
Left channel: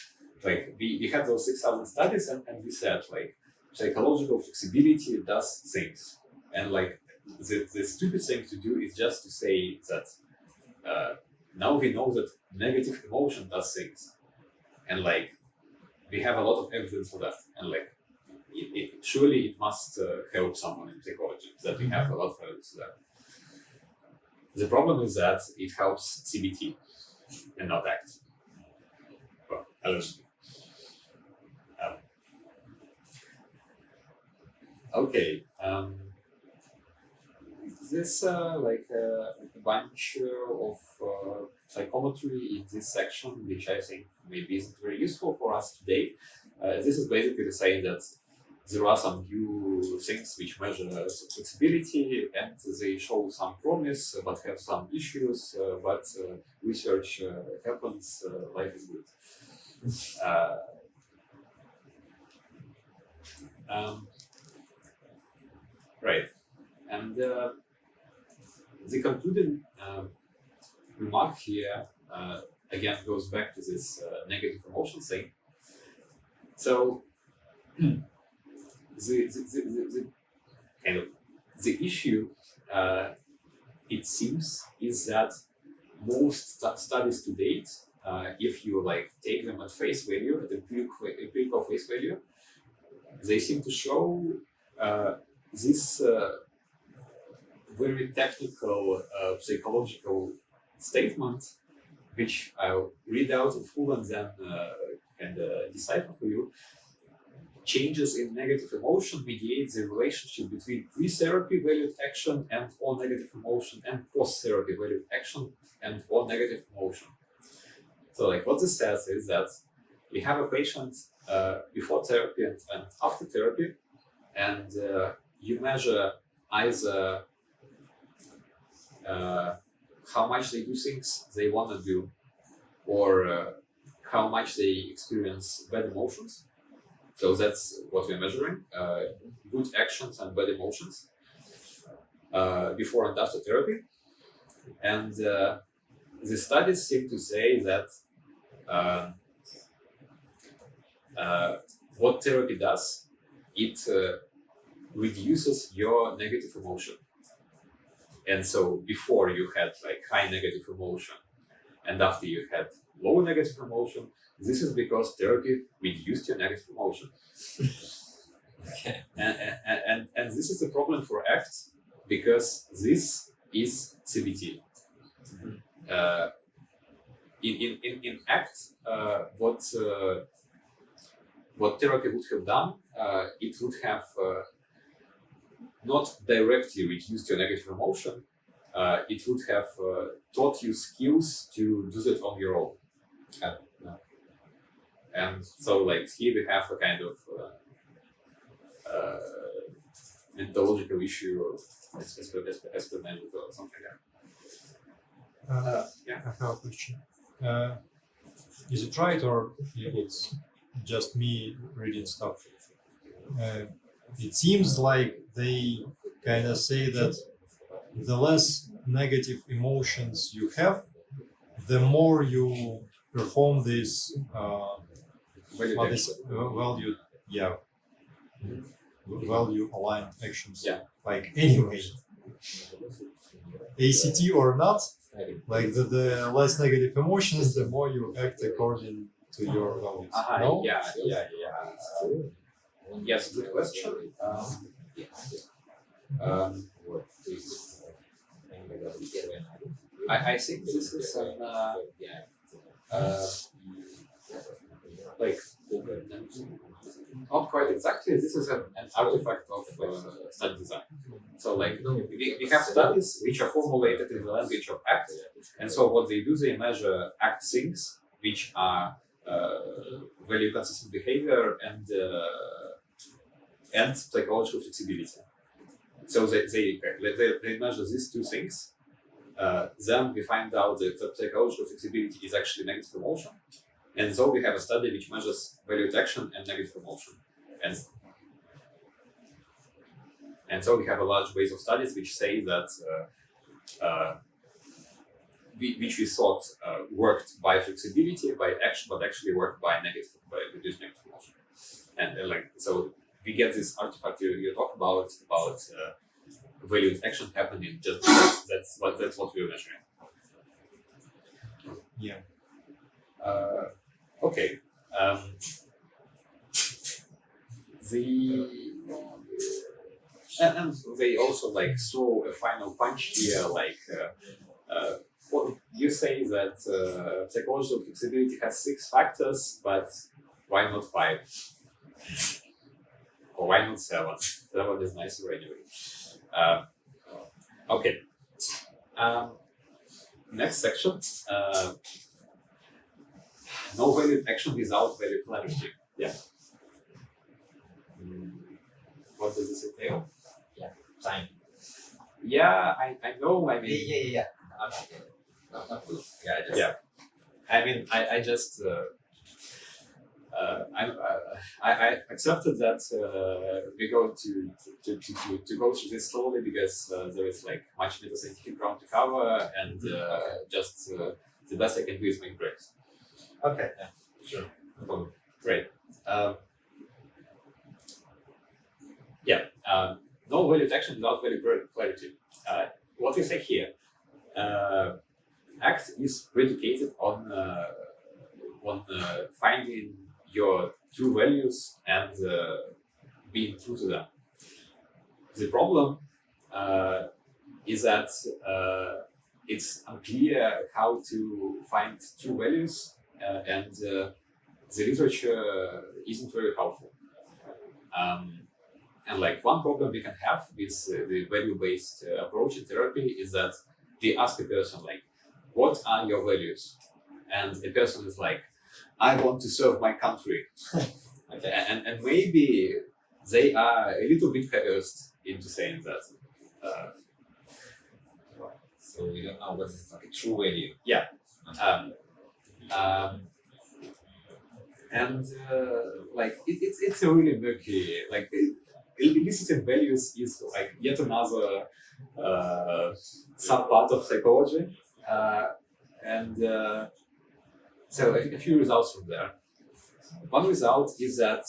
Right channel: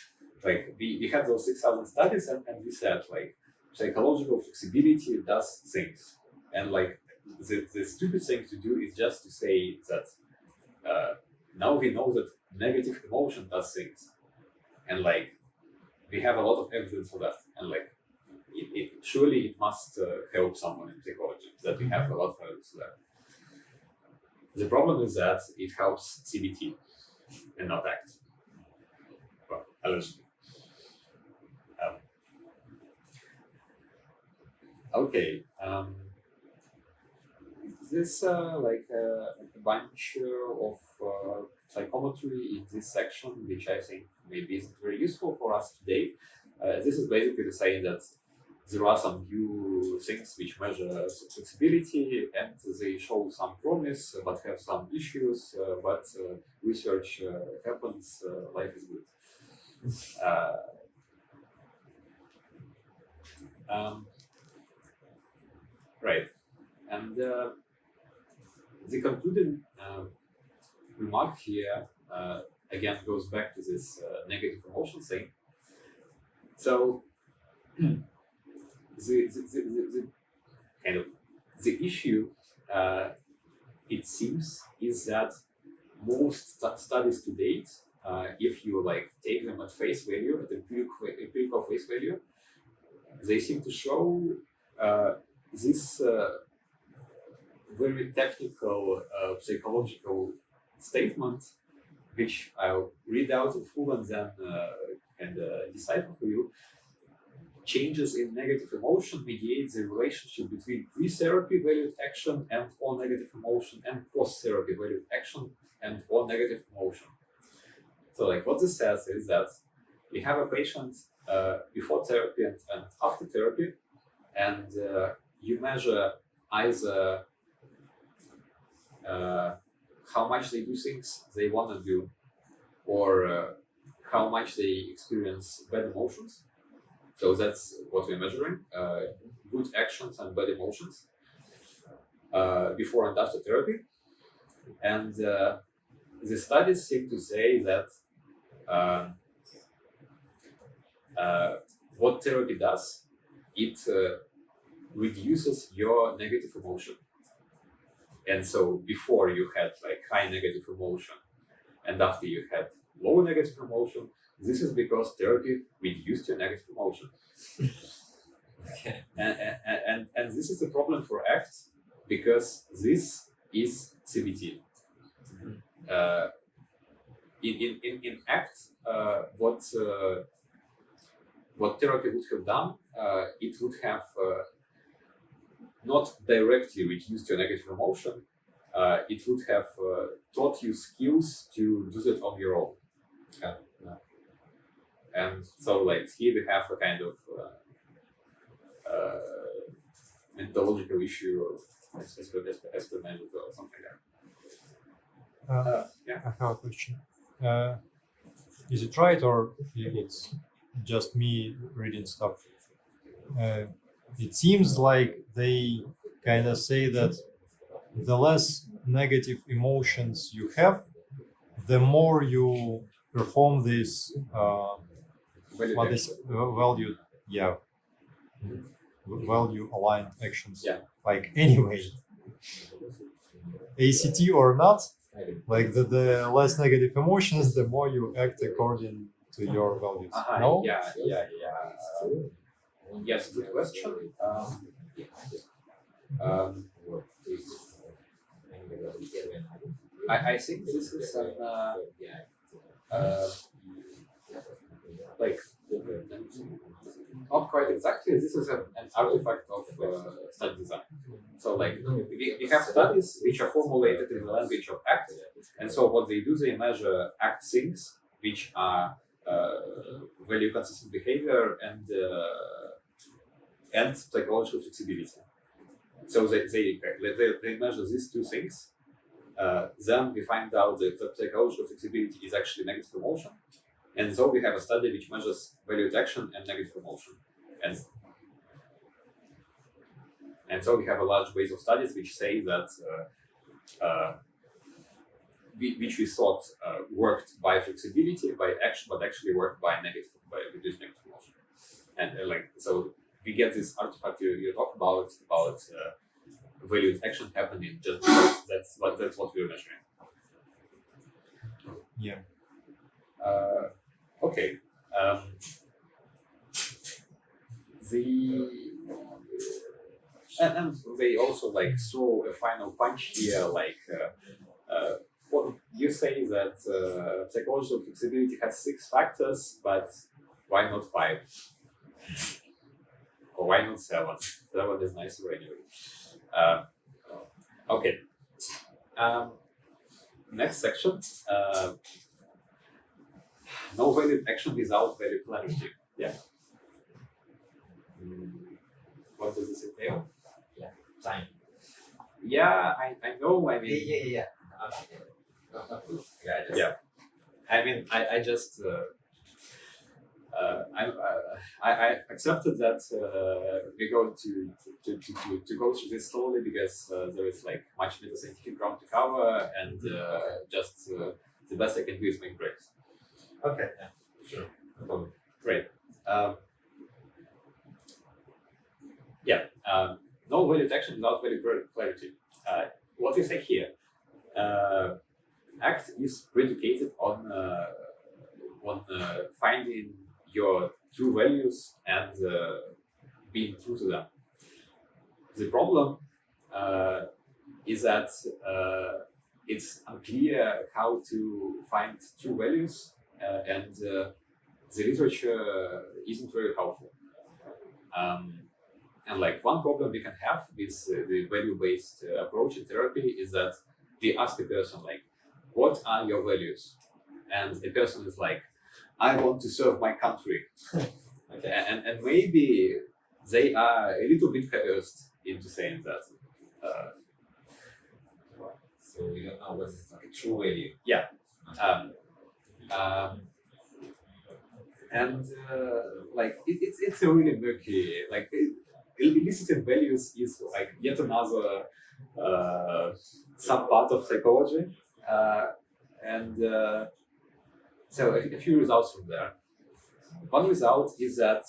like we had those 6,000 studies and we said like psychological flexibility does things, and like the stupid thing to do is just to say that now we know that negative emotion does things, and like we have a lot of evidence for that, and like surely it must help someone in psychology that we have a lot of evidence for that. The problem is that it helps CBT and not ACT. Well, allegedly. Okay. This like a bunch of psychometry in this section, which I think maybe isn't very useful for us today. This is basically saying that there are some new things which measure flexibility and they show some promise but have some issues, but research happens, life is good. Right. And the concluding remark here again goes back to this negative emotion thing. So the kind of the issue it seems is that most studies to date, if you like take them at face value, at empirical face value, they seem to show this very technical psychological statement, which I'll read out in full and then decipher for you. Changes in negative emotion mediate the relationship between pre-therapy valued action and or negative emotion and post-therapy valued action and or negative emotion. So like what this says is that we have a patient before therapy and after therapy, and you measure either how much they do things they want to do, or how much they experience bad emotions. So that's what we're measuring, good actions and bad emotions before and after therapy. And the studies seem to say that what therapy does, it reduces your negative emotion. And so before you had like high negative emotion and after you had low negative emotion, this is because therapy reduced your negative emotion. Okay. And this is a problem for ACT because this is CBT. In ACT, what therapy would have done, it would have not directly reduced your negative emotion, it would have taught you skills to do that on your own. And so like here we have a kind of methodological issue or experimental or something like that. Yeah. I have a question. Is it right, or it's just me reading stuff? It seems like they kind of say that the less negative emotions you have, the more you perform this value, yeah, value aligned actions. Yeah. Like anyway, ACT or not, like the less negative emotions, the more you act according to your values. No? Yeah. Yes, good question. I think this is an like not quite exactly. This is an artifact of study design. So like we have studies which are formulated in the language of ACT, and so what they do, they measure ACT things which are value consistent behavior and psychological flexibility. So they measure these two things. Then we find out that the psychological flexibility is actually negative emotion. And so we have a study which measures value detection and negative emotion. And so we have a large base of studies which say that which we thought worked by flexibility, by action, but actually worked by reduced negative emotion. And like so we get this artifact you talk about value detection happening just because that's what we're measuring. Yeah. Okay. And they also like throw a final punch here, like what you say that psychological flexibility has 6 factors, but why not 5? Or why not 7? 7 is nicer anyway. Okay. Next section. No value action without value clarity. Yeah. What does this entail? Time. Yeah, I know. I mean, Yeah. Okay. Not good. Yeah. I mean, I just I accepted that we're going to go through this slowly because there is like much meta scientific ground to cover, and just the best I can do is make breaks. Okay. Yeah. Sure. No problem. Great. No value detection without value clarity. What we say here, ACT is predicated on finding your true values and being true to them. The problem is that it's unclear how to find true values, and the literature isn't very helpful. And like one problem we can have with the value-based approach in therapy is that we ask a person like, what are your values? And the person is like, I want to serve my country. Okay. And maybe they are a little bit coerced into saying that. So we don't know what is like a true value. Yeah. And like it's a really murky, like eliciting values is like yet another sub-part of psychology. So a few results from there. One result is that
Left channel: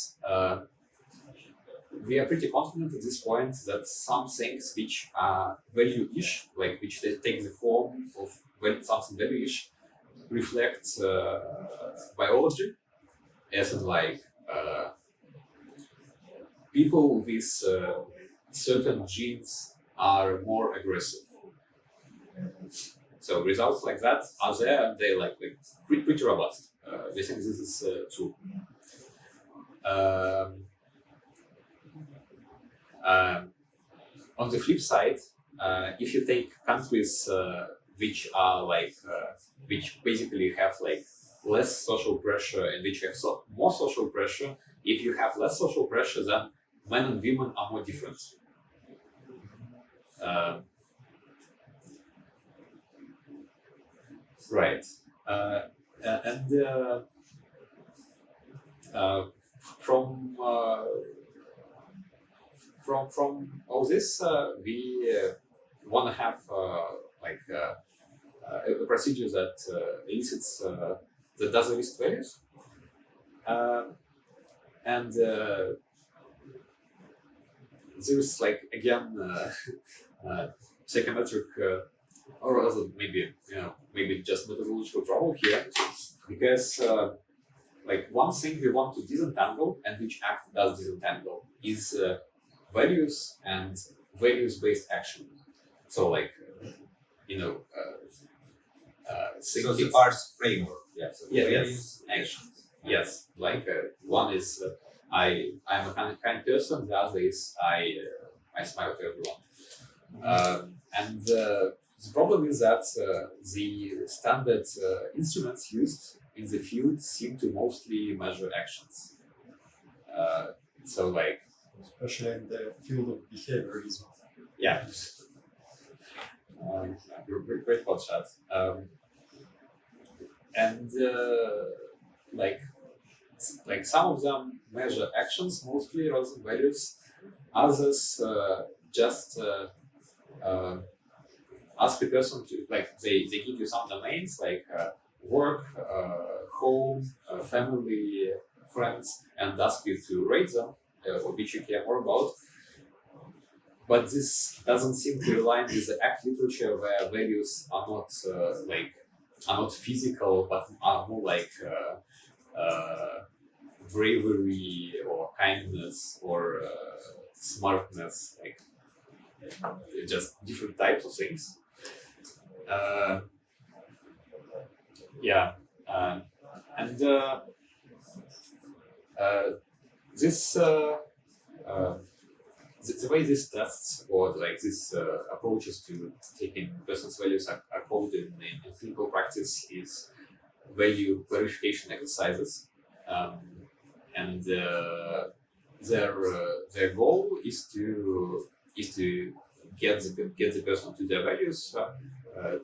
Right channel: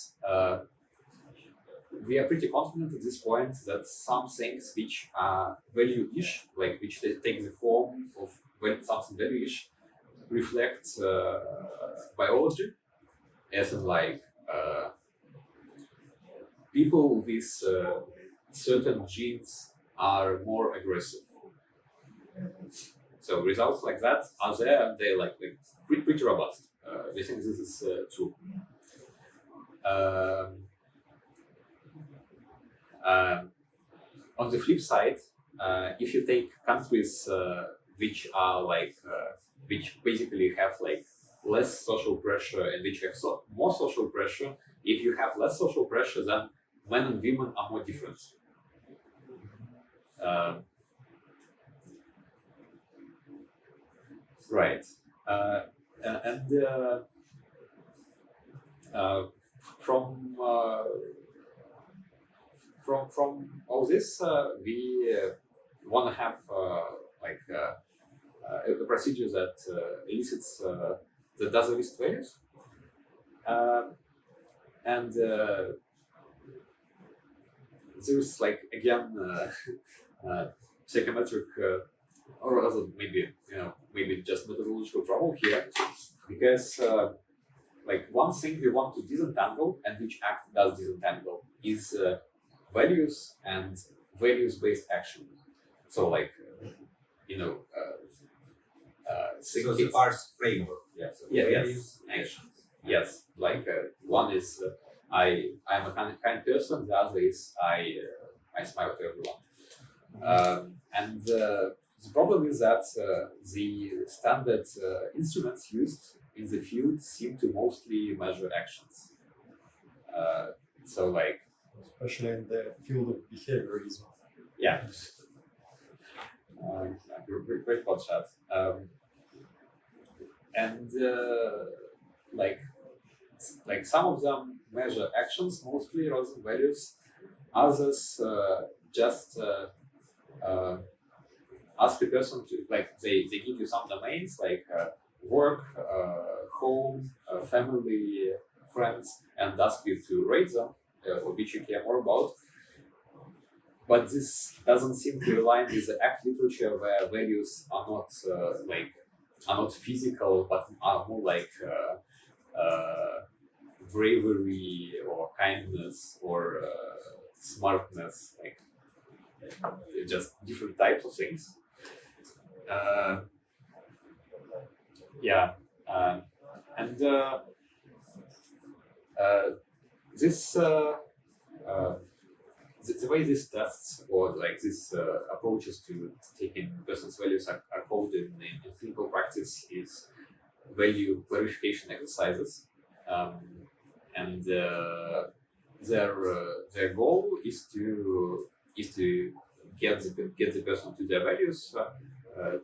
we are pretty confident at this point that some things which are value-ish, like which they take the form of something value-ish, reflect biology, as in like people with certain genes are more aggressive. So results like that are there, and they're like pretty robust. We think this is true. On the flip side, if you take countries which are like which basically have like less social pressure and which have more social pressure. If you have less social pressure, then men and women are more different. Right. And from all this, we want to have a procedure that elicits that does elicit values, and there's like again psychometric or rather maybe just methodological trouble here, because like one thing we want to disentangle and which act does disentangle is values and values-based action. So like So the PRC framework. Yeah. So Yeah, yes. values, actions. Yes, like one is I'm a kind person, the other is I smile to everyone. And the problem is that the standard instruments used in the field seem to mostly measure actions. So like, Especially in the field of behaviorism. yeah, great pod chat. And like some of them measure actions mostly rather than values. Others just ask the person to they give you some domains like work, home, family, friends, and ask you to rate them, which you care more about. But this doesn't seem to align with the ACT literature, where values are not physical, but are more like bravery or kindness or smartness, like just different types of things. And this the way these tests or like these approaches to taking person's values are called in clinical practice is value verification exercises, and their goal is to get the person to their values,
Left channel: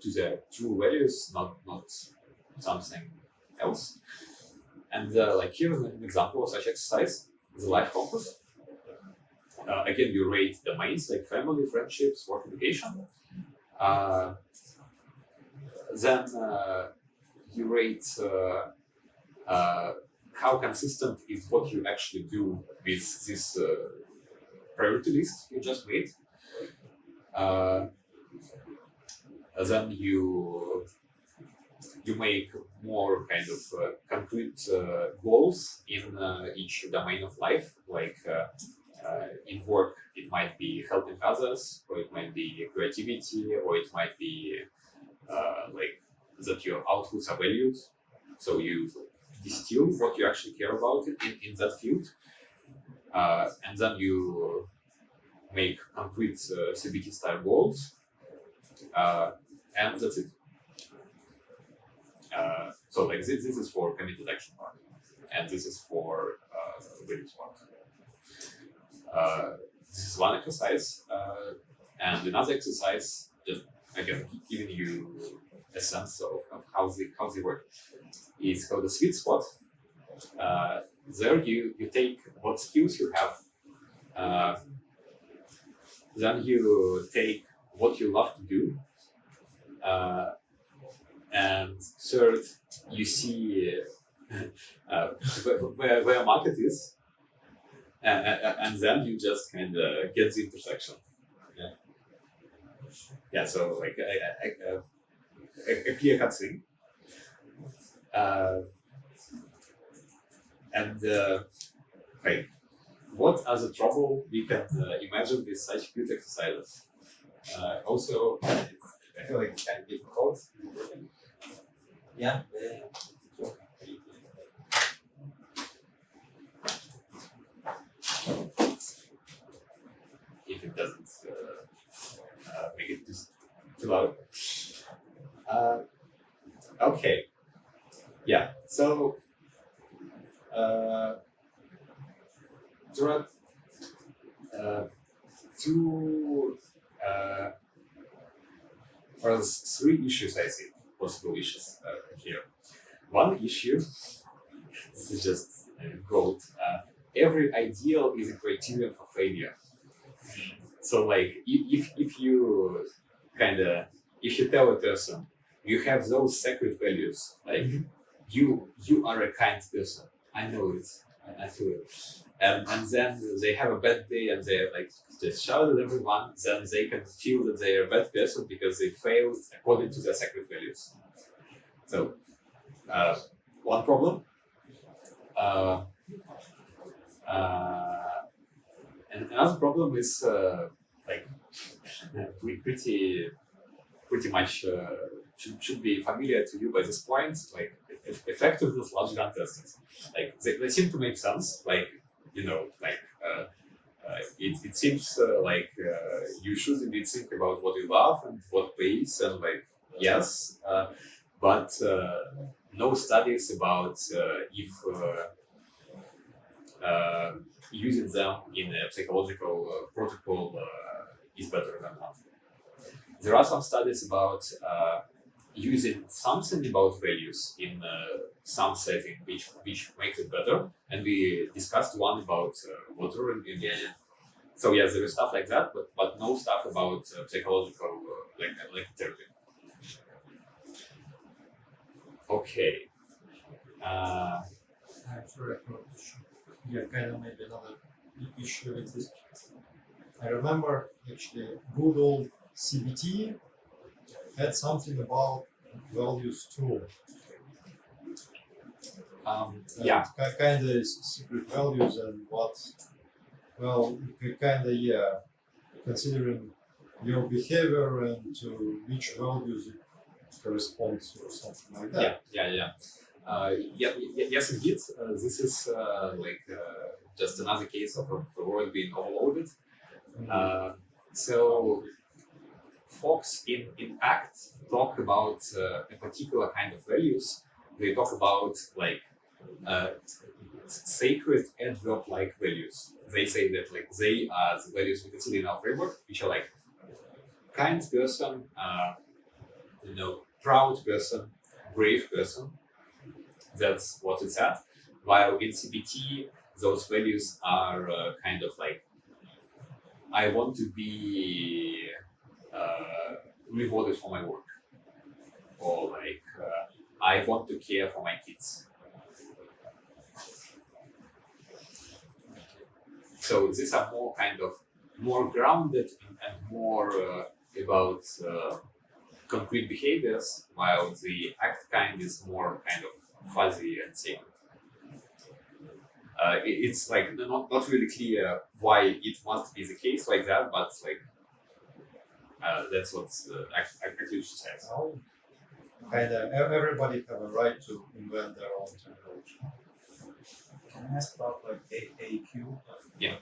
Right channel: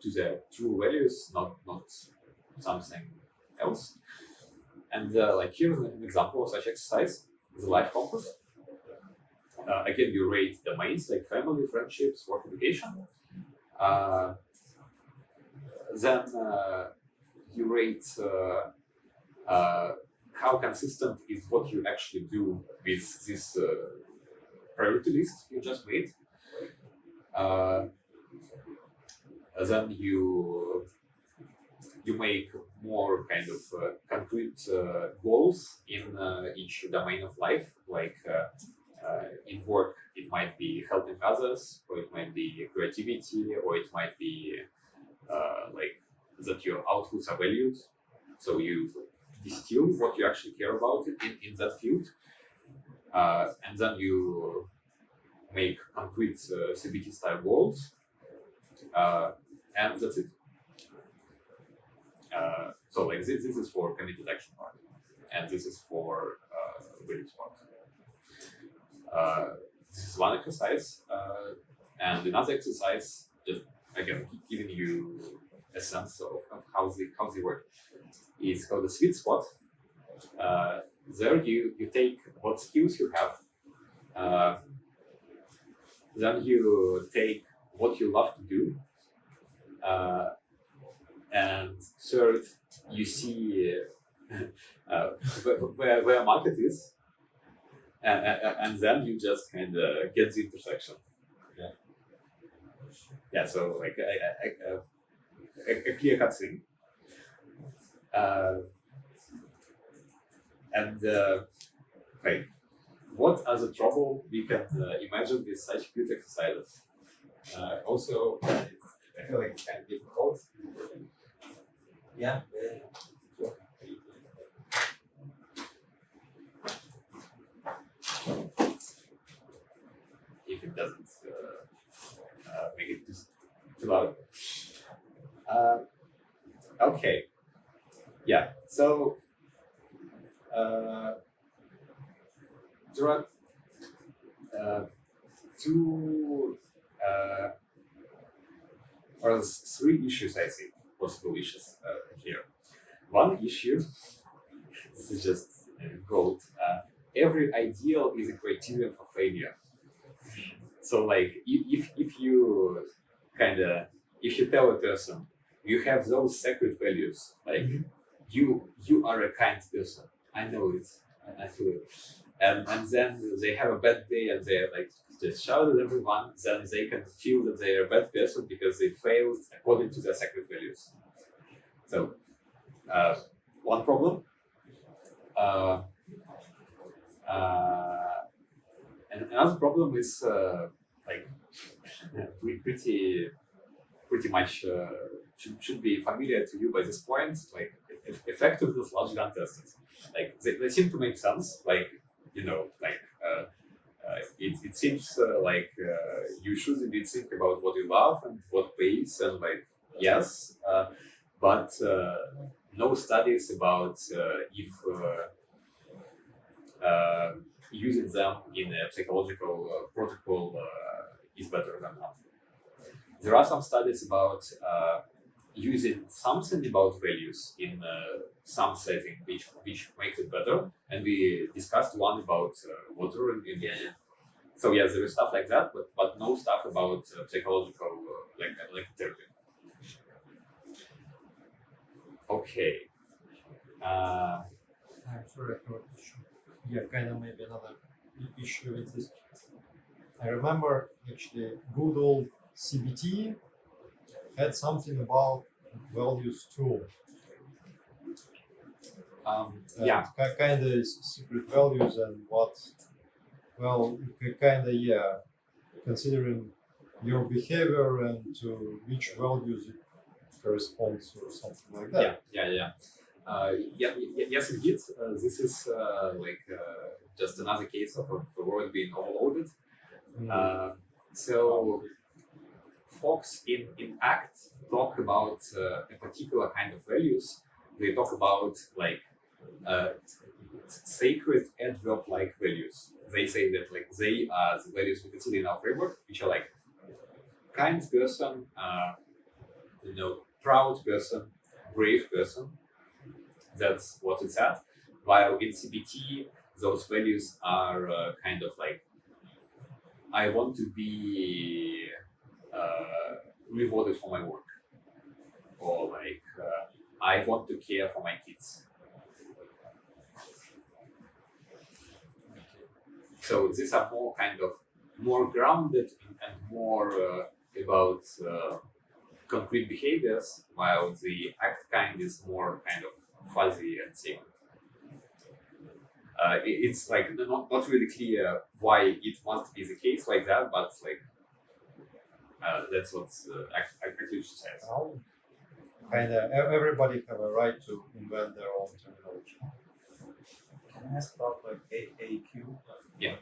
to their true values, not something else. And like here is an example of such exercise: the life compass. Again, you rate domains like family, friendships, work, education. Then you rate how consistent is what you actually do with this priority list you just made. Then you make more kind of concrete goals in each domain of life, like in work it might be helping others, or it might be creativity, or it might be like that your outputs are valued, so you distill what you actually care about in that field, and then you make concrete CBT style goals, and that's it. So like this is for committed action part, and this is for values part. This is one exercise, and another exercise, just again giving you a sense of how they work, is called the sweet spot. There you take what skills you have, then you take what you love to do, and third you see where market is, and then you just kind of get the intersection. Yeah, so like a clear cut thing. And like, what are the trouble we can imagine with such cute exercises? Also, I feel like it's kind of difficult. Yeah. If it doesn't make it too loud. Okay. Yeah. So So there are two or three issues, I think, possible issues here. One issue, this is just quote, every ideal is a criterion for failure. So like if you if you tell a person you have those sacred values, like you are a kind person, I know it, I feel it, and then they have a bad day and they're like just shout at everyone, then they can feel that they are a bad person because they failed according to their sacred values. So one problem. And another problem is like pretty much should be familiar to you by this point. Like effectiveness logic gun tests, like they seem to make sense. Like it seems like you should indeed think about what you love and what pays, and like yes, but no studies about if using them in a psychological protocol is better than not. There are some studies about using something about values in some setting which makes it better, and we discussed one about water in the end. So yes, there is stuff like that, but no stuff about psychological like therapy. Okay. Sorry, yeah, kind of maybe another issue with this. I remember actually good old CBT had something about values too. Yeah. Kind of secret values and what, well, kind of, yeah, considering your behavior and to which values it corresponds or something like that. Yes, indeed. This is just another case of the world being overloaded. So folks in ACT talk about a particular kind of values. They talk about like sacred adverb-like values. They say that like they are the values we consider in our framework, which are like kind person, proud person, brave person. That's what it's at. While in CBT, those values are kind of like, I want to be rewarded for my work, or like I want to care for my kids. So these are more grounded and more about concrete behaviors, while the ACT kind is more kind of fuzzy and sacred. It's like not really clear why it must be the case like that, but like that's what actually says. Kind of everybody have a right to invent their own technology. Can I ask about like AAQ? Yeah.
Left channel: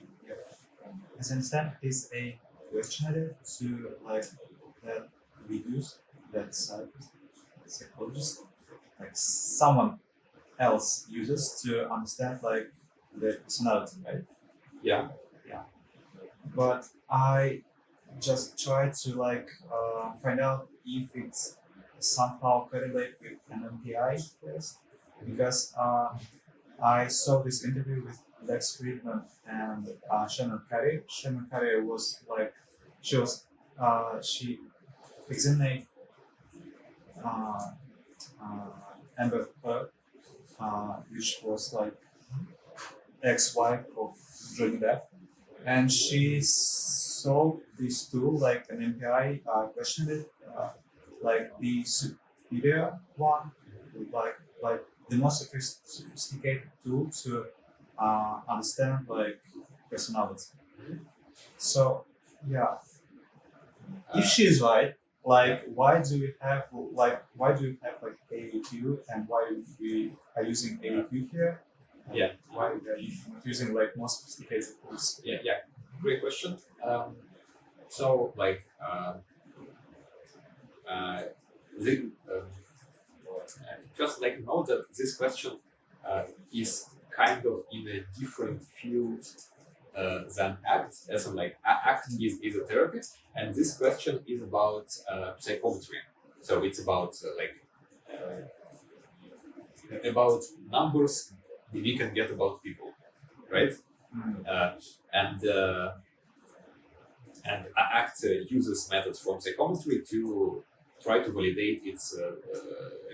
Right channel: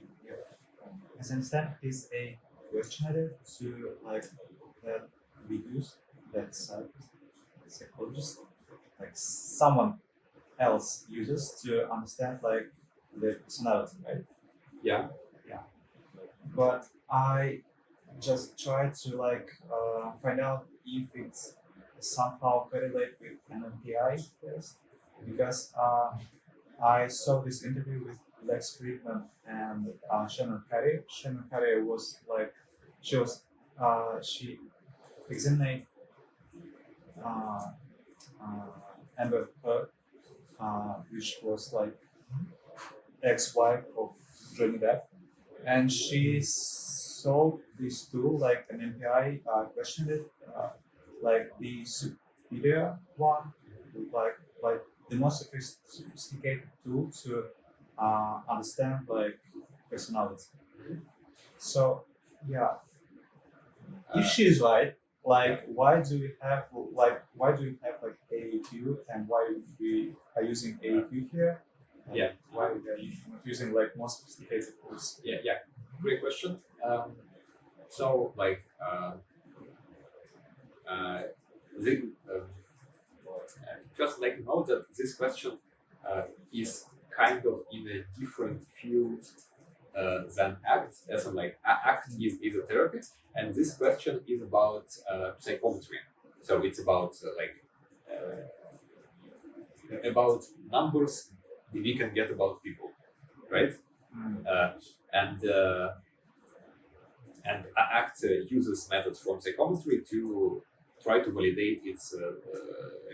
As I understand, is a questionnaire to like that we use that psychologist, like someone else uses to understand like the personality, right? Yeah. But I just try to like find out if it's somehow correlate with an MPI test, because I saw this interview with Lex Friedman and Shannon Carey. Shannon Carey was like, she examined Amber Heard, which was like ex-wife of Johnny Depp, and she saw these two like an MPI questionnaire, like the superior one, like the most sophisticated tool to understand like personality. So yeah, if she's right, like why do we have like AAQ, and why we are using AAQ here? Yeah. Why we are using like more sophisticated tools? Yeah. Great question. So like just like note that this question is kind of in a different field than ACT, as in like ACT is a therapy, and this question is about psychometry. So it's about about numbers we can get about people, right? And ACT uses methods from psychometry to try to validate its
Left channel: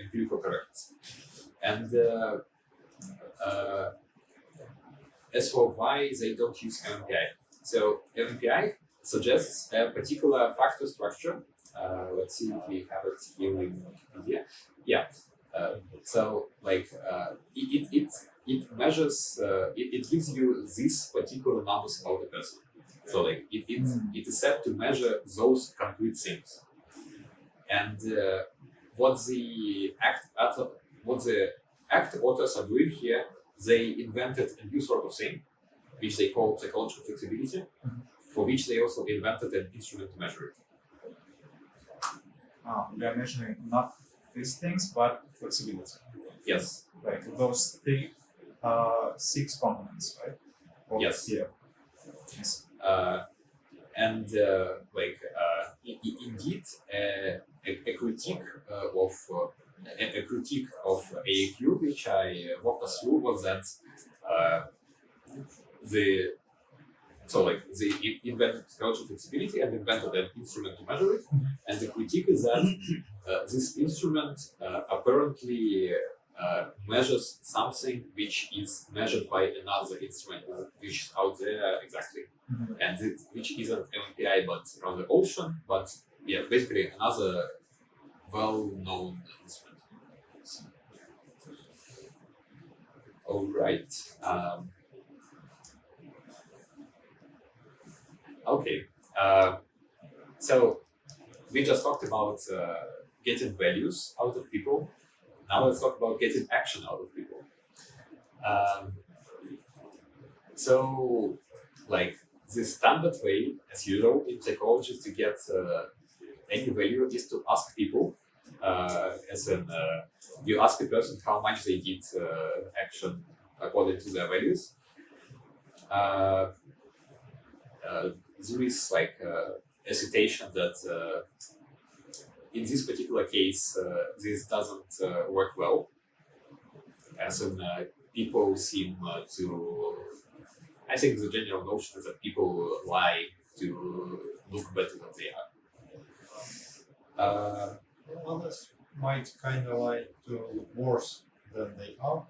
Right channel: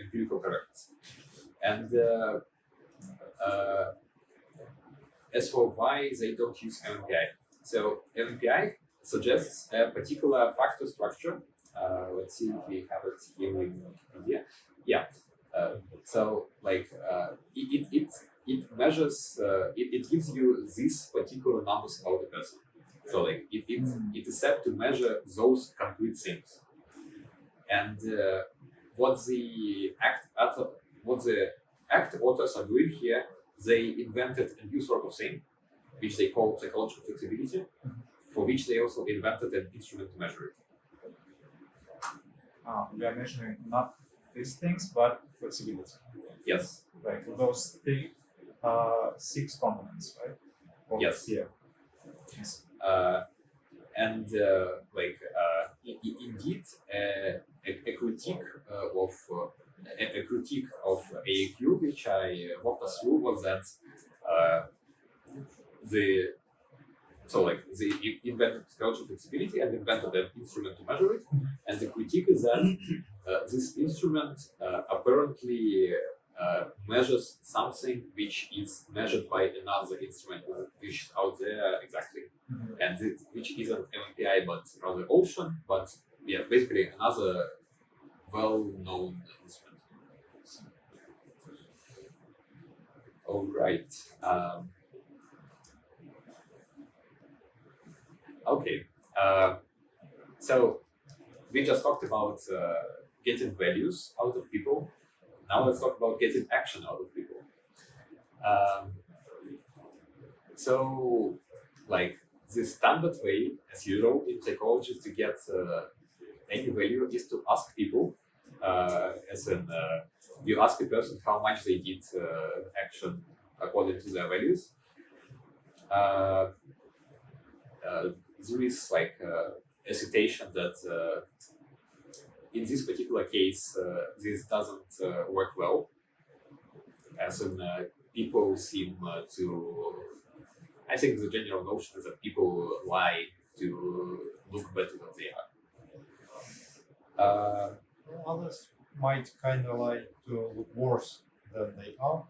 empirical correctness. And as for why they don't use MMPI, so MMPI suggests a particular factor structure. Let's see if we have it here in Wikipedia. Yeah. So like it measures it gives you these particular numbers about a person. So like it is set to measure those concrete things. And what the ACT authors are doing here, they invented a new sort of thing, which they call psychological flexibility, for which they also invented an instrument to measure it. We are measuring not these things, but flexibility. Yes. Like those 6 components, right? Or Yes. Yeah. Yes. And indeed, a critique of AAQ, which I walked us through, was that they invented psychological flexibility and invented an instrument to measure it. And the critique is that this instrument apparently measures something which is measured by another instrument which is out there exactly, and which isn't MMPI but rather Ocean, but yeah, basically another well-known instrument. All right. Okay. So we just talked about getting values out of people. Now let's talk about getting action out of people. So, like the standard way, as usual in psychology, to get any value is to ask people. As in, you ask a person how much they did action according to their values. There is like a citation that in this particular case, this doesn't work well, as in people seem to. I think the general notion is that people lie to look better than they are. Others might kind of like to look worse than they are,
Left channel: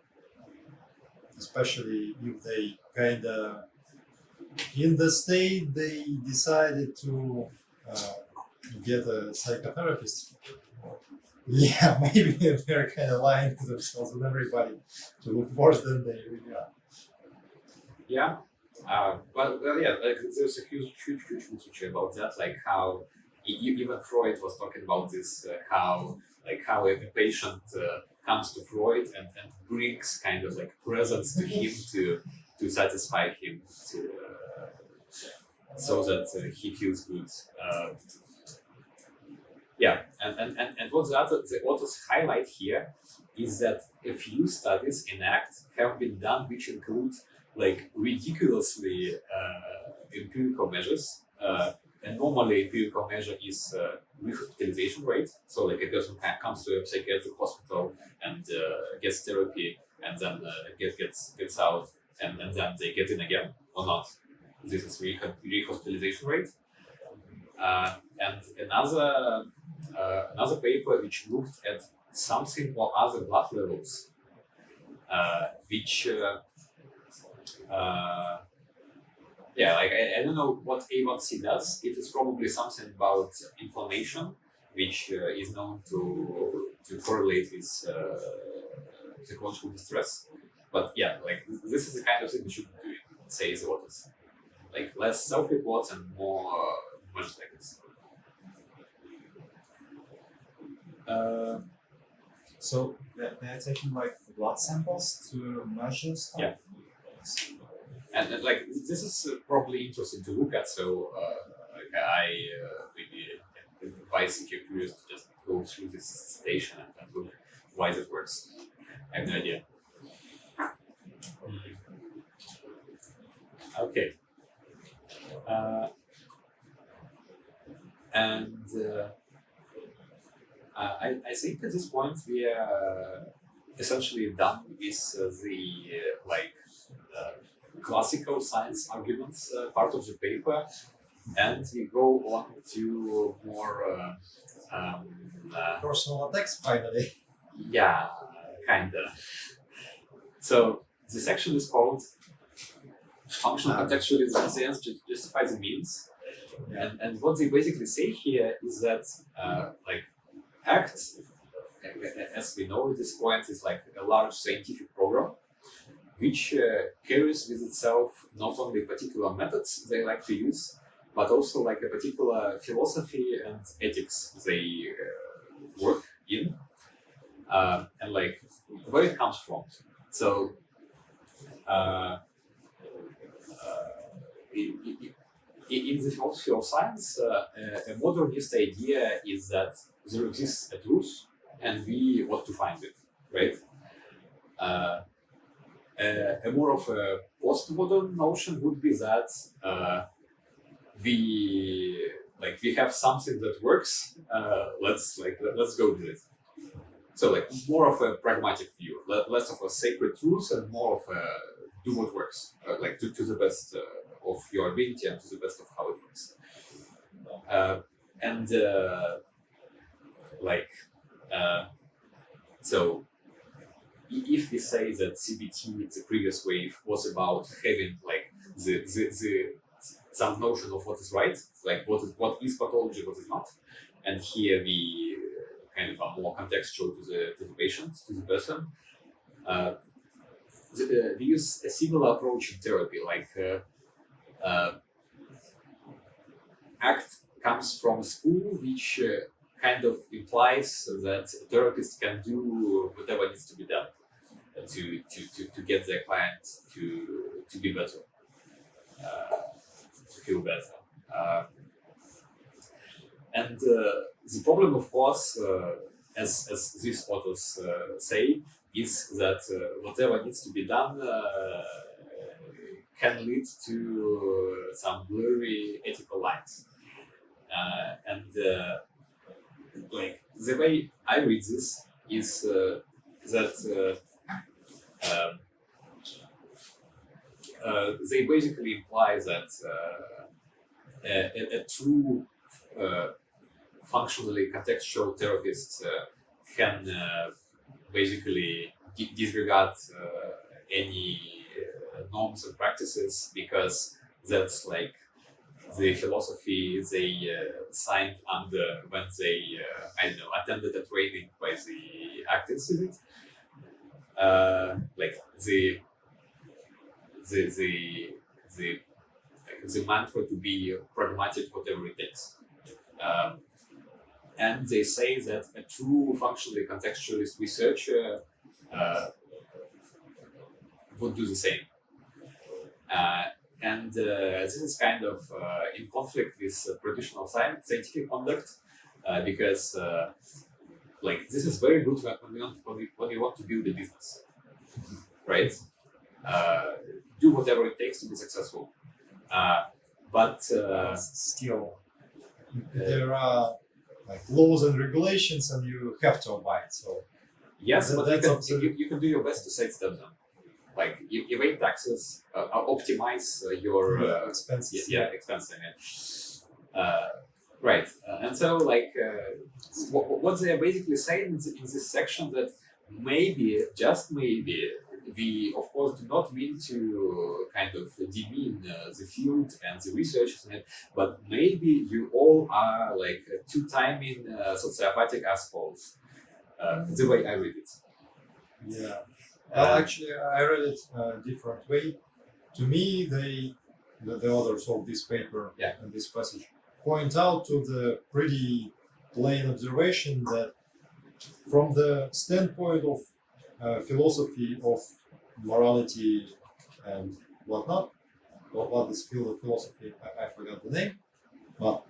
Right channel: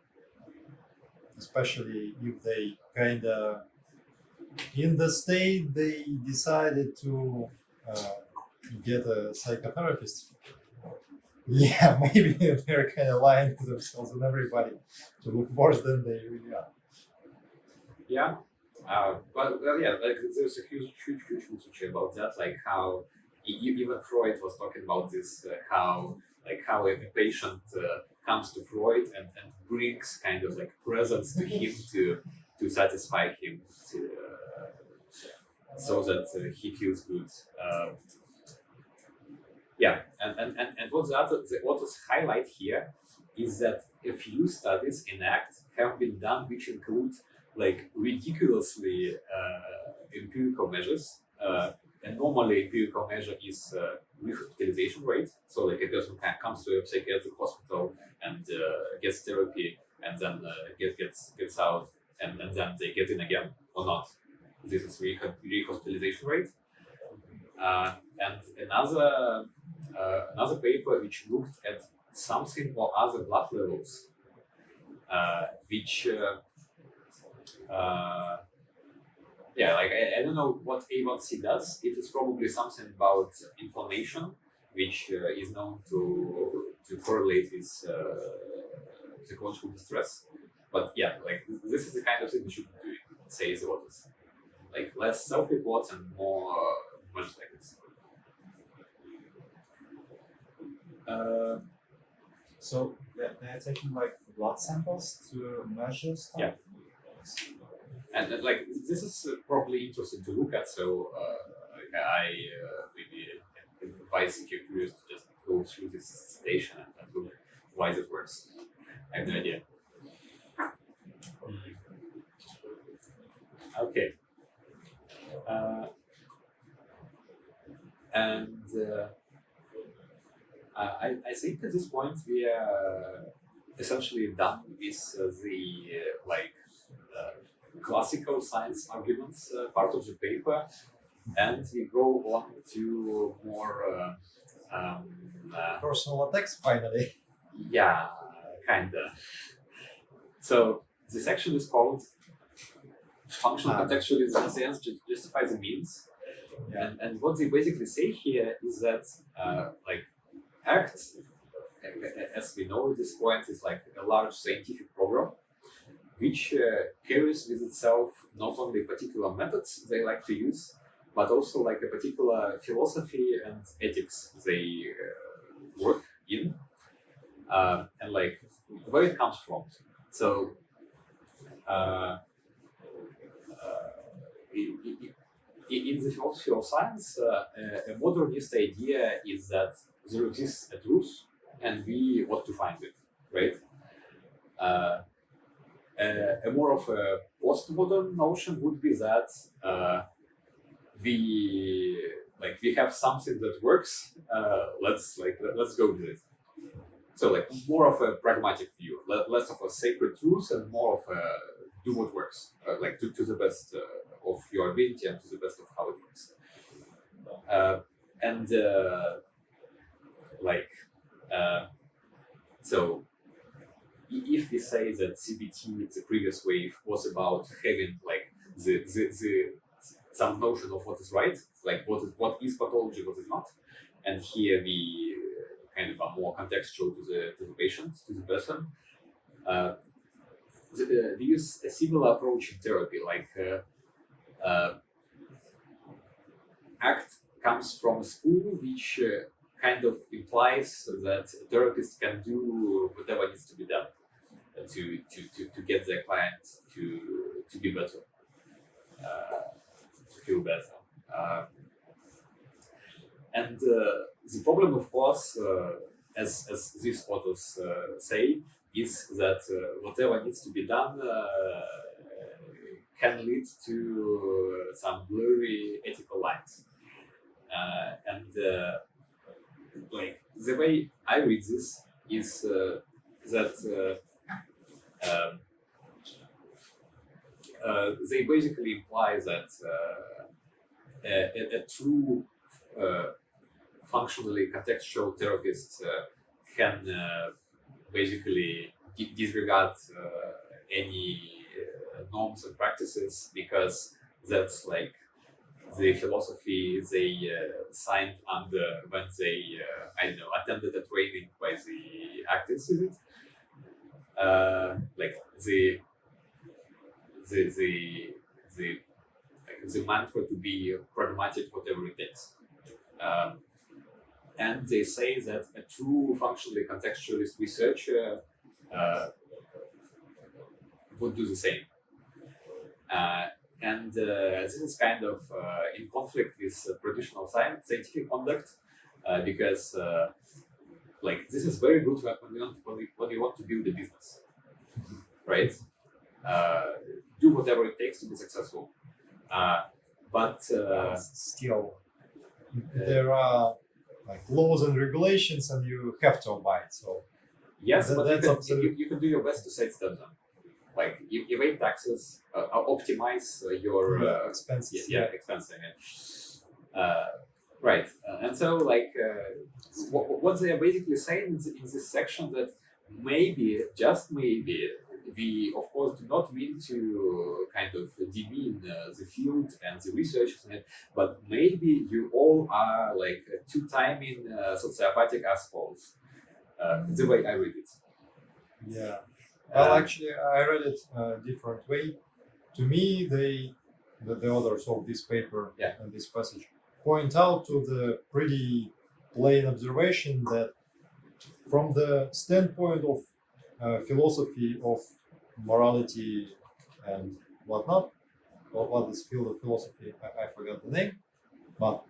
especially if they kind of in the state they decided to get a psychotherapist. Yeah, maybe they're kind of lying to themselves and everybody to look worse than they really are. Yeah, well, yeah, like there's a huge research about that, like how even Freud was talking about this, how a patient comes to Freud and brings kind of like presents to him to satisfy him, so that he feels good. Yeah, and what the authors highlight here is that a few studies in ACT have been done which include like ridiculously empirical measures. And normally empirical measure is rehospitalization rate. So like a person comes to a psychiatric hospital and gets therapy and then gets out and then they get in again or not. This is rehospitalization rate. And another paper which looked at something or other blood levels, which I don't know what A1C does. It is probably something about inflammation, which is known to correlate with psychological distress. But yeah, like this is the kind of thing we should be doing, says the authors. Like less self-reports and more measures like this. So they're taking like blood samples to measure stuff. Yeah. And like this is probably interesting to look at. So I maybe advise if you're curious to just go through this station and look. why that works. I have no idea. Okay. I think at this point we are essentially done with the classical science arguments part of the paper, and we go on to more Personal attacks finally. yeah, kinda. So the section is called functional contextualization justifies the means, and what they basically say here is that ACT, as we know at this point, is like a large scientific program which carries with itself not only particular methods they like to use, but also like a particular philosophy and ethics they work in, and like where it comes from. So in the philosophy of science, a modernist idea is that there exists a truth and we want to find it, right? A more of a postmodern notion would be that we have something that works. Let's go with it. So like more of a pragmatic view, less of a sacred truth and more of a do what works, to the best of your ability and to the best of how it works. So if we say that CBT, the previous wave, was about having like the some notion of what is right, like what is pathology, what is not, and here we kind of are more contextual to the patient, to the person. We use a similar approach in therapy, ACT comes from a school which kind of implies that therapists can do whatever needs to be done to get their client to be better, to feel better. And the problem, of course, as these authors say, is that whatever needs to be done can lead to some blurry ethical lines. And the way I read this is that they basically imply that a true functionally contextual therapist can basically disregard any norms and practices because that's like the philosophy they signed under when they attended a training by the ACT Institute. The mantra to be pragmatic, whatever it takes. And they say that a true functionally contextualist researcher would do the same. And this is kind of in conflict with traditional scientific conduct because this is very good when you want to build a business, right? Do whatever it takes to be successful. But still, there are like laws and regulations, and you have to abide. So yes, but that's you can do your best to sidestep them. Like evade taxes, optimize your expenses. expensing. Right, and so what they are basically saying in this section that maybe, just maybe, we of course do not mean to kind of demean the field and the researchers in it, but maybe you all are like two-timing sociopathic assholes. The way I read it. Yeah. Actually, I read it a different way. To me, the authors of this paper and this passage point out to the pretty plain observation that from the standpoint of philosophy of morality and whatnot, what is field of philosophy, I forgot the name, but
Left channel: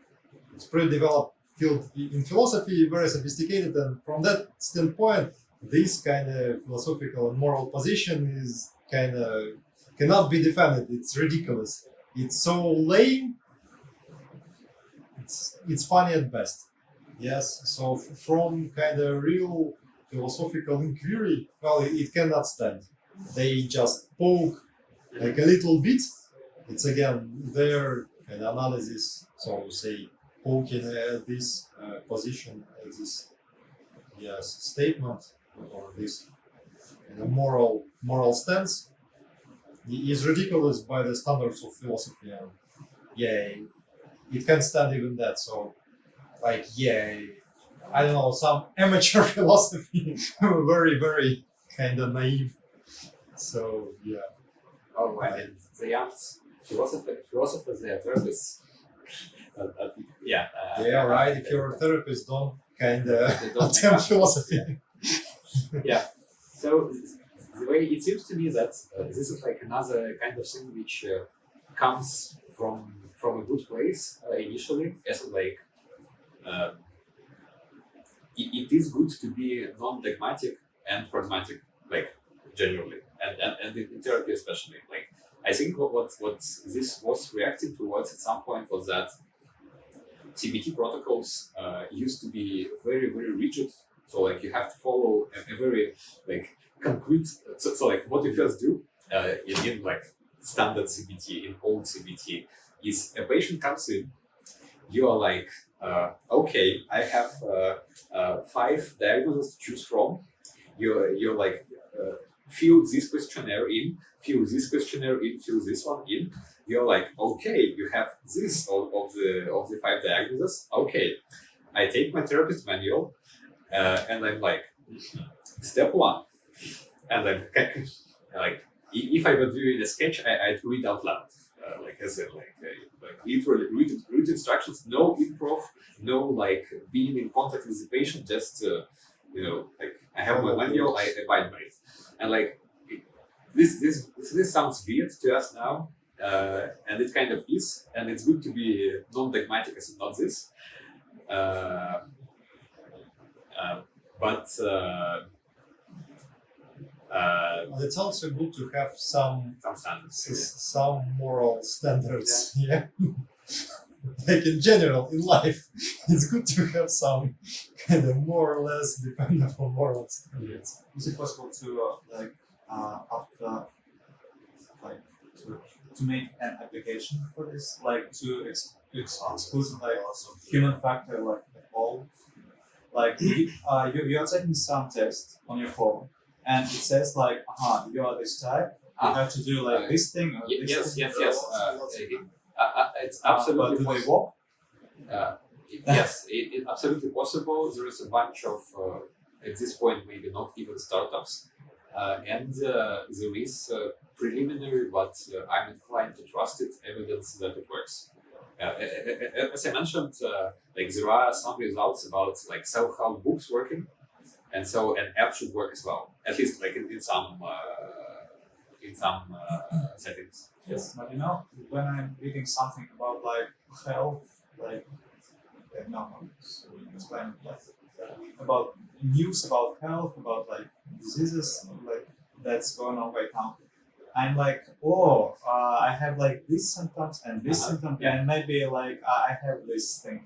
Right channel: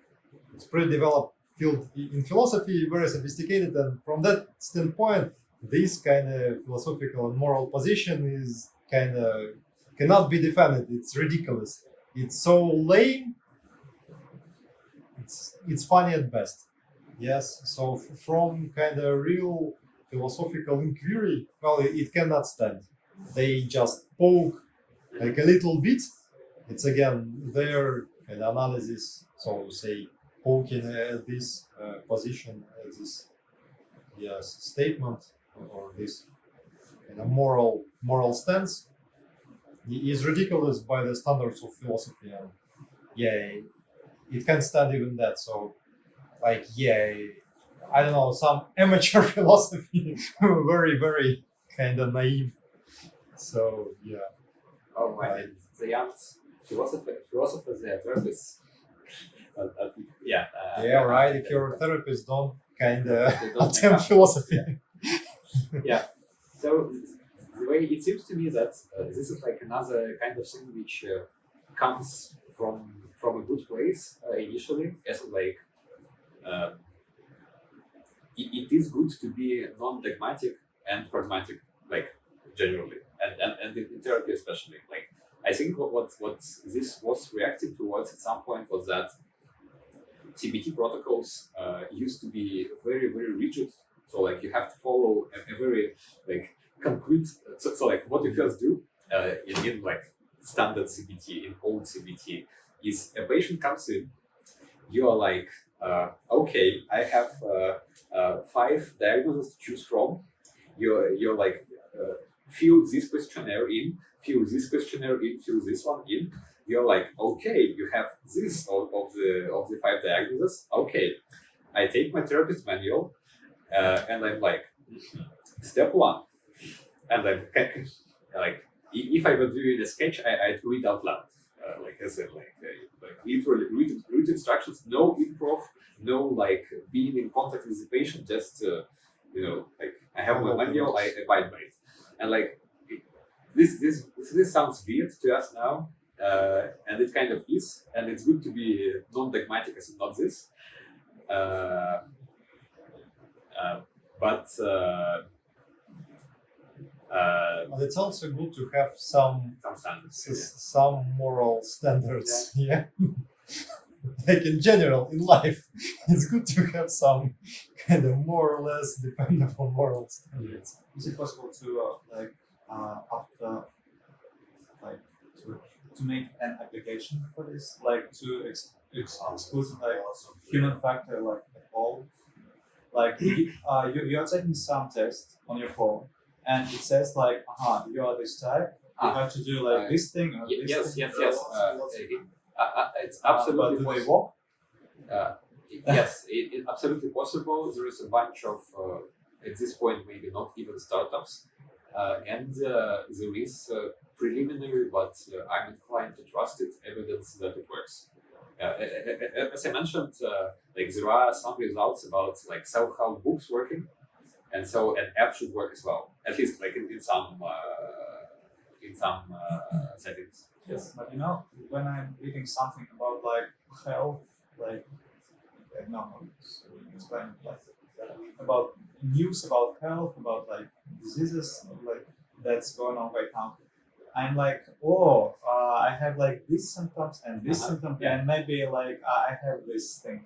it's pretty developed field in philosophy, very sophisticated, and from that standpoint, this kind of philosophical and moral position is kind of cannot be defended. It's ridiculous. It's so lame. It's funny at best. Yes. So from kind of real philosophical inquiry, well, it cannot stand. They just poke like a little bit. It's again their analysis. So say poking at this position, at this statement or this moral stance is ridiculous by the standards of philosophy. And it can't stand even that. So like I don't know, some amateur philosophy, very kind of naive. So yeah. Oh, I mean, the young philosophers, they are therapists. Yeah. Right. If you're a therapist, don't kind They of don't make attempt up. philosophy. Yeah. So the way it seems to me that this is like another kind of thing which comes from a good place initially, as like it is good to be non-dogmatic and pragmatic, like generally, and in therapy especially. Like I think what this was reacting towards at some point was that CBT protocols used to be very rigid. So like you have to follow a very like concrete. So like what you first do in like standard CBT, in old CBT, is a patient comes in, you are like, okay, I have 5 diagnoses to choose from. You're like, fill this questionnaire in, fill this questionnaire in, fill this one in. You're like, okay, you have this of the 5 diagnoses. Okay, I take my therapist manual, and I'm like, step 1, and I'm like, if I were doing a sketch, I'd read out loud, like I said, like literally read instructions, no improv, no like being in contact with the patient, just like I have my manual, I abide by it, and like this sounds weird to us now, and it kind of is, and it's good to be non-dogmatic as not this, but. But it's also good to have some standards. some moral standards. Yeah. Like in general in life, it's good to have some kind of more or less dependable moral standards. Is it possible to after like to make an application for this, like to exclude like human factor like all, like you are taking some text on your phone and it says like, you are this type, you have to do like this thing or this thing. It's absolutely But do they possible. work? Yes, it's absolutely possible. There is a bunch of, at this point, maybe not even startups, and there is preliminary, but I'm inclined to trust it, evidence that it works. As I mentioned, like there are some results about like self-help books working, and so an app should work as well, at least like in some settings. Yes, but when I'm reading something about like health, like I don't know, so explain about news about health, about like diseases, like that's going on right now. I'm like, I have like these symptoms and this symptom, and maybe like I have this thing.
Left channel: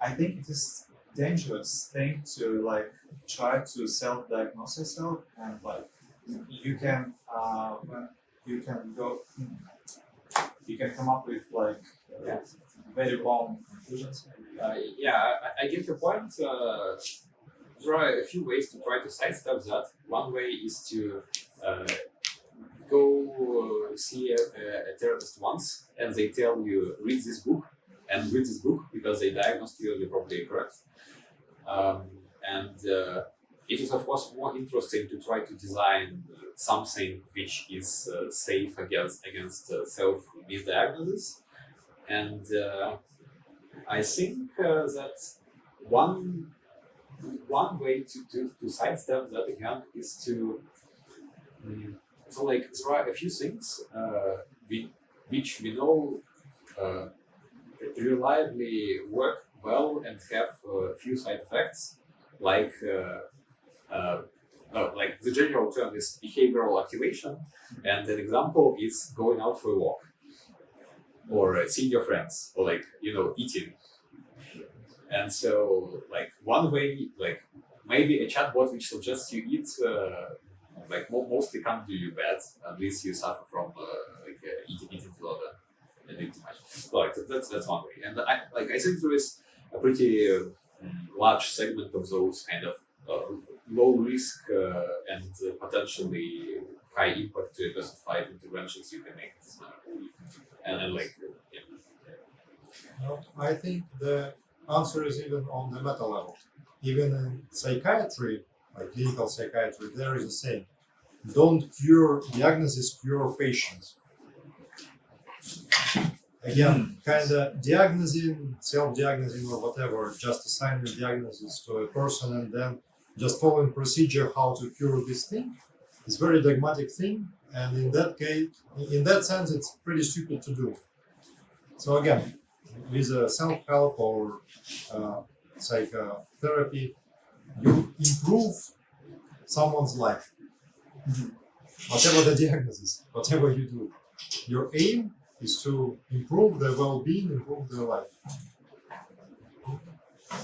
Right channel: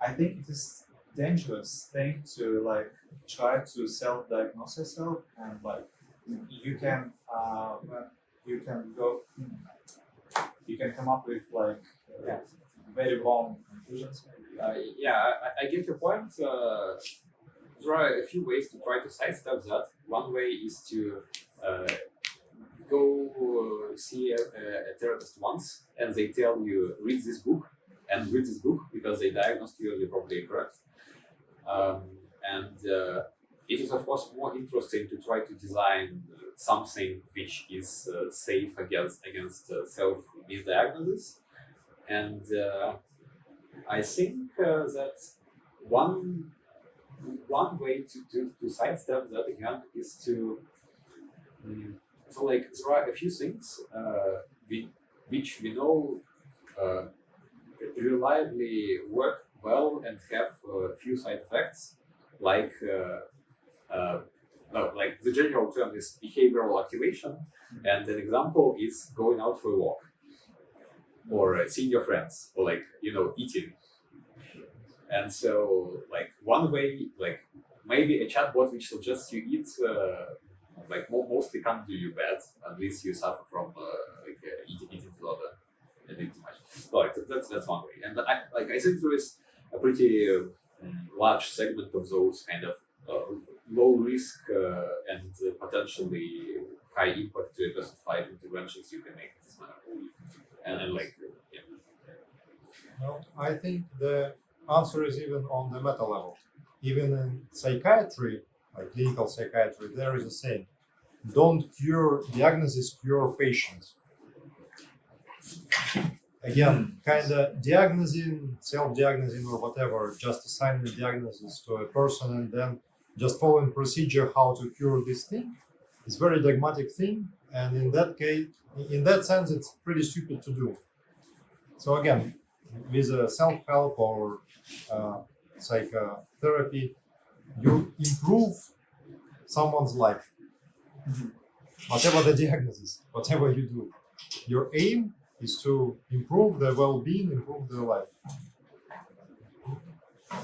I think it is dangerous thing to like try to self-diagnose yourself, and like you can come up with like very wrong conclusions. I get your point. There are a few ways to try to sidestep that. One way is to go see a therapist once, and they tell you read this book because they diagnosed you, you're probably correct. And it is of course more interesting to try to design something which is safe against self misdiagnosis. And I think that one way to sidestep that again is to so like there are a few things which we know reliably work well and have few side effects, like no, like the general term is behavioral activation, and an example is going out for a walk, or seeing your friends, or like eating. And so like one way, like maybe a chatbot which suggests you eat, like mostly can't do you bad unless you suffer from eating too lot and eating too much. So, like that's one way, and I think there is a pretty large segment of those kind of low risk and potentially high impact to person 5 interventions you can make in this manner, and like yeah. No, I think the answer is even on the meta level. Even in psychiatry, like clinical psychiatry, there is a saying: "Don't cure diagnosis, cure patients." Again, kind of diagnosing, self-diagnosing, or whatever, just assigning diagnosis to a person and then just following procedure how to cure this thing is very dogmatic thing, and in that case, in that sense, it's pretty stupid to do. So again, with self-help or psychotherapy, you improve someone's life, whatever the diagnosis, whatever you do. Your aim is to improve their well-being, improve their life.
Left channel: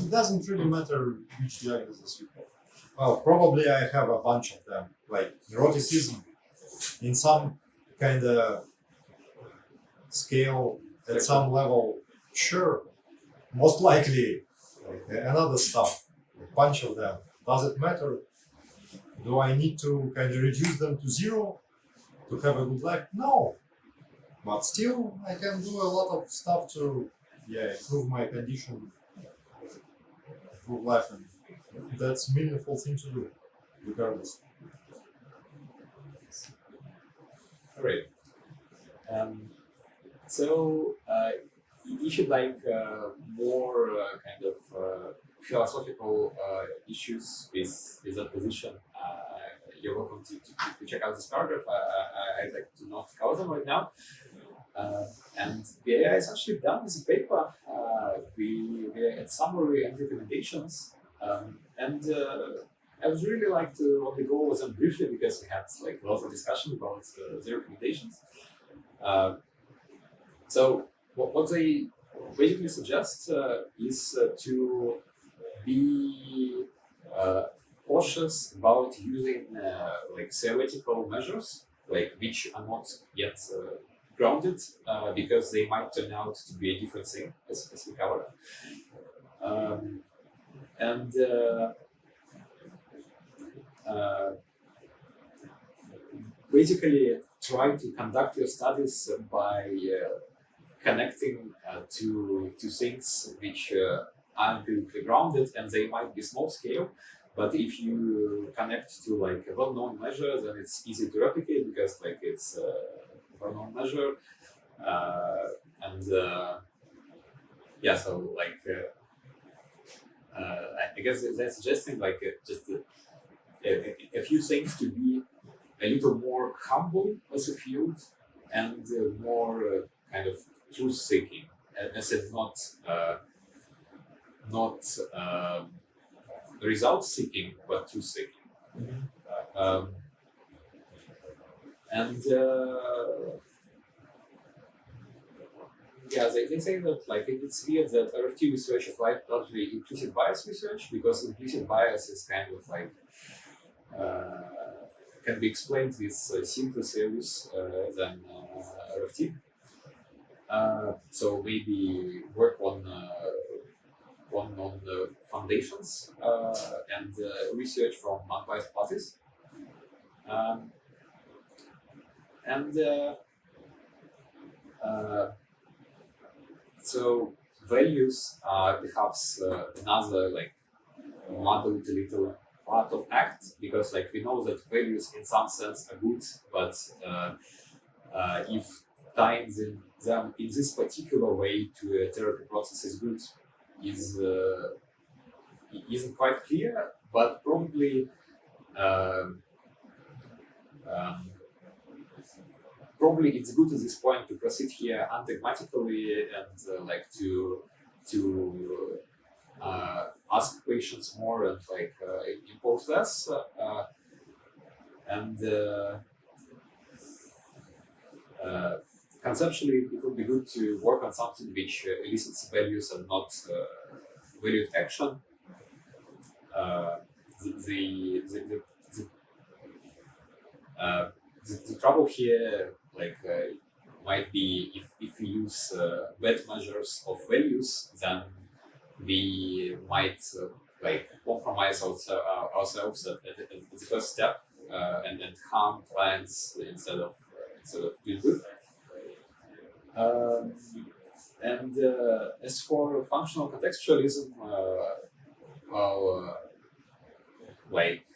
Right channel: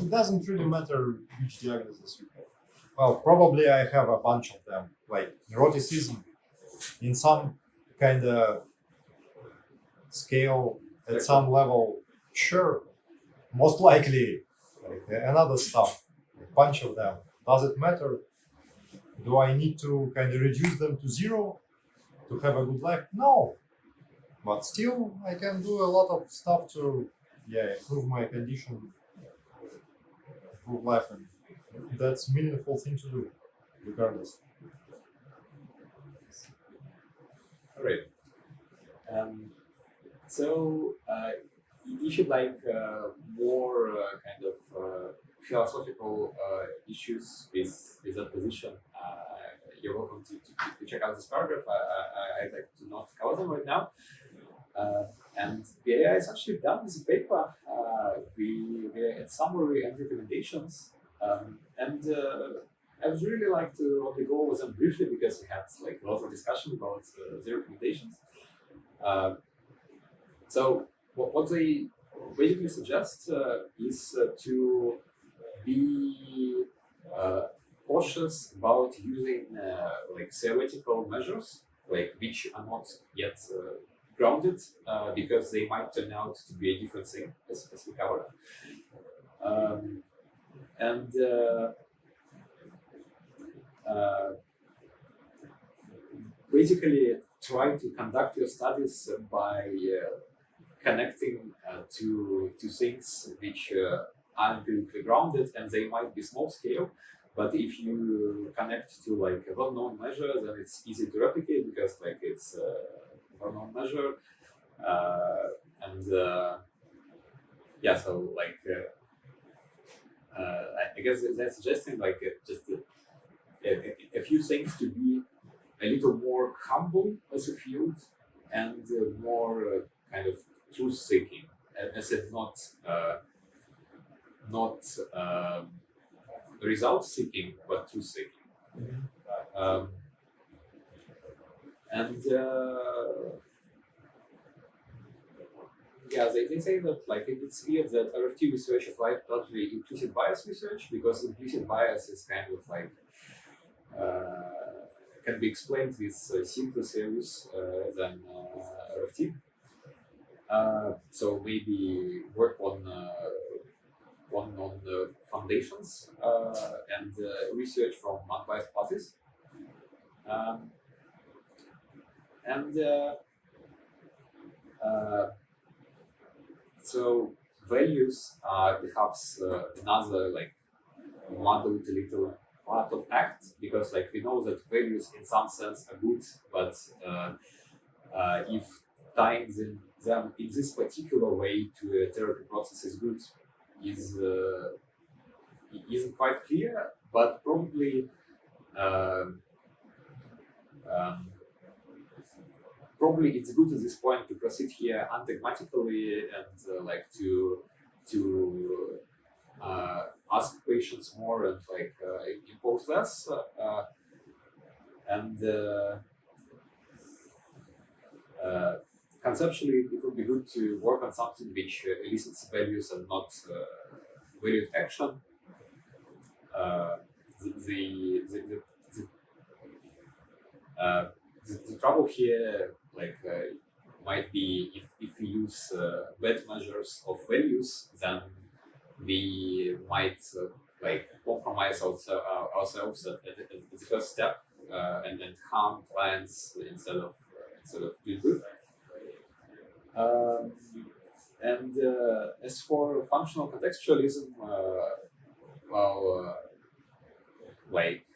It doesn't really matter which diagnosis you have. Well, probably I have a bunch of them, like neuroticism, in some kind of scale, at some level, sure, most likely, like another stuff, a bunch of them. Does it matter? Do I need to kind of reduce them to zero to have a good life? No. But still, I can do a lot of stuff to improve my condition, improve life, and that's a meaningful thing to do, regardless. All right. So if you like more kind of philosophical issues with that position, you're welcome to check out this paragraph. I'd like to not cover them right now. And the AI is actually done with a paper. We had summary and recommendations. And I would really like to only go over them briefly because we had like a lot of discussion about the recommendations. So what they basically suggest is to be cautious about using like theoretical measures, like which are not yet grounded, because they might turn out to be a different thing, as we covered. And basically try to conduct your studies by connecting to things which are empirically grounded, and they might be small scale. But if you connect to like a well-known measure, then it's easy to replicate because like it's a well-known measure, and so like I guess they're suggesting like just a few things to be a little more humble as a field and more kind of truth-seeking, as in not result-seeking, but truth-seeking. And they say that like it's weird that RFT research is like largely implicit bias research, because implicit bias is kind of like can be explained with simpler theories than RFT. So maybe work on the foundations and research from unbiased parties. So values are perhaps another like muddled little part of ACT, because like we know that values in some sense are good, but if tying them in this particular way to a therapy process is good isn't quite clear, but probably probably it's good at this point to proceed here undogmatically and like to ask questions more and like impose less. And conceptually, it would be good to work on something which elicits values and not valued action. The trouble here, like, might be if we use bad measures of values, then we might like compromise ourselves at the first step and harm clients instead of doing good. And as for functional contextualism, like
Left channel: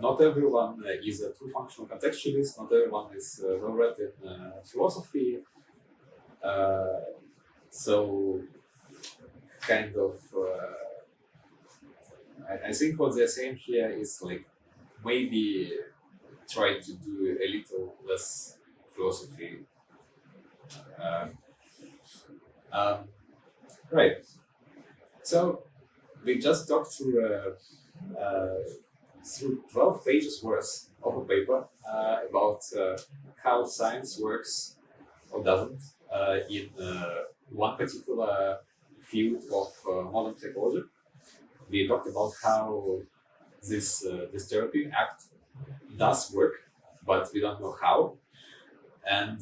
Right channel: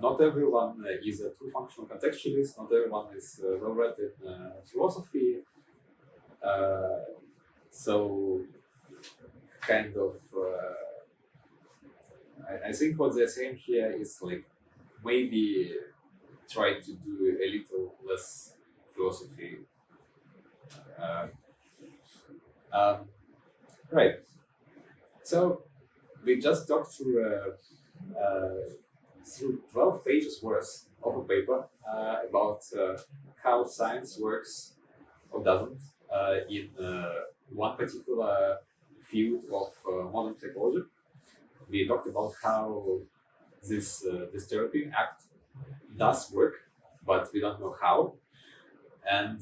not everyone is a true functional contextualist. Not everyone is well read in philosophy. So kind of, I think what they're saying here is like maybe try to do a little less philosophy. Right. So we just talked through 12 pages worth of a paper about how science works or doesn't in one particular field of modern psychology. We talked about how this therapy act does work, but we don't know how. And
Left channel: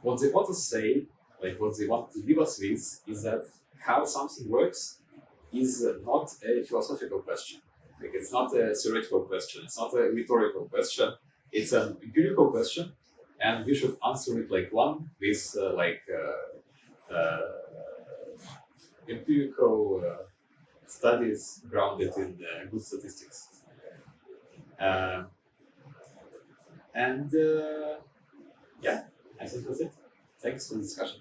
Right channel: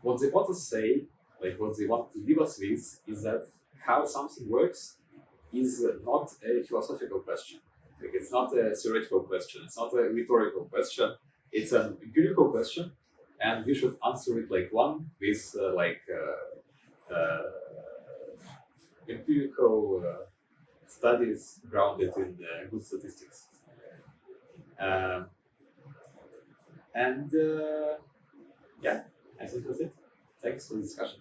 what they want to say, like what they want to give us with, is that how something works is not a philosophical question. Like it's not a theoretical question. It's not a rhetorical question. It's an empirical question, and we should answer it like one with empirical studies grounded in good statistics. Yeah, I think that's it. Thanks for the discussion.